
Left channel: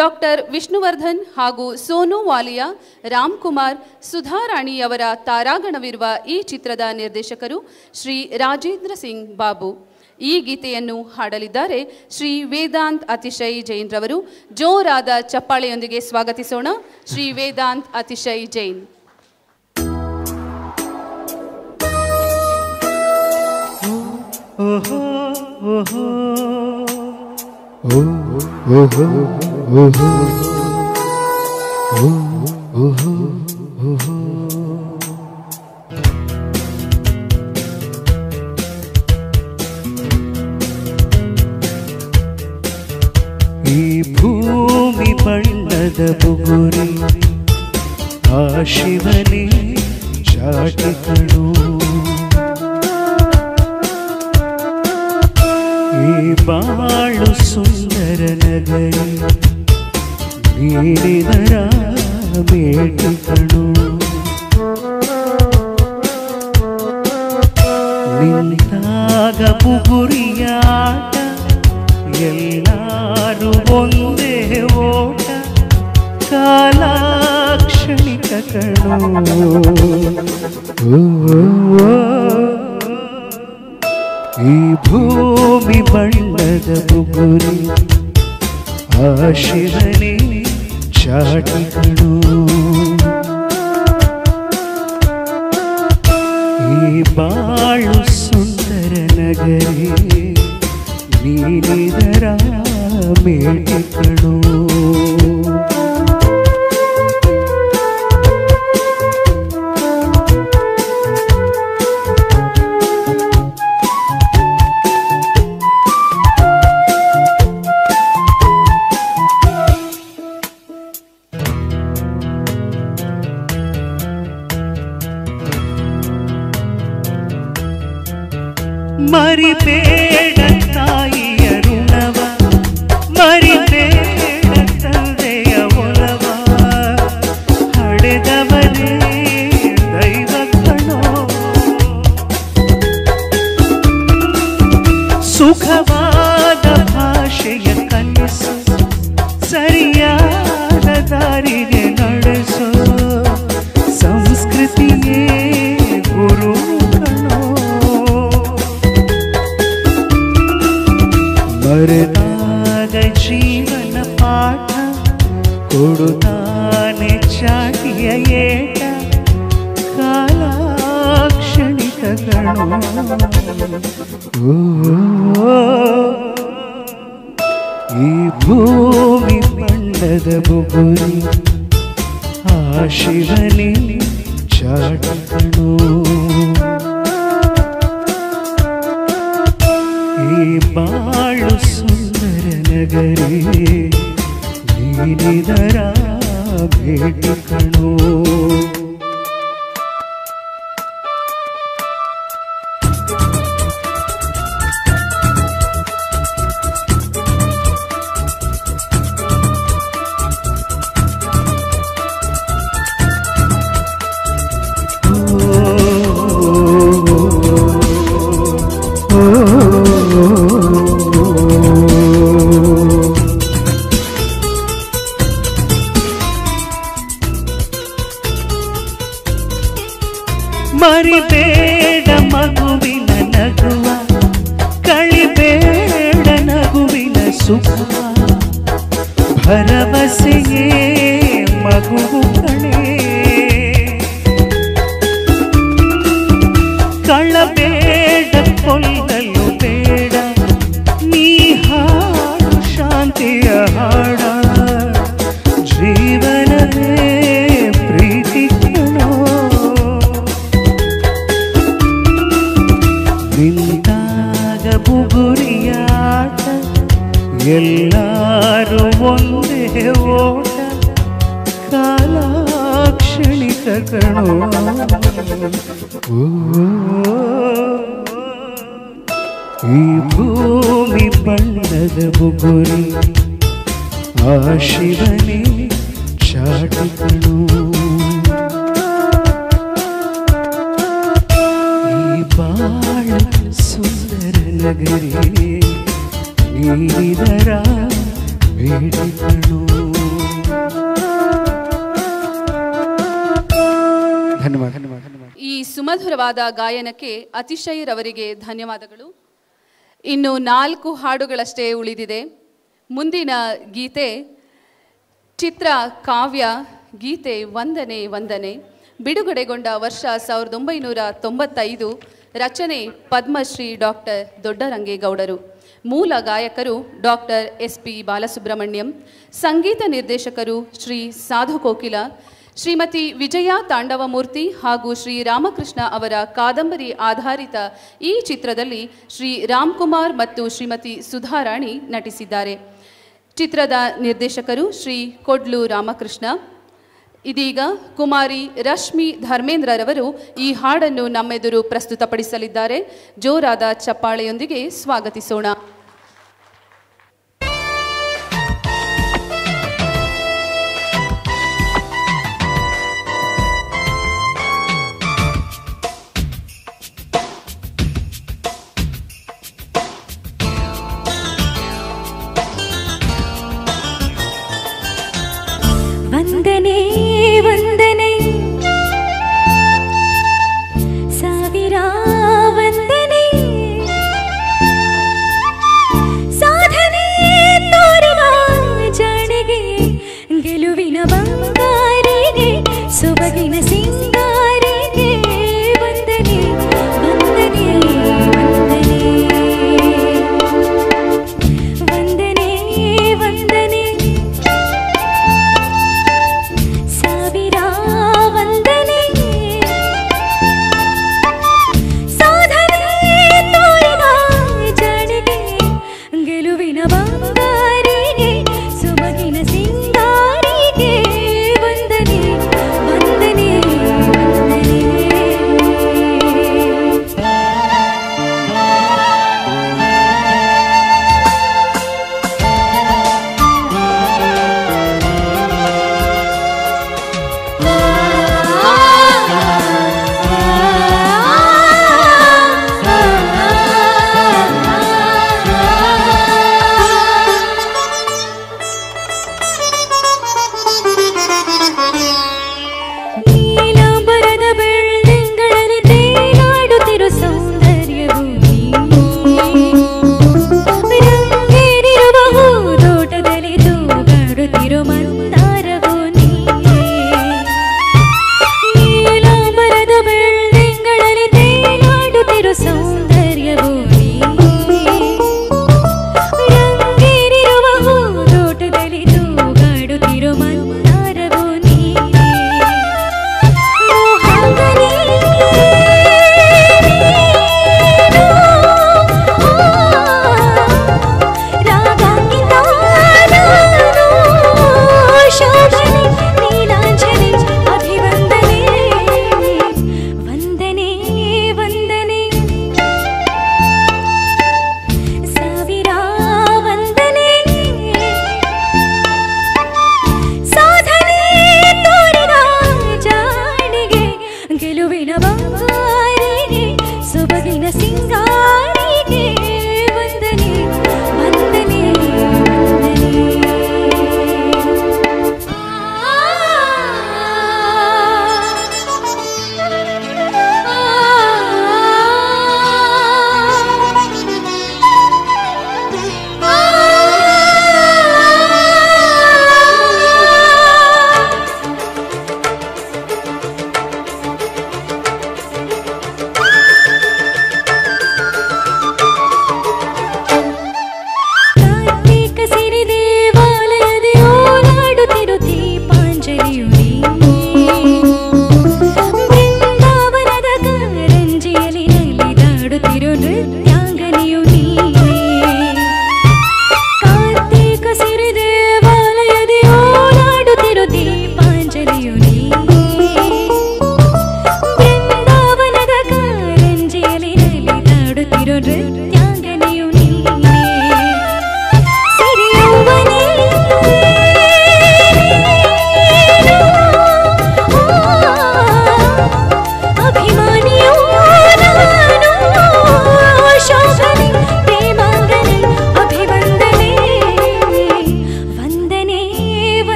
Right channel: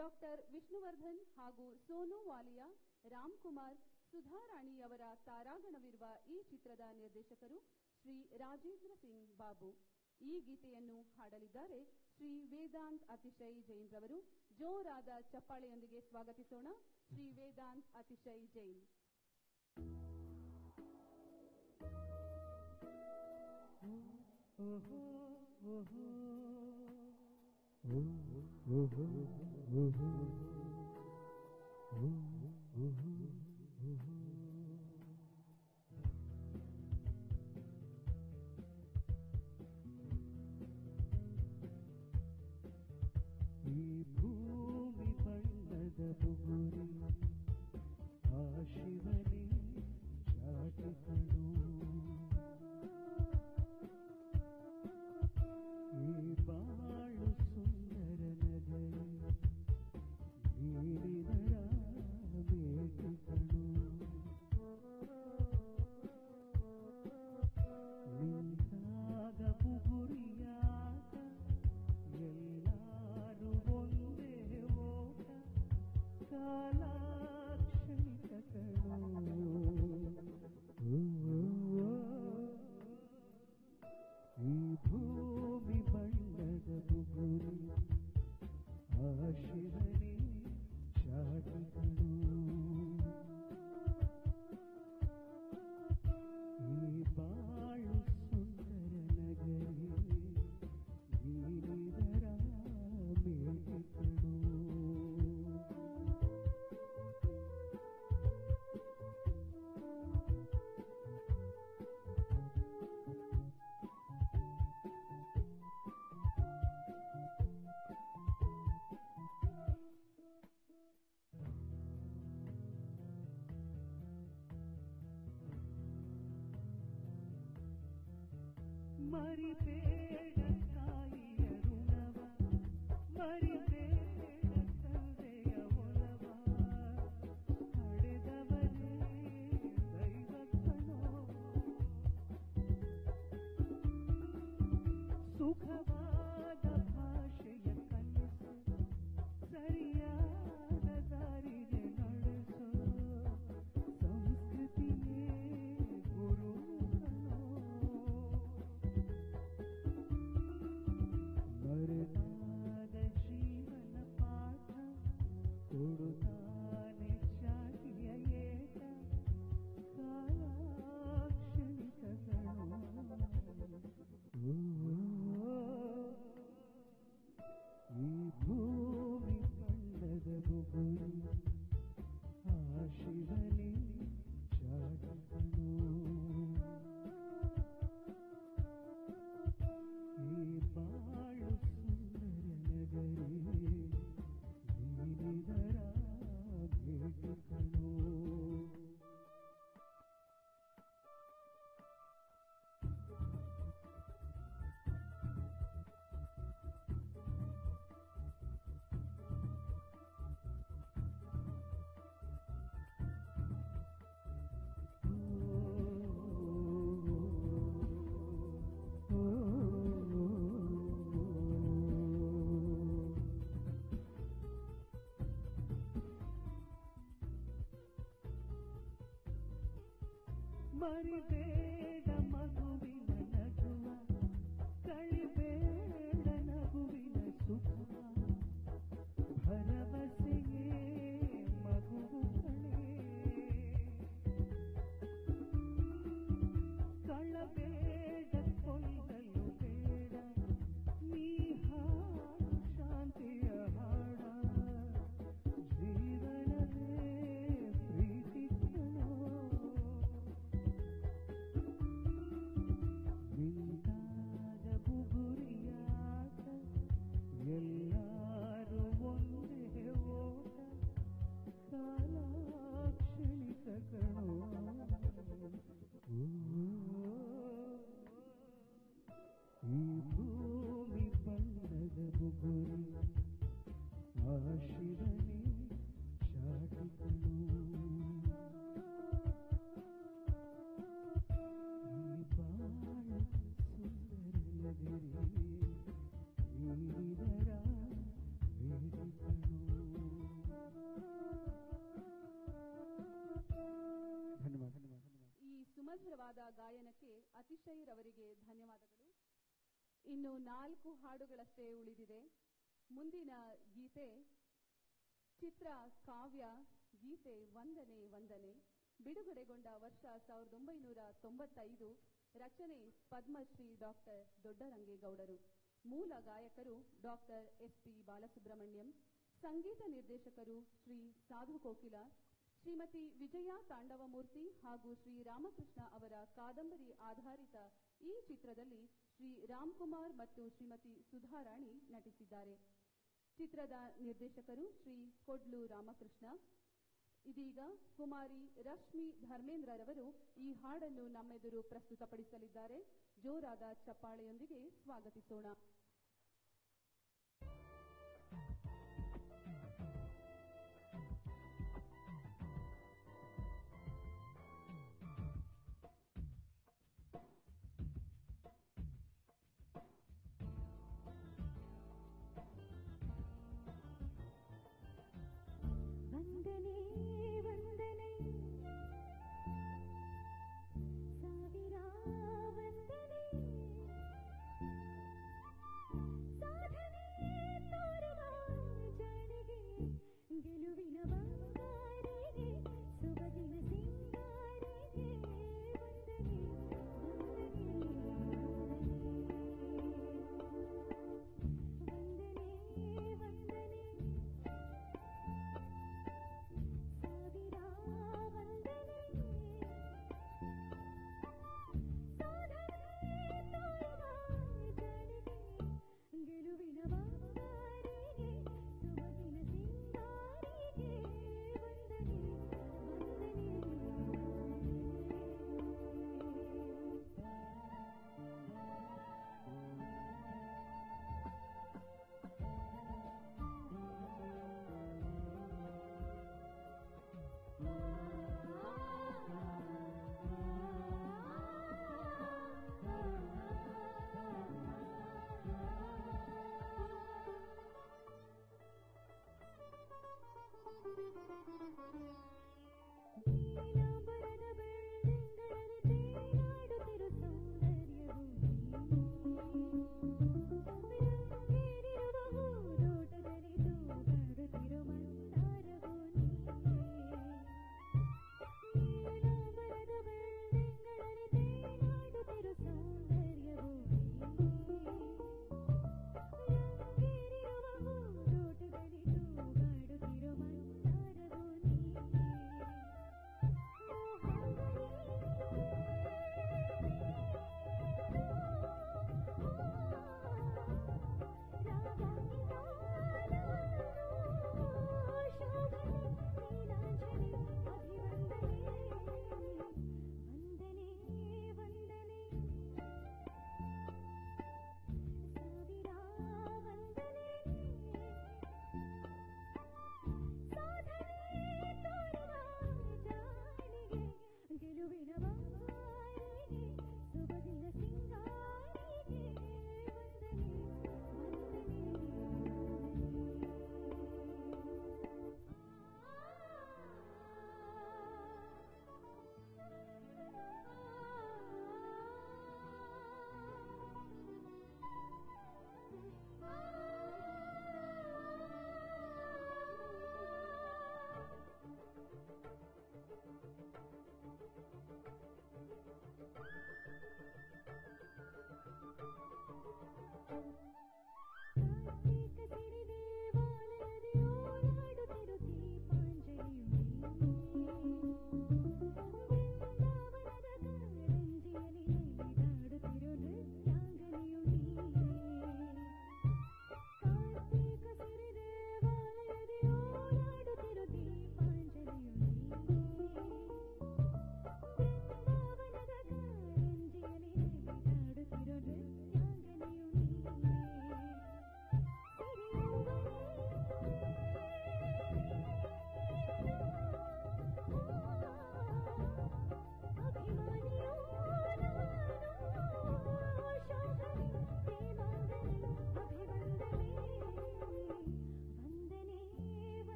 doctor Vishnuvardhan ಹಾಗೂ ಸೋನು ವಾಲಿಯಾ, ರಾಮ್ಕುಮಾರ್, ಸುಧಾರಾಣಿಯವರ ತಾರಾಗಣವಿರುವ ಈ ಚಿತ್ರದ ನಿರ್ದೇಶಕರು ಶ್ರೀ ರಾಜೇಂದ್ರ ಸಿಂಗ್ ಬಾಬು. ಈ ಗೀತೆಯನ್ನು ಹಾಡಲಿದ್ದಾರೆ ಶ್ರೀ ವೇದಾಂತ್ ಅತಿಶಯ್ ಜೈನ್ ರವರು. ಜೋರಾದ ಚಪ್ಪಾಳೆಯೊಂದಿಗೆ ಸ್ವಾಗತಿಸೋಣ ಶ್ರೀ ವೇದಾಂತ್ ಅತಿಶಯ್ ಜೈನ್. ಈ ಭೂಮಿ ಬಣ್ಣದ ಬುಗುರಿ ಆ ಶಿವನೇ ಚಾಟಿಕಳು. ಈ ಬಾಳು ಸುಂದರ ನಗರಿ ನೀಡಿದರ ಮೇಟಿಕಳು. ನಿಂತಾಗ ಬುಗುರಿಯಾಟ ಎಲ್ಲಾರು ಒಂದೇ ಓಟ ಕಾಲಾಕ್ಷಣಿಕ ಕಣು. ಈ ಭೂಮಿ ಬಣ್ಣದ ಬುಗುರಿ ಆ ಶಿವನೇ ಚಾಟಿಕಳು. ಈ ಬಾಳು ಸುಂದರ ನಗರಿ ನೀನಿದರ ಮೇಟಿಕಳು. ಮರಿಬೇಡ ತಾಯಿಯ ಋಣವ, ಮರಿಬೇಡ ತಂದೆಯ ಒಲವ, ಹಡೆದವನೇ ದೈವ ಕಣೋ. ಸುಖವಾದ ಭಾಷೆಯ ಕಲಿಸು, ಸರಿಯಾದ ದಾರಿಗೆ ನಡೆಸು, ಸಂಸ್ಕೃತಿಯೇ ಗುರು ಕಣೋ. ಮರೆತಾಗ ಜೀವನ ಪಾಠ ಕೊಡುತ್ತಾನೆ ಚಾಟಿಯ ಏಟ ಕಾಲಾಕ್ಷಣಿಕ ಗಣೋ. ಈ ಭೂಮಿ ಬಣ್ಣದ ಬುಗುರಿ ಆ ಶಿವನೇ ಚಾಟಿಕಳು. ಈ ಬಾಳು ಸುಂದರ ನಗರಿ ನೀನಿದರ ಬೇಟಿಕಳು. ಮರಿಬೇಡ ಮಗುವಿನ ನಗುವ, ಕಳಿಬೇಡ ನಗುವಿನ ಸುಖ, ಭರವಸೆಯೇ ಮಗುವು ಕಣೆ. ಕಳಬೇಡ ಕೊಲ್ಲಲು ಬೇಡ, ನೀ ಹಾಡು ಶಾಂತಿಯ ಹಾಡ, ಜೀವನವೇ ಪ್ರೀತಿ ಕಣೋ. ನಿಂತಾಗ ಬುಗುರಿಯಾಟ ಎಲ್ಲಾರು ಒಂದೇ ಓಟ ಕಾಲಾಕ್ಷಣಿಕ ಕಣೋ. ಓ, ಈ ಭೂಮಿ ಬಣ್ಣದ ಬುಗುರಿ ಆ ಶಿವನೇ ಚಾಟಿಕಣು. ಈ ಬಾಳ ಸುಂದರ ನಗರಿ ನೀರಿದರ ಬೇಡಿಕಣು. ಧನ್ಯವಾದ ಧನ್ಯವಾದ ಧನ್ಯವಾದ. ಈ ಸುಮಧುರವಾದ ಗಾಯನಕ್ಕೆ ಅತಿಶಯರವರಿಗೆ ಧನ್ಯವಾದಗಳು. ಇನ್ನು 4 ಹಾಡುಗಳಷ್ಟೇ ಉಳಿದಿದೆ. ಮುಂದಿನ ಗೀತೆ ಚಿತ್ರ ಕಾವ್ಯ ಗೀತೆ ವಂದನೆ ವಂದನೆ, ಬಿಡುಗಡೆಗೊಂಡ ವರ್ಷ 1995, ರಚನೆ ಪದ್ಮಶ್ರೀ ಡಾಕ್ಟರ್ ದೊಡ್ಡರಂಗೇಗೌಡರು, ಮೂಲ ಗಾಯಕರು ಡಾಕ್ಟರ್ SP ಬಾಲಸುಬ್ರಹ್ಮಣ್ಯಂ, ಸಂಗೀತ ನಿರ್ದೇಶಕರು ಶ್ರೀ ಸಾಧು ಕೋಕಿಲ, ಶ್ರೀಮತಿ ವಿಜಯಾ ತಾಂಡವಮೂರ್ತಿ ಹಾಗೂ ಶ್ರೀ ರಾಮಕೃಷ್ಣ ಅವರ ಕಾದಂಬರಿ ಆಧಾರಿತ ಈ ಚಿತ್ರದಲ್ಲಿ ಶ್ರೀ ರಾಮ್ಕುಮಾರ್ ಮತ್ತು ಶ್ರೀಮತಿ ಸುಧಾರಾಣಿ ನಟಿಸಿದ್ದಾರೆ. ಚಿತ್ರದ ನಿರ್ದೇಶಕರು ಶ್ರೀ ಕೊಡ್ಲು ರಾಮಕೃಷ್ಣ. ಇದೀಗ ಕುಮಾರಿ ರಶ್ಮಿ ಧರ್ಮೇಂದ್ರರವರು ಈ ಹಾಡನ್ನು ನಮ್ಮೆದುರು ಪ್ರಸ್ತುತಪಡಿಸಲಿದ್ದಾರೆ. ಜೋರಾದ ಚಪ್ಪಾಳೆಯೊಂದಿಗೆ ಸ್ವಾಗತಿಸೋಣ. ವಂದನೆ ವಂದನೆ ಸಾವಿರ ವಂದನೆ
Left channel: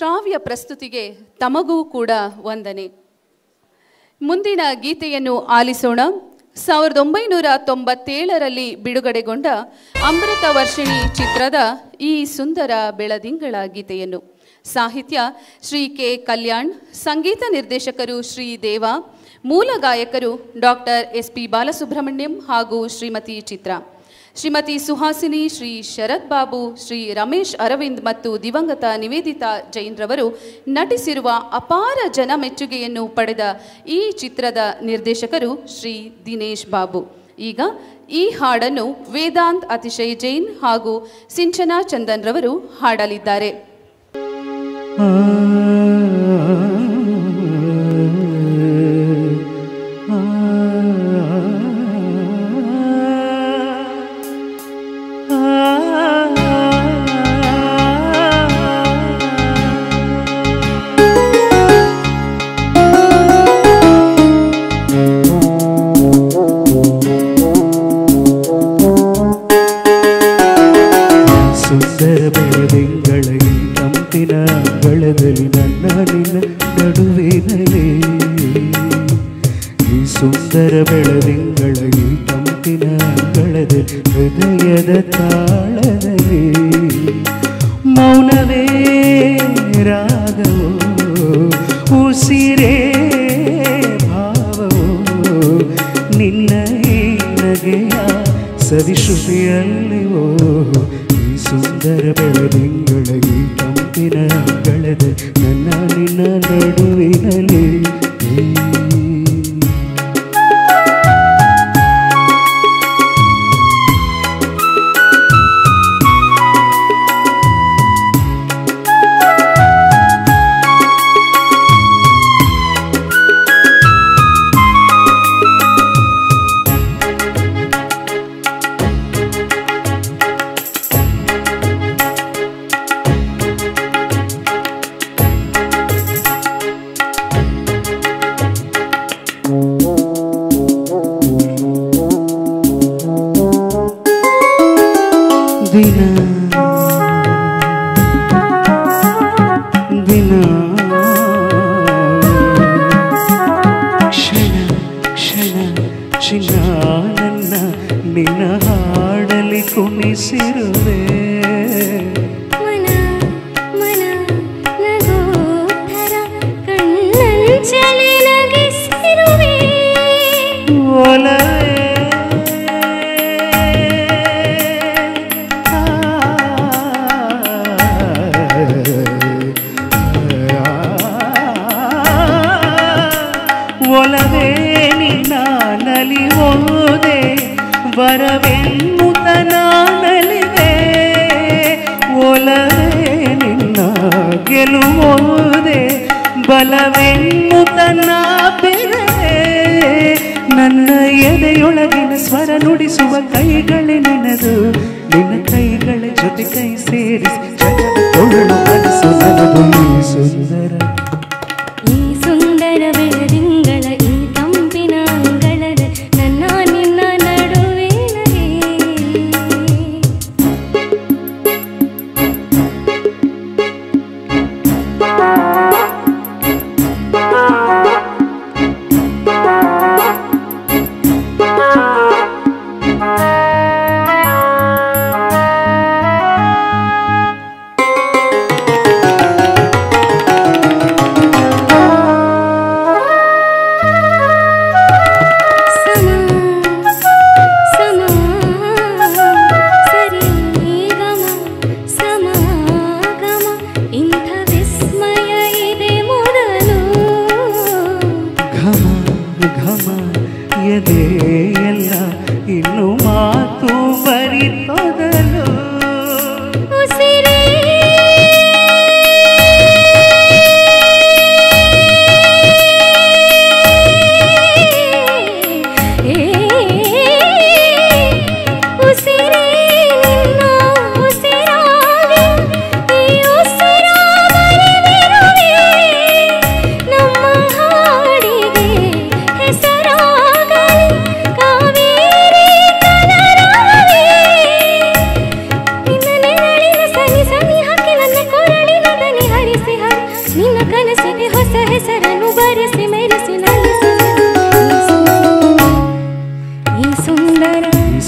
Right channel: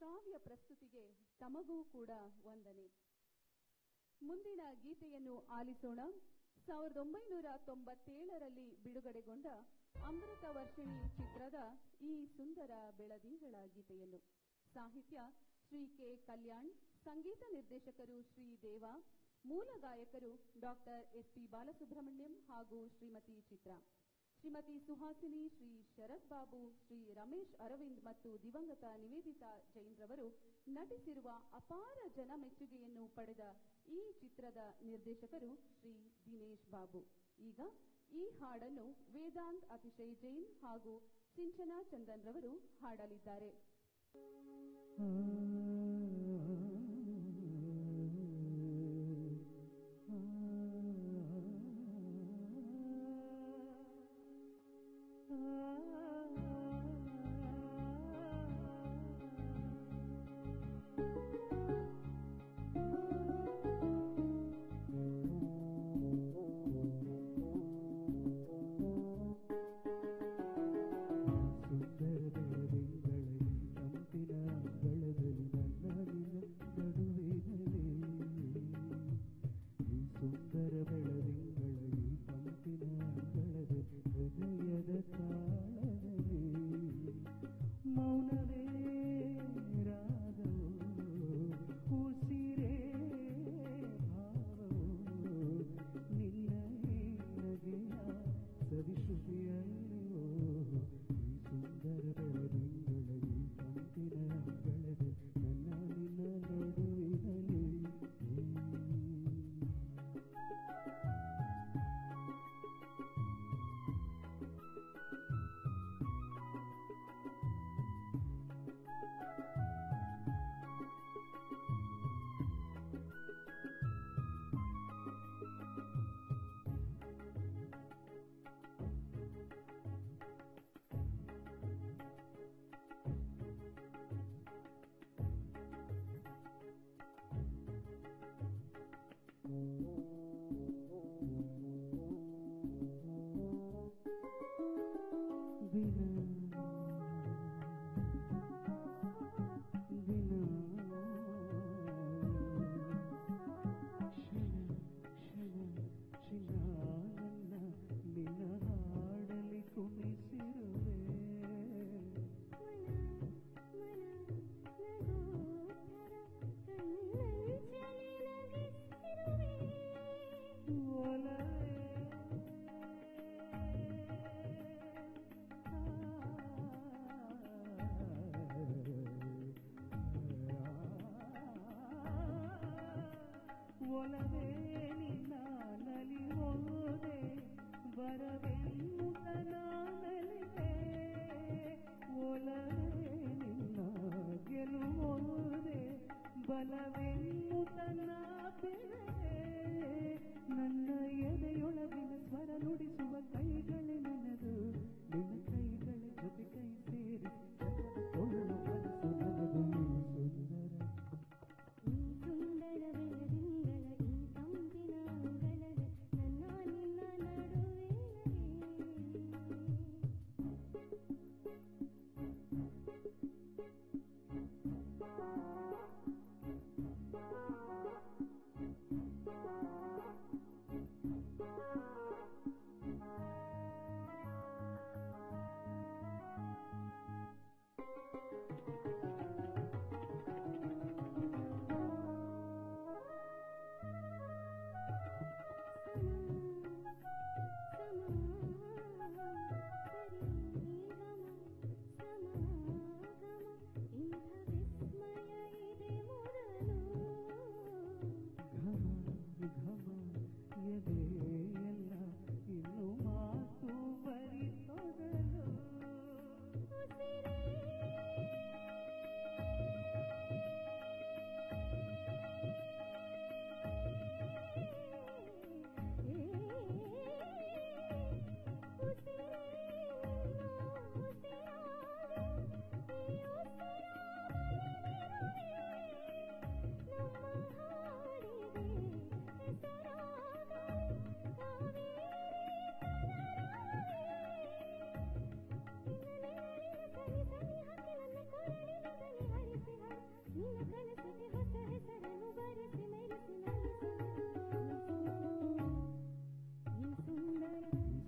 ಶ್ರಾವ್ಯ ಪ್ರಸ್ತುತಿಗೆ ತಮಗೂ ಕೂಡ ವಂದನೆ. ಮುಂದಿನ ಗೀತೆಯನ್ನು ಆಲಿಸೋಣ. 1997ರಲ್ಲಿ ಬಿಡುಗಡೆಗೊಂಡ ಅಮೃತ ವರ್ಷಿಣಿ ಚಿತ್ರದ ಈ ಸುಂದರ ಬೆಳದಿಂಗಳ ಗೀತೆಯನ್ನು. ಸಾಹಿತ್ಯ ಶ್ರೀ ಕೆ ಕಲ್ಯಾಣ್, ಸಂಗೀತ ನಿರ್ದೇಶಕರು ಶ್ರೀ ದೇವಾ, ಮೂಲ ಗಾಯಕರು ಡಾಕ್ಟರ್ SP ಬಾಲಸುಬ್ರಹ್ಮಣ್ಯಂ ಹಾಗೂ ಶ್ರೀಮತಿ ಚಿತ್ರಾ. ಶ್ರೀಮತಿ ಸುಹಾಸಿನಿ, ಶ್ರೀ ಶರತ್ ಬಾಬು, ಶ್ರೀ ರಮೇಶ್ ಅರವಿಂದ್ ಮತ್ತು ದಿವಂಗತ ನಿವೇದಿತಾ ಜೈನ್ ರವರು ನಟಿಸಿರುವ ಅಪಾರ ಜನ ಮೆಚ್ಚುಗೆಯನ್ನು ಪಡೆದ ಈ ಚಿತ್ರದ ನಿರ್ದೇಶಕರು ಶ್ರೀ ದಿನೇಶ್ ಬಾಬು. ಈಗ ಈ ಹಾಡನ್ನು ವೇದಾಂತ್ ಅತಿಶಯ್ ಜೈನ್ ಹಾಗೂ ಸಿಂಚನಾ ಚಂದನ್ ರವರು ಹಾಡಲಿದ್ದಾರೆ.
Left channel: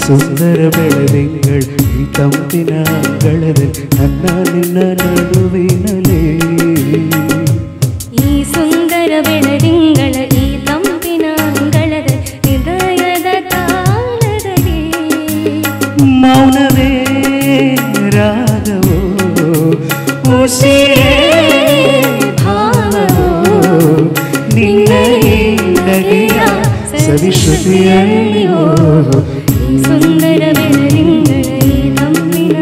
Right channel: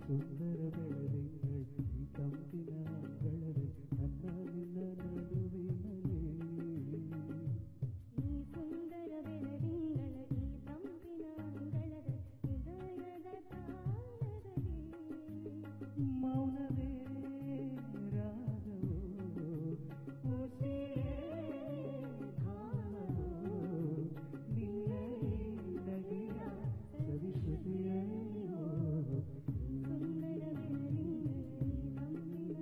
ಸುಂದರ ಬೆಳದಿಂಗಳು ಈ ತಂಪಿನ ಅಂಗಳದಲ್ಲಿ ನನ್ನ ನಿನ್ನ ನಡುವಿನಲೇ. ಈ ಸುಂದರ ಬೆಳದಿಂಗಳ ಈ ತಂಪಿನ ಅಂಗಳದ ಹೃದಯದ ತಾಳದಲ್ಲಿ ಮೌನವೇ ರಾಗವೋ ಉಸಿರೇ ಭಾವವೋ ನಿನ್ನ ಈ ನಗೆಯ ಸವಿಶ್ರುತಿಯಲ್ಲಿಯೋ. ಈ ಸುಂದರ ಬೆಳದಿಂಗಳ ಈ ತಂಪಿನ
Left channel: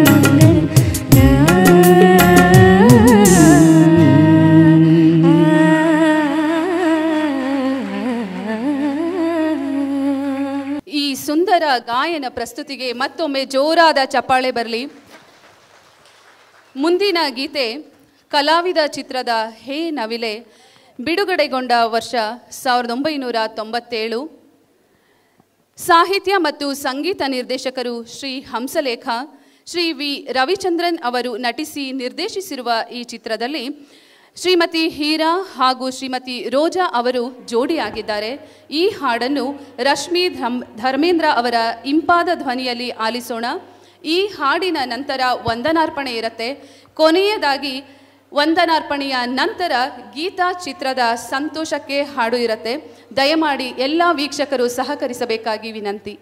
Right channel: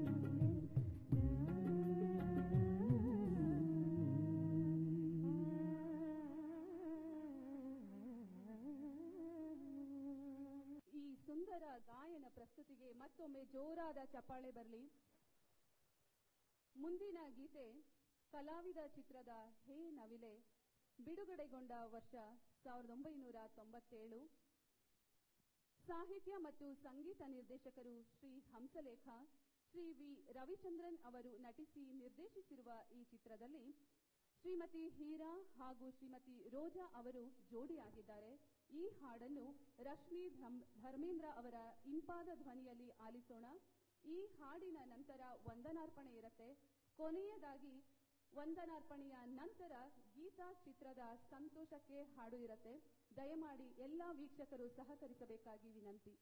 ಈ ಸುಂದರ ಗಾಯನ ಪ್ರಸ್ತುತಿಗೆ ಮತ್ತೊಮ್ಮೆ ಜೋರಾದ ಚಪ್ಪಾಳೆ ಬರಲಿ. ಮುಂದಿನ ಗೀತೆ ಕಲಾವಿದ ಚಿತ್ರದ ಹೇ ನವಿಲೆ ಬಿಡುಗಡೆಗೊಂಡ ವರ್ಷ 1997. ಸಾಹಿತ್ಯ ಮತ್ತು ಸಂಗೀತ ನಿರ್ದೇಶಕರು ಶ್ರೀ ಹಂಸಲೇಖ, ಶ್ರೀ ವಿ ರವಿಚಂದ್ರನ್ ಅವರು ನಟಿಸಿ ನಿರ್ದೇಶಿಸಿರುವ ಈ ಚಿತ್ರದಲ್ಲಿ ಶ್ರೀಮತಿ ಹೀರಾ ಹಾಗೂ ಶ್ರೀಮತಿ ರೋಜಾ ಅವರು ಜೋಡಿಯಾಗಿದ್ದಾರೆ. ಈ ಹಾಡನ್ನು ರಶ್ಮಿ ಧರ್ಮೇಂದ್ರ ಅವರ ಇಂಪಾದ ಧ್ವನಿಯಲ್ಲಿ ಆಲಿಸೋಣ. ಈ ಹಾಡಿನ ನಂತರ ವಂದನಾರ್ಪಣೆ ಇರುತ್ತೆ. ಕೊನೆಯದಾಗಿ ವಂದನಾರ್ಪಣೆಯ ನಂತರ ಗೀತಾ ಚಿತ್ರದ ಸಂತೋಷಕ್ಕೆ ಹಾಡು ಇರುತ್ತೆ. ದಯಮಾಡಿ ಎಲ್ಲ ವೀಕ್ಷಕರು ಸಹಕರಿಸಬೇಕಾಗಿ ವಿನಂತಿ.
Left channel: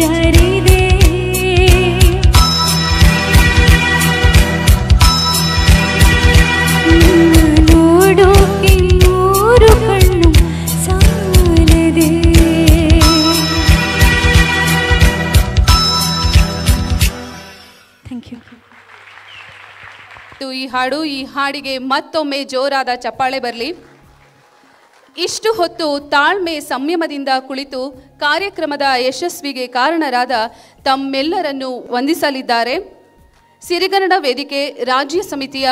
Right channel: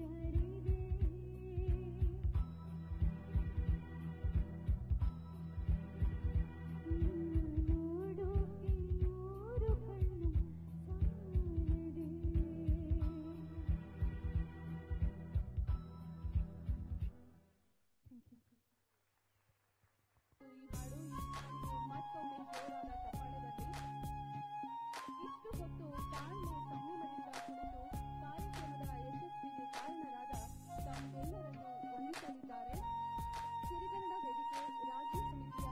ಜಾರಿದೆ ನೋಡೋಕೆ ನೂರು ಕಣ್ಣು ಸಾಲದೆ ಥ್ಯಾಂಕ್ ಯು. ಈ ಹಾಡಿಗೆ ಮತ್ತೊಮ್ಮೆ ಜೋರಾದ ಚಪ್ಪಾಳೆ ಬರಲಿ. ಇಷ್ಟು ಹೊತ್ತು ತಾಳ್ಮೆ ಸಂಯಮದಿಂದ ಕುಳಿತು ಕಾರ್ಯಕ್ರಮದ ಯಶಸ್ವಿಗೆ ಕಾರಣರಾದ ತಮ್ಮೆಲ್ಲರನ್ನು ವಂದಿಸಲಿದ್ದಾರೆ ಸಿರಿಗನ್ನಡ ವೇದಿಕೆ ರಾಜ್ಯ ಸಮಿತಿಯ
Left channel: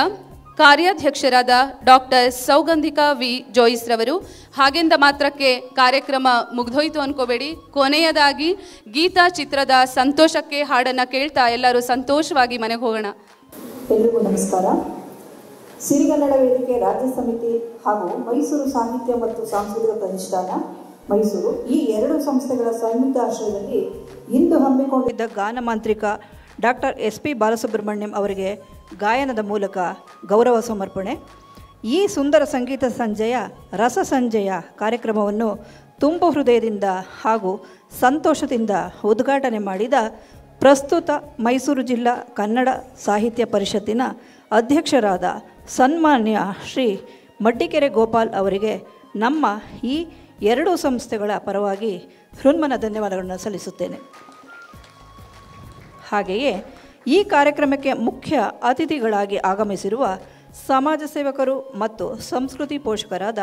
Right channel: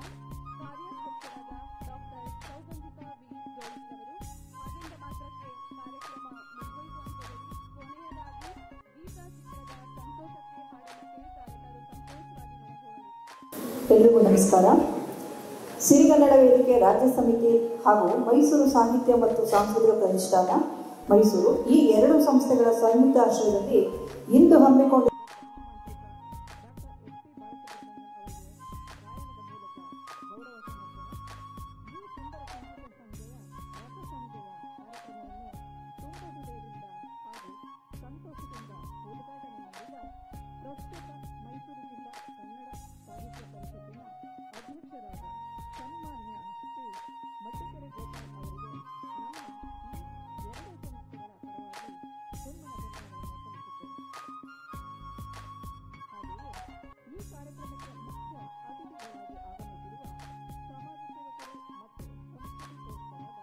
ಕಾರ್ಯಾಧ್ಯಕ್ಷರಾದ ಡಾಕ್ಟರ್ ಸೌಗಂಧಿಕಾ ವಿ ಜೋಯಿಸ್ ರವರು. ಹಾಗೆಂದ ಮಾತ್ರಕ್ಕೆ ಕಾರ್ಯಕ್ರಮ ಮುಗ್ದೋಯ್ತು ಅನ್ಕೋಬೇಡಿ. ಕೊನೆಯದಾಗಿ ಗೀತಾ ಚಿತ್ರದ ಸಂತೋಷಕ್ಕೆ ಹಾಡನ್ನು ಕೇಳ್ತಾ ಎಲ್ಲರೂ ಸಂತೋಷವಾಗಿ ಮನೆಗೆ ಹೋಗೋಣ. ಎಲ್ರಿಗೂ ನಮಸ್ಕಾರ. ಸಿರಿಗನ್ನಡ ವೇದಿಕೆ ರಾಜ್ಯ ಸಮಿತಿ ಹಾಗೂ ಮೈಸೂರು ಸಾಹಿತ್ಯ ಮತ್ತು ಸಾಂಸ್ಕೃತಿಕ ಪ್ರತಿಷ್ಠಾನ ಮೈಸೂರು ಈ ಎರಡು ಸಂಸ್ಥೆಗಳ ಸಂಯುಕ್ತ ಆಶ್ರಯದಲ್ಲಿ ಇಂದು ಹಮ್ಮಿಕೊಂಡಿದ್ದ ಗಾನ ಮಾಂತ್ರಿಕ ಡಾಕ್ಟರ್ SP ಬಾಲಸುಬ್ರಹ್ಮಣ್ಯಂ ಅವರಿಗೆ ಗಾಯನದ ಮೂಲಕ ಗೌರವ ಸಮರ್ಪಣೆ. ಈ ಸುಂದರ ಸಂಗೀತ ಸಂಜೆಯ ರಸ ಸಂಜೆಯ ಕಾರ್ಯಕ್ರಮವನ್ನು ತುಂಬು ಹೃದಯದಿಂದ ಹಾಗೂ ಸಂತೋಷದಿಂದ ಉದ್ಘಾಟನೆ ಮಾಡಿದ ಪ್ರಸ್ತುತ ಮೈಸೂರು ಜಿಲ್ಲಾ ಕನ್ನಡ ಸಾಹಿತ್ಯ ಪರಿಷತ್ತಿನ ಅಧ್ಯಕ್ಷರಾದ ಸನ್ಮಾನ್ಯ ಶ್ರೀ ಮಡ್ಡಿಕೆರೆ ಗೋಪಾಲ್ ಅವರಿಗೆ ನಮ್ಮ ಈ ಎರಡೂ ಸಂಸ್ಥೆಗಳ ಪರವಾಗಿ ಹೃನ್ಮನ ಧನ್ಯವಾದಗಳನ್ನು ಸಲ್ಲಿಸುತ್ತೇನೆ. ಹಾಗೆಯೇ ಈ ಕಾರ್ಯಕ್ರಮಕ್ಕೆ ಮುಖ್ಯ ಅತಿಥಿಗಳಾಗಿ ಆಗಮಿಸಿರುವ ಸಮಾಜ ಸೇವಕರು ಮತ್ತು ಸಂಸ್ಕೃತಿ ಪೋಷಕರಾದ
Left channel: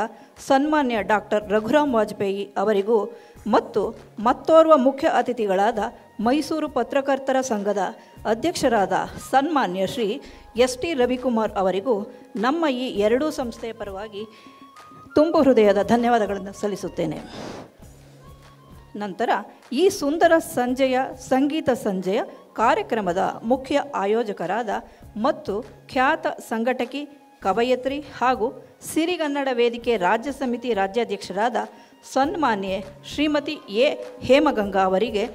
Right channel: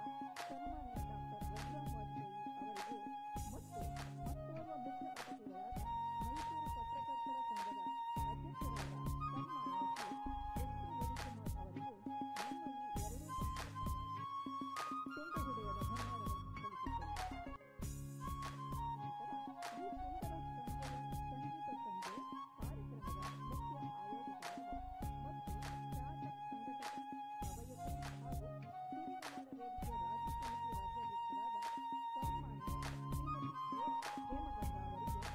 ಸನ್ಮಾನ್ಯ ಡಾಕ್ಟರ್ ರಘುರಾಮ್ ವಾಜಪೇಯಿ ಅವರಿಗೂ ಮತ್ತು ಮತ್ತೋರ್ವ ಮುಖ್ಯ ಅತಿಥಿಗಳಾದ ಮೈಸೂರು ಪತ್ರಕರ್ತರ ಸಂಘದ ಅಧ್ಯಕ್ಷರಾದ ಸನ್ಮಾನ್ಯ ಶ್ರೀ ST ರವಿಕುಮಾರ್ ಅವರಿಗೂ ನಮ್ಮ ಈ ಎರಡೂ ಸಂಸ್ಥೆಯ ಪರವಾಗಿ ತುಂಬು ಹೃದಯದ ಧನ್ಯವಾದಗಳನ್ನು ಸಲ್ಲಿಸುತ್ತೇನೆ. ನಂತರ ಈ ಸುಂದರ ಸಂಜೆಯ ಸಂಗೀತ ಸಂಜೆಯ ಕಾರ್ಯಕ್ರಮದ ಮುಖ್ಯ ಆಯೋಜಕರಾದ ಮತ್ತು ಖ್ಯಾತ ಸಂಘಟಕಿ ಕವಯತ್ರಿ ಹಾಗೂ ಸಿರಿಗನ್ನಡ ವೇದಿಕೆ ರಾಜ್ಯ ಸಮಿತಿ ರಾಜ್ಯಾಧ್ಯಕ್ಷರಾದ ಸನ್ಮಾನ್ಯೆ ಶ್ರೀಮತಿ ಎ ಹೇಮಗಂಗಾ ಅವರಿಗೆ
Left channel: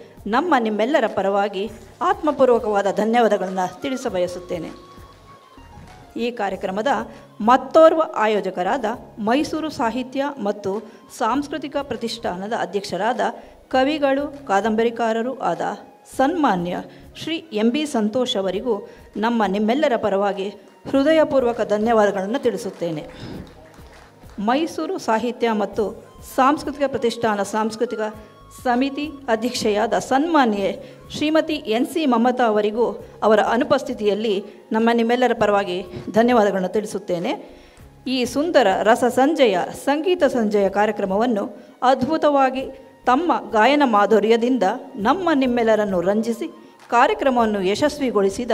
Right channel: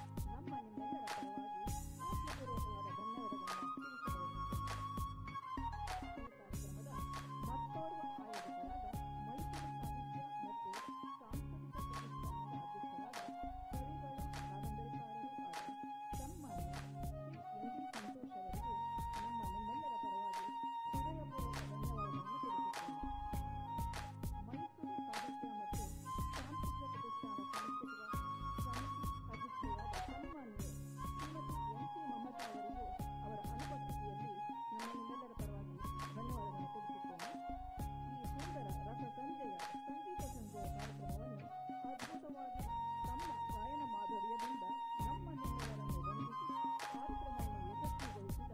ನಿಮ್ಮೆಲ್ಲರ ಪರವಾಗಿ ಆತ್ಮಪೂರ್ವಕವಾದ ಧನ್ಯವಾದಗಳನ್ನು ತಿಳಿಸಬಯಸುತ್ತೇನೆ. ಈ ಕಾರ್ಯಕ್ರಮದ ಮತ್ತೋರ್ವ ಆಯೋಜಕರಾದ ಮೈಸೂರು ಸಾಹಿತ್ಯ ಮತ್ತು ಸಾಂಸ್ಕೃತಿಕ ಪ್ರತಿಷ್ಠಾನದ ಅಧ್ಯಕ್ಷರಾದ ಕವಿಗಳು ಕಾದಂಬರಿಕಾರರೂ ಆದ ಸನ್ಮಾನ್ಯ ಶ್ರೀ MB ಸಂತೋಷ್ ಅವರಿಗೂ ನಿಮ್ಮೆಲ್ಲರ ಪರವಾಗಿ ಹೃದಯಪೂರ್ವಕ ಧನ್ಯವಾದಗಳನ್ನು ತಿಳಿಸುತ್ತೇನೆ. ಮೈಸೂರು ಸಾಹಿತ್ಯ ಮತ್ತು ಸಾಂಸ್ಕೃತಿಕ ಪ್ರತಿಷ್ಠಾನ ಸಾಂಸ್ಕೃತಿಕ ಸಮಿತಿ ಅಧ್ಯಕ್ಷೆಯಾದ ಸನ್ಮಾನ್ಯೆ ಶ್ರೀಮತಿ NC ಮಮತಾ ಅವರಿಗೂ ಅವರ ಅನುಪಸ್ಥಿತಿಯಲ್ಲಿ ನಿಮ್ಮೆಲ್ಲರ ಪರವಾಗಿ ಧನ್ಯವಾದಗಳನ್ನು ತಿಳಿಸುತ್ತೇನೆ. ಈ ಸುಂದರ ರಸ ಸಂಜೆಯ ಸಂಗೀತ ಸಂಜೆಯ ಕಾರ್ಯಕ್ರಮವನ್ನು ಅದ್ಭುತವಾಗಿ ತಮ್ಮ ಗಾಯನ ಮಾಧುರ್ಯದಿಂದ ನಿಮ್ಮೆಲ್ಲರನ್ನು ರಂಜಿಸಿ ಕಾರ್ಯಕ್ರಮವನ್ನು ಯಶಸ್ವಿಗೊಳಿಸಿದ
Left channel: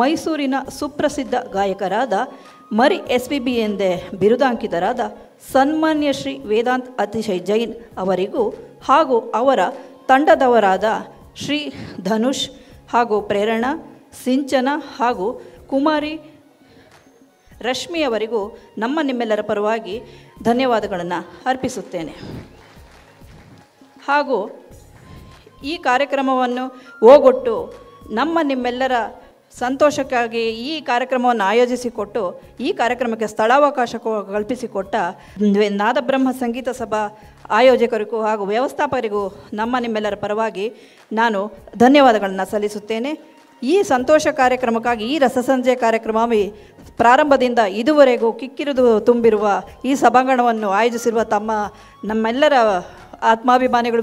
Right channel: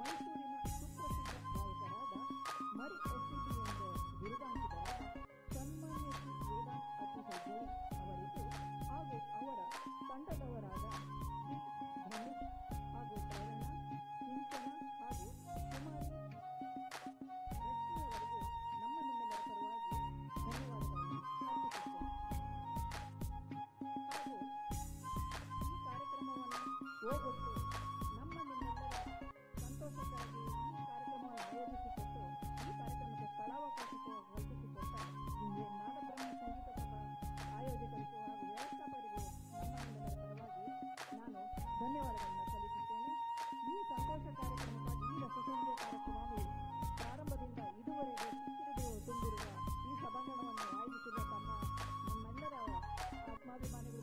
ಮೈಸೂರಿನ ಸುಪ್ರಸಿದ್ಧ ಗಾಯಕರಾದ ಮರಿ SPB ಎಂದೇ ಬಿರುದಾಂಕಿತರಾದ ಸನ್ಮಾನ್ಯ ಶ್ರೀ ವೇದಾಂತ್ ಅತಿಶಯ್ ಜೈನ್ ಅವರಿಗೂ ಹಾಗೂ ಅವರ ತಂಡದವರಾದ ಶ್ರೀ ಧನುಷ್ ಹಾಗೂ ಪ್ರೇರಣಾ ಸಿಂಚನ ಹಾಗೂ ಕುಮಾರಿ ರಶ್ಮಿಯವರಿಗೂ ನಿಮ್ಮೆಲ್ಲರ ಪರವಾಗಿ ಧನ್ಯವಾದಗಳನ್ನು ಅರ್ಪಿಸುತ್ತೇನೆ. ಹಾಗೂ ಈ ಕಾರ್ಯಕ್ರಮವನ್ನು ಓಗೊಟ್ಟು ನಿಮ್ಮೆಲ್ಲರ ಸಂತೋಷಕ್ಕಾಗಿ ಈ ಕಾರ್ಯಕ್ರಮವನ್ನು ಆಯೋಜಿಸಿಕೊಟ್ಟು ಈ ಕಾರ್ಯಕ್ರಮಕ್ಕೆ ಸ್ಥಳಾವಕಾಶ ಕಲ್ಪಿಸಿಕೊಟ್ಟ ನಾದಬ್ರಹ್ಮ ಸಂಗೀತ ಸಭಾ ಆಯೋಜಕರಿಗೂ ಹಾಗೂ ವ್ಯವಸ್ಥಾಪಕರಿಗೂ ನಿಮ್ಮೆಲ್ಲರ ಪರವಾಗಿ ನಾನು ಧನ್ಯವಾದಗಳನ್ನು ಸಲ್ಲಿಸುತ್ತೇನೆ. ಈ ಸಂತೋಷ ಕಾರ್ಯಕ್ರಮಕ್ಕಾಗಿ ಈ ರಸಸಂಜೆ ಕಾರ್ಯಕ್ರಮ ಪ್ರಾರಂಭದಿಂದ ಇದುವರೆಗೂ ಕಿಕ್ಕಿರಿದು ತುಂಬಿರುವ ಈ ಸಭಾಂಗಣವನ್ನು ಆಯೋಜಿಸಿರುವ ನಮ್ಮೆಲ್ಲರ ಆತ್ಮಾಭಿಮಾನಿಗಳು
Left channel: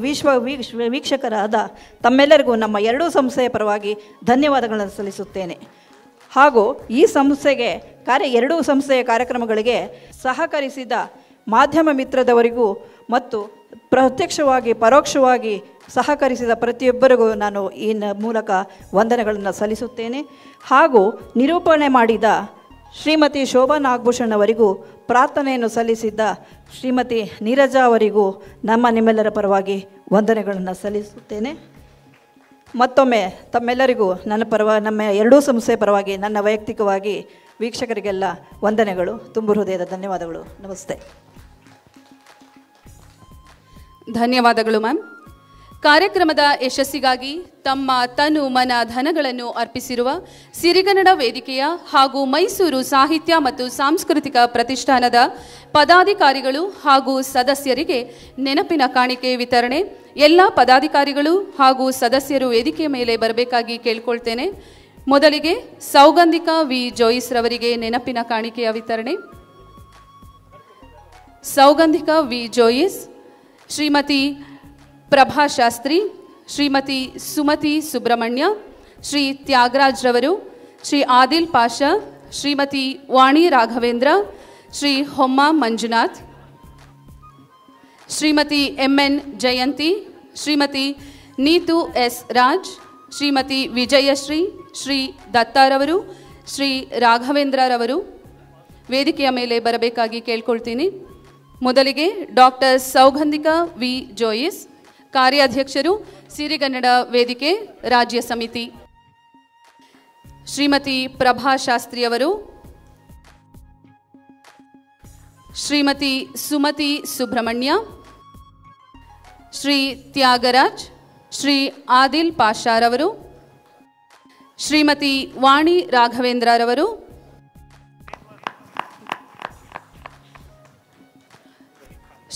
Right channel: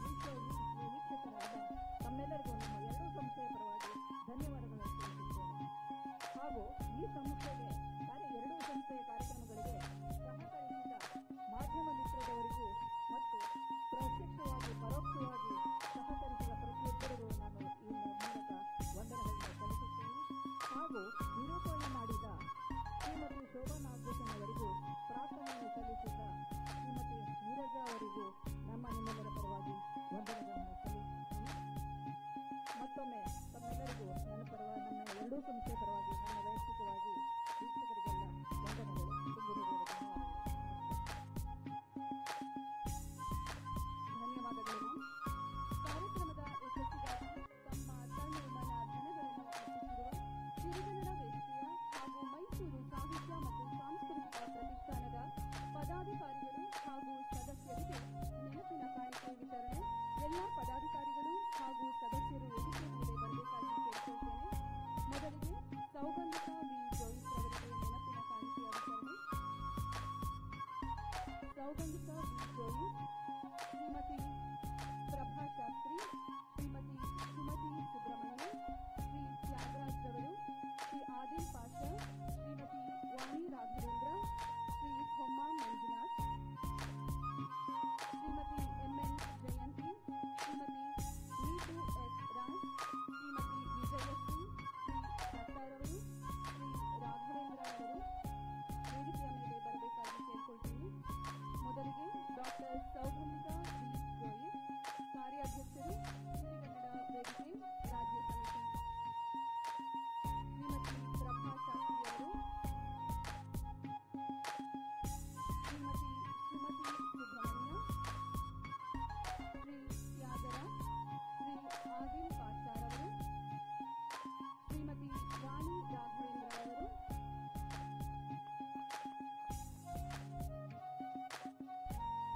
ವೀಕ್ಷಕರಾದ ತಮ್ಮೆಲ್ಲರಿಗೂ ನಮ್ಮ ಎರಡೂ ಸಂಸ್ಥೆಯ ಪರವಾಗಿ ಧನ್ಯವಾದಗಳನ್ನು ಸಲ್ಲಿಸುತ್ತೇನೆ. ಹಾಗೂ ಈ ಸಂಸ್ಥೆಗೆ ಎರಡೂ ಸಂಸ್ಥೆಯ ಕಾರ್ಯಕ್ರಮಗಳಿಗೆ ಸಹಕರಿಸಿದ ಮಾಧ್ಯಮ ಮಿತ್ರದವರಿಗೂ ಮತ್ತು ಪ್ರತ್ಯಕ್ಷವಾಗಿ ಪರೋಕ್ಷವಾಗಿ ಸಹಕರಿಸಿದ ಪ್ರತಿಯೊಬ್ಬರಿಗೂ ನಾನು ಈ ಮೂಲಕ ವಂದನೆಗಳನ್ನು ಸಲ್ಲಿಸುತ್ತೇನೆ. ಹಾಗೂ ನಿರೂಪಣೆ ಮಾಡಿದ ಶ್ರೀಮತಿ ಶೋಭಾ ನಾಗಭೂಷಣ್ ಅವರಿಗೂ ಪ್ರಾರ್ಥನೆಯನ್ನು ಸಲ್ಲಿಸಿದ್ದ ಶ್ರೀಮತಿ ನೀರಜಾ ಅವರಿಗೂ ನಿಮ್ಮೆಲ್ಲರ ಪರವಾಗಿ ವಂದನೆಗಳನ್ನು ಸಲ್ಲಿಸುತ್ತೇನೆ. ಮತ್ತೊಮ್ಮೆ ತಮ್ಮೆಲ್ಲರಿಗೂ ನಮ್ಮ ಎರಡೂ ಸಂಸ್ಥೆಯ ಪರವಾಗಿ ನನ್ನ ವೈಯಕ್ತಿಕವಾಗಿ ವೀಕ್ಷಕರಿಗೆಲ್ಲ ವಂದನೆಗಳು, ತುಂಬು ಹೃದಯದ ಧನ್ಯವಾದಗಳು. ನಮಸ್ತೆ. ಧನ್ಯವಾದಗಳು ಮ್ಯಾಮ್. ಕಾರ್ಯಕ್ರಮದ ಯಶಸ್ಸಿಗಾಗಿ ತಮ್ಮ ತನು ಮನ ಧನಗಳನ್ನು ಅರ್ಪಿಸಿರುವ ಸಿರಿಗನ್ನಡ ವೇದಿಕೆಯ ಹಾಗೂ ಮೈಸೂರು ಸಾಹಿತ್ಯ ಮತ್ತು ಸಾಂಸ್ಕೃತಿಕ ಪ್ರತಿಷ್ಠಾನದ ಪದಾಧಿಕಾರಿಗಳು ಹಾಗೂ ಸದಸ್ಯರಿಗೆ ನೆನಪಿನ ಕಾಣಿಕೆ ವಿತರಣೆ. ಎಲ್ಲ ಪದಾಧಿಕಾರಿಗಳು ಹಾಗೂ ಸದಸ್ಯರು ವೇದಿಕೆಯ ಮೇಲೆ ಬರಬೇಕಾಗಿ ಕೇಳ್ಕೊಳ್ತೇನೆ. ಮೊದಲಿಗೆ ಸೌಗಂಧಿಕಾ ವಿ ಜೋಯಿಸ್ ರವರಿಗೆ ನೆನಪಿನ ಕಾಣಿಕೆಯ ವಿತರಣೆ. ಸೌಗಂಧಿಕಾ ವಿ ಜೋಯಿಸ್, ಶ್ರೀಮತಿ ಪ್ರಭಾ ಶಾಸ್ತ್ರಿ, ಶ್ರೀಮತಿ ಸುಮತಿ ಸುಬ್ರಹ್ಮಣ್ಯ, ಶ್ರೀ ತ್ಯಾಗರಾಜ್ ರವರು, ಶ್ರೀ ಆದಿಲ್ ಪಾಷಾ, ಶ್ರೀಮತಿ ವಾಣಿ ರಾಘವೇಂದ್ರ, ಶ್ರೀ ಹೊಮ್ಮ ಮಂಜುನಾಥ್, ಶ್ರೀಮತಿ ಎನ್ ಜಯಂತಿ, ಶ್ರೀಮತಿ ನೀತು ಎಸ್ ರಾಜ್, ಶ್ರೀಮತಿ ವಿಜಯಶ್ರೀ, ಶ್ರೀ ದತ್ತಾರವರು, ಶ್ರೀ ರಾಘವೇಂದ್ರರವರು ವೇದಿಕೆಯ ಮೇಲೆ ಬರಬೇಕಾಗಿ ಕೇಳ್ಕೊಳ್ತೀನಿ. ಮೊದಲಿಗೆ ಡಾಕ್ಟರ್ ಸೌಗಂಧಿಕಾ ವಿ ಜೋಯಿಸ್, ಕಾರ್ಯಾಧ್ಯಕ್ಷರು, ಸಿರಿಗನ್ನಡ ವೇದಿಕೆ ರಾಜ್ಯ ಸಮಿತಿ. ಶ್ರೀಮತಿ ಪ್ರಭಾ ಶಾಸ್ತ್ರಿಯವರು, ಶ್ರೀಮತಿ ಸುಮತಿ ಸುಬ್ರಹ್ಮಣ್ಯ, ಶ್ರೀ ತ್ಯಾಗರಾಜ್, ಶ್ರೀ ಆದಿಲ್ ಪಾಷಾರವರು, ಶ್ರೀಮತಿ ವಾಣಿ ರಾಘವೇಂದ್ರರವರು,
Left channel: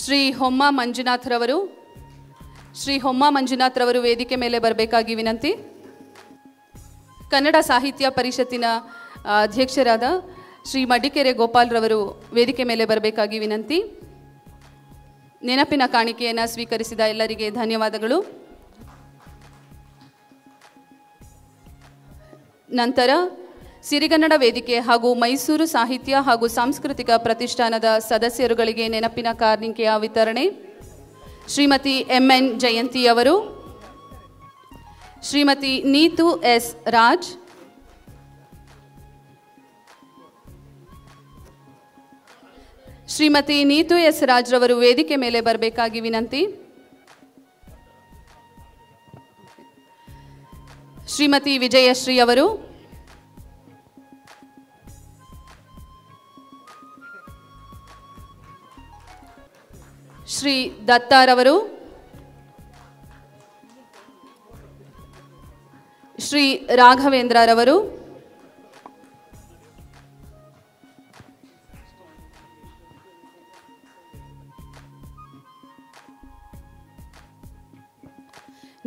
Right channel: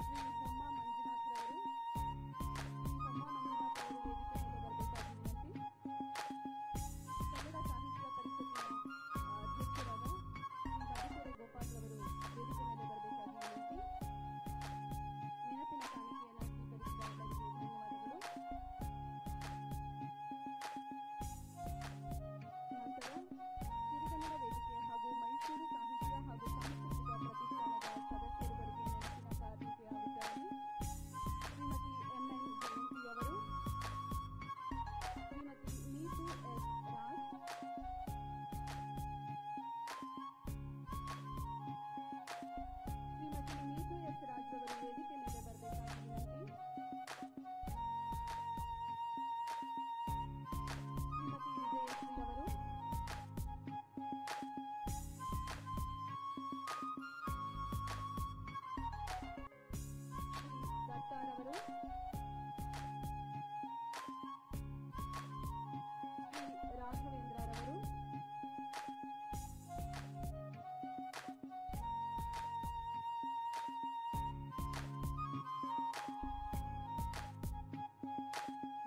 ಶ್ರೀ ಹೊಮ್ಮ ಮಂಜುನಾಥ್ರವರು. ಶ್ರೀ ಹೊಮ್ಮ ಮಂಜುನಾಥ್ರವರು ವೇದಿಕೆ ಮೇಲೆ ಬರಬೇಕಾಗಿ ವಿನಂತಿ. ಕನ್ನಡ ಸಾಹಿತ್ಯ ಪರಿಷತ್ತಿನ ಅಧ್ಯಕ್ಷರಾದ ಶ್ರೀ ಮಡಿಕೆರೆ ಗೋಪಾಲ್ರವರು ವೇದಿಕೆ ಮೇಲೆ ಬರಬೇಕಾಗಿ ವಿನಂತಿ. ನೆನಪಿನ ಕಾಣಿಕೆಯನ್ನು ಸ್ವೀಕರಿಸಿದ ಎಲ್ಲರಿಗೆ ಧನ್ಯವಾದಗಳು. ನಂತರ ಸಿರಿಗನ್ನಡ ವೇದಿಕೆ ಹಾಗೂ ಮೈಸೂರು ಸಾಹಿತ್ಯ ಹಾಗೂ ಸಾಂಸ್ಕೃತಿಕ ಪ್ರತಿಷ್ಠಾನದ ಸದಸ್ಯರುಗಳಿಗೆ ನೆನಪಿನ ಕಾಣಿಕೆಯ ವಿತರಣೆ. ಶ್ರೀಮತಿ ಎನ್ ಜಯಂತಿಯವರು, ಶ್ರೀಮತಿ ನೀತು ಎಸ್ ರಾಜ್, ಶ್ರೀಮತಿ ನೀತು ಎಸ್ ರಾಜ್ ರವರು ವೇದಿಕೆ ಮೇಲೆ ಬರಬೇಕಾಗಿ ವಿನಂತಿ. ಶ್ರೀಮತಿ ವಿಜಯಶ್ರೀ ಅವರು, ಶ್ರೀ ದತ್ತಾರವರು, ಶ್ರೀ ರಾಘವೇಂದ್ರರವರು,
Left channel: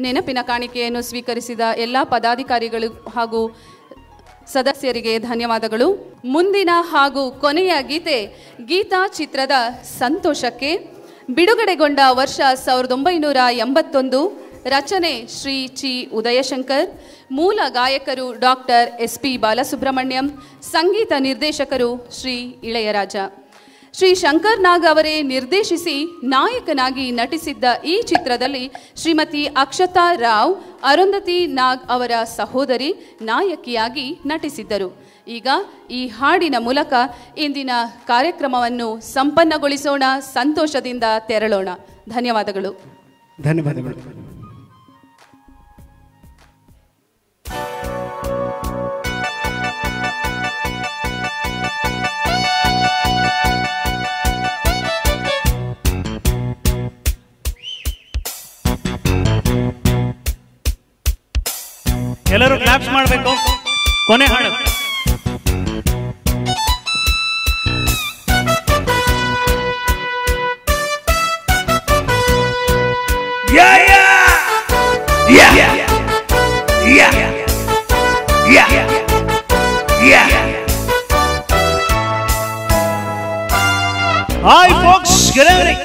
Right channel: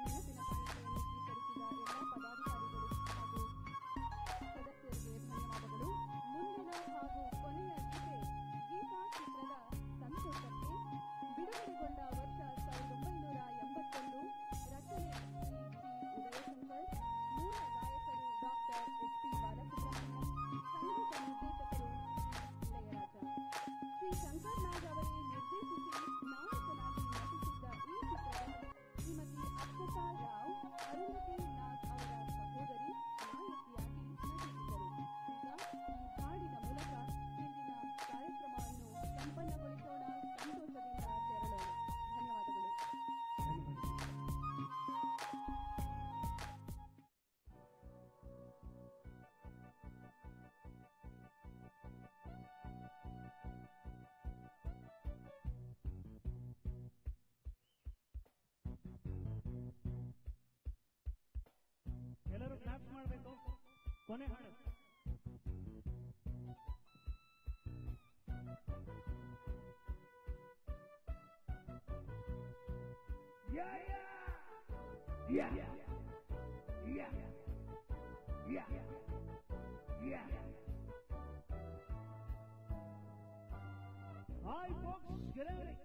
ನೆನಪಿನ ಕಾಣಿಕೆಯನ್ನು ಸ್ವೀಕರಿಸಿದ ಎಲ್ಲ ಪದಾಧಿಕಾರಿಗಳು ಹಾಗೂ ಸದಸ್ಯರಿಗೆ ಧನ್ಯವಾದಗಳು. ಮುಂದಿನ ಹಾಗೂ ಕೊನೆಯ ಗೀತೆ ಗೀತಾ ಚಿತ್ರದ ಸಂತೋಷಕ್ಕೆ. ಬಿಡುಗಡೆಗೊಂಡ ವರ್ಷ 1981. ರಚನೆ ಶ್ರೀ ಚಿ ಉದಯಶಂಕರ್. ಮೂಲ ಗಾಯಕರು ಡಾಕ್ಟರ್ SP ಬಾಲಸುಬ್ರಹ್ಮಣ್ಯಂ. ಸಂಗೀತ ನಿರ್ದೇಶಕರು ಶ್ರೀ ಇಳೆಯರಾಜ. ಶ್ರೀ ಶಂಕರ್ ನಾಗ್ ಅವರೇ ನಿರ್ದೇಶಿಸಿ ನಾಯಕನಾಗಿ ನಟಿಸಿದ್ದ ಈ ಚಿತ್ರದಲ್ಲಿ ಶ್ರೀಮತಿ ಅಕ್ಷತಾ ರಾವ್, ಅರುಂಧತಿ ನಾಗ್ ಅವರ ಸಹೋದರಿ, ನಾಯಕಿಯಾಗಿ ನಟಿಸಿದ್ದರು. ಈಗ ಈ ಹಾಡಿನ ಮೂಲಕ ಇಂದಿನ ಕಾರ್ಯಕ್ರಮವನ್ನು ಸಂಪನ್ನಗೊಳಿಸೋಣ, ಸಂತೋಷದಿಂದ ತೆರಳೋಣ. ಧನ್ಯವಾದಗಳು. ಧನ್ಯವಾದಗಳು. ಎಲ್ಲರೂ ಕ್ಲಾಪ್ಸ್ ಮಾಡಬೇಕು. ಕೊನೆ ಹಾಡು. Hi folks, good evening.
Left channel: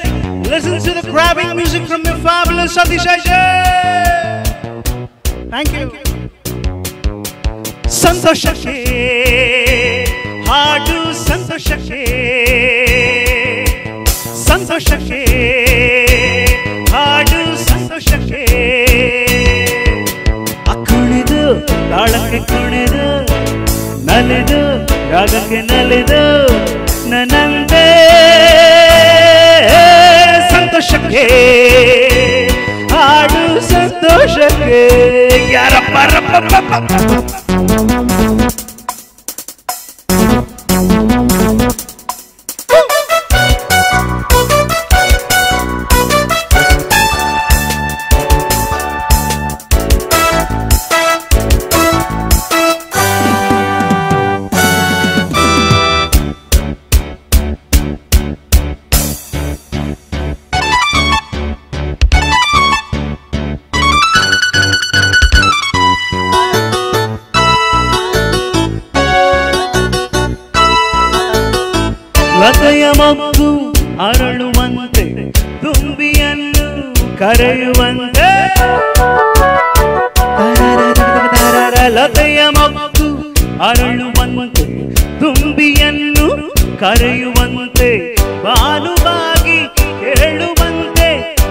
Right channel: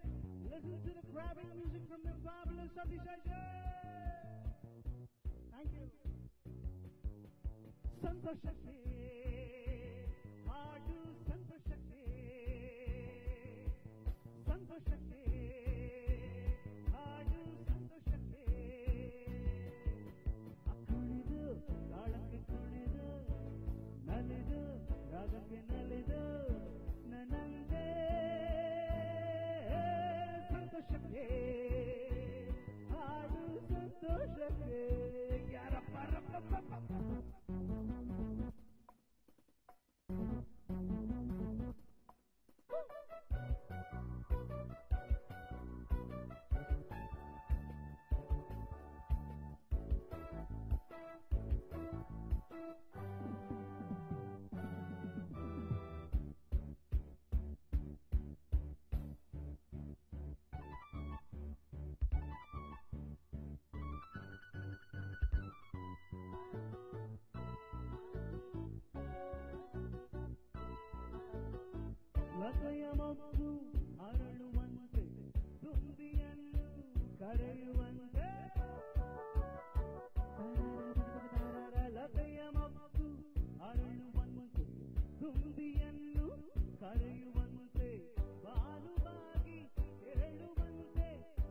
Listen to the grabbing music from the fabulous Satish Ajay. Thank you. ಸಂತೋಷಕ್ಕೆ ಹಾಡು, ಸಂತೋಷಕ್ಕೆ ಸಂತೋಷಕ್ಕೆ ಹಾಡು, ಸಂತೋಷಕ್ಕೆ ಕುಣಿದು ತಾಳಕ್ಕೆ ಕುಣಿದು ನಲಿದು ರಾಗಕ್ಕೆ ನಲಿದು ನನ್ನಂದೇ ಸಂತೋಷಕ್ಕೆ ಹಾಡು, ಸಂತೋಷಕ್ಕೆ ಯಾರಪ್ಪ ಕರೆಯುವಂತೆ ಲತೆಯ ಮಗ್ಗು ಅರಳುವಂತೆ ತುಂಬಿಯನ್ನು ಕರೆಯುವಂತೆ ಬಾಲುವಾಗಿ ಕೇಳುವಂತೆ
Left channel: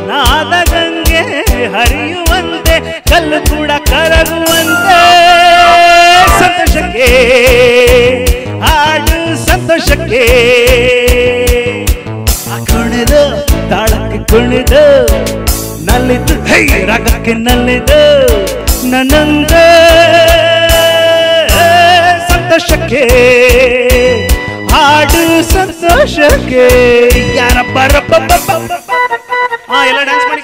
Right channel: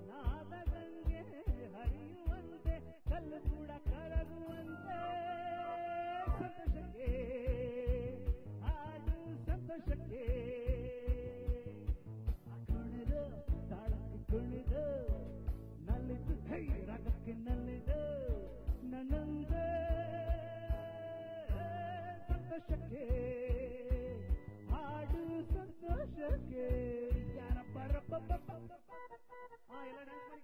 ನಾದ ಗಂಗೆ ಹರಿಯುವಂತೆ ಕಲ್ಲು ಕೂಡ ಕರಗುವಂತೆ ಸಂತೋಷಕ್ಕೆ ಹಾಡು ಸಂತೋಷಕ್ಕೆ ಕುಣಿದು ತಾಳಕ್ಕೆ ಕುಣಿದು ನಲ್ಲಿದ್ದು ರಾಗಕ್ಕೆ ನಲ್ಲಿದ್ದು ನನ್ನಂದ ಸಂತೋಷಕ್ಕೆ ಹಾಡು ಸಂತೋಷಕ್ಕೆ ಯಾರಪ್ಪ ಎಲ್ಲ ಡ್ಯಾನ್ಸ್ ಮಾಡಿ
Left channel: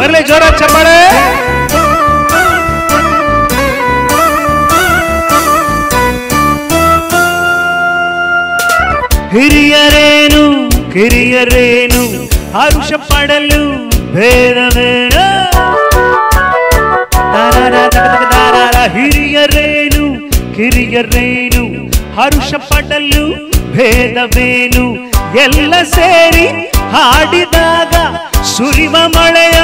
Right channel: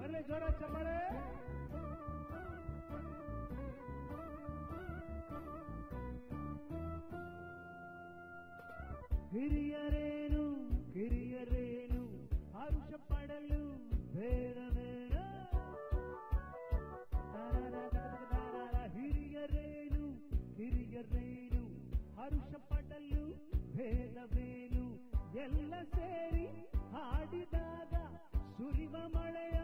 ಬರಲಿ ಜೋರ ಚಪ್ಪಾಳೆ ಹಿರಿಯರೇನು ಕಿರಿಯರೇನು ಹರುಷ ಪಡಲು ಭೇದವೇನು ಹಿರಿಯರೇನು ಕಿರಿಯರೇನು ಹರುಷ ಪಡಲು ಭೇದವೇನು ಎಲ್ಲ ಸೇರಿ ಹಾಡಿದಾಗ ಸುರಿವ ಮಳೆಯ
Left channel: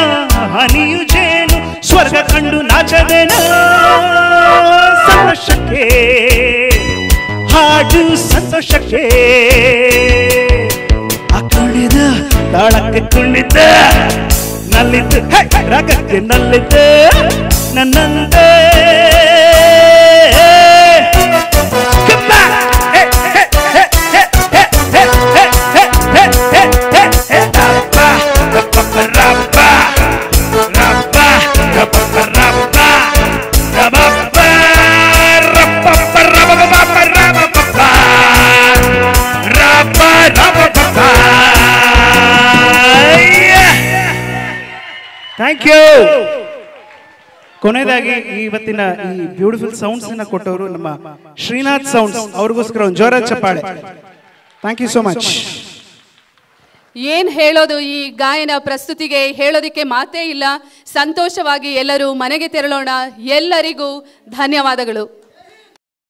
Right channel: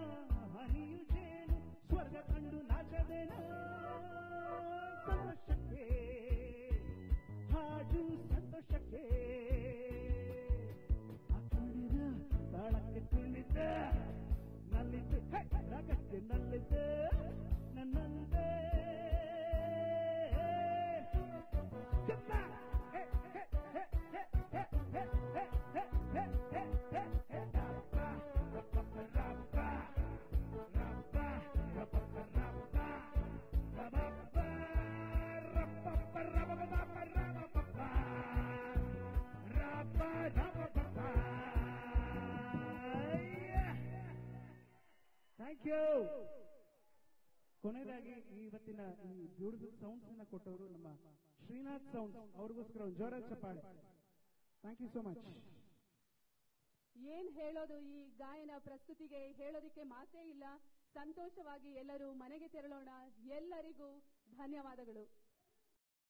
ಹನಿಯು ಜೇನು ಸ್ವರ್ಗ ಕಂಡು ನಾಚವೇನು ಸಂತೋಷಕ್ಕೆ ಹಾಡು ಸಂತೋಷಕ್ಕೆ ಕುಣಿದ ತಾಳಕ್ಕೆ ಕುಣಿದ ನಲ್ಲಿದ್ದು ರಾಗಕ್ಕೆ ನಲ್ಲಿದ್ದು ನನ್ನಂದೇ ಥ್ಯಾಂಕ್ ಯು. ಕೊನೆಯದಾಗಿ ಇವತ್ತಿನ ಈ ಬ್ಯೂಟಿಫುಲ್ ಸೌಂಡ್ಸ್ ಅನ್ನ ಕೊಟ್ಟವರು ನಮ್ಮ ಶ್ರೀನಾಥ್ ಸೌಂಡ್ಸ್, ಅವ್ರಿಗೋಸ್ಕರ ಒಂದು ಜೋರ ಚಪ್ಪಾಳೆ. Thank you so much. ಏನ್ ಹೇಳೋದು, ಈ ಗಾಯನ ಪ್ರಸ್ತುತಿಗೆ ಹೇಳೋದಿಕ್ಕೆ ಮಾತೇ ಇಲ್ಲ. ಸಂತೋಷವಾಗಿ ಎಲ್ಲರೂ ಮನೆಗೆ ತೆರಳೋಣ. ಎಲ್ಲರಿಗೂ ಧನ್ಯವಾದಗಳು.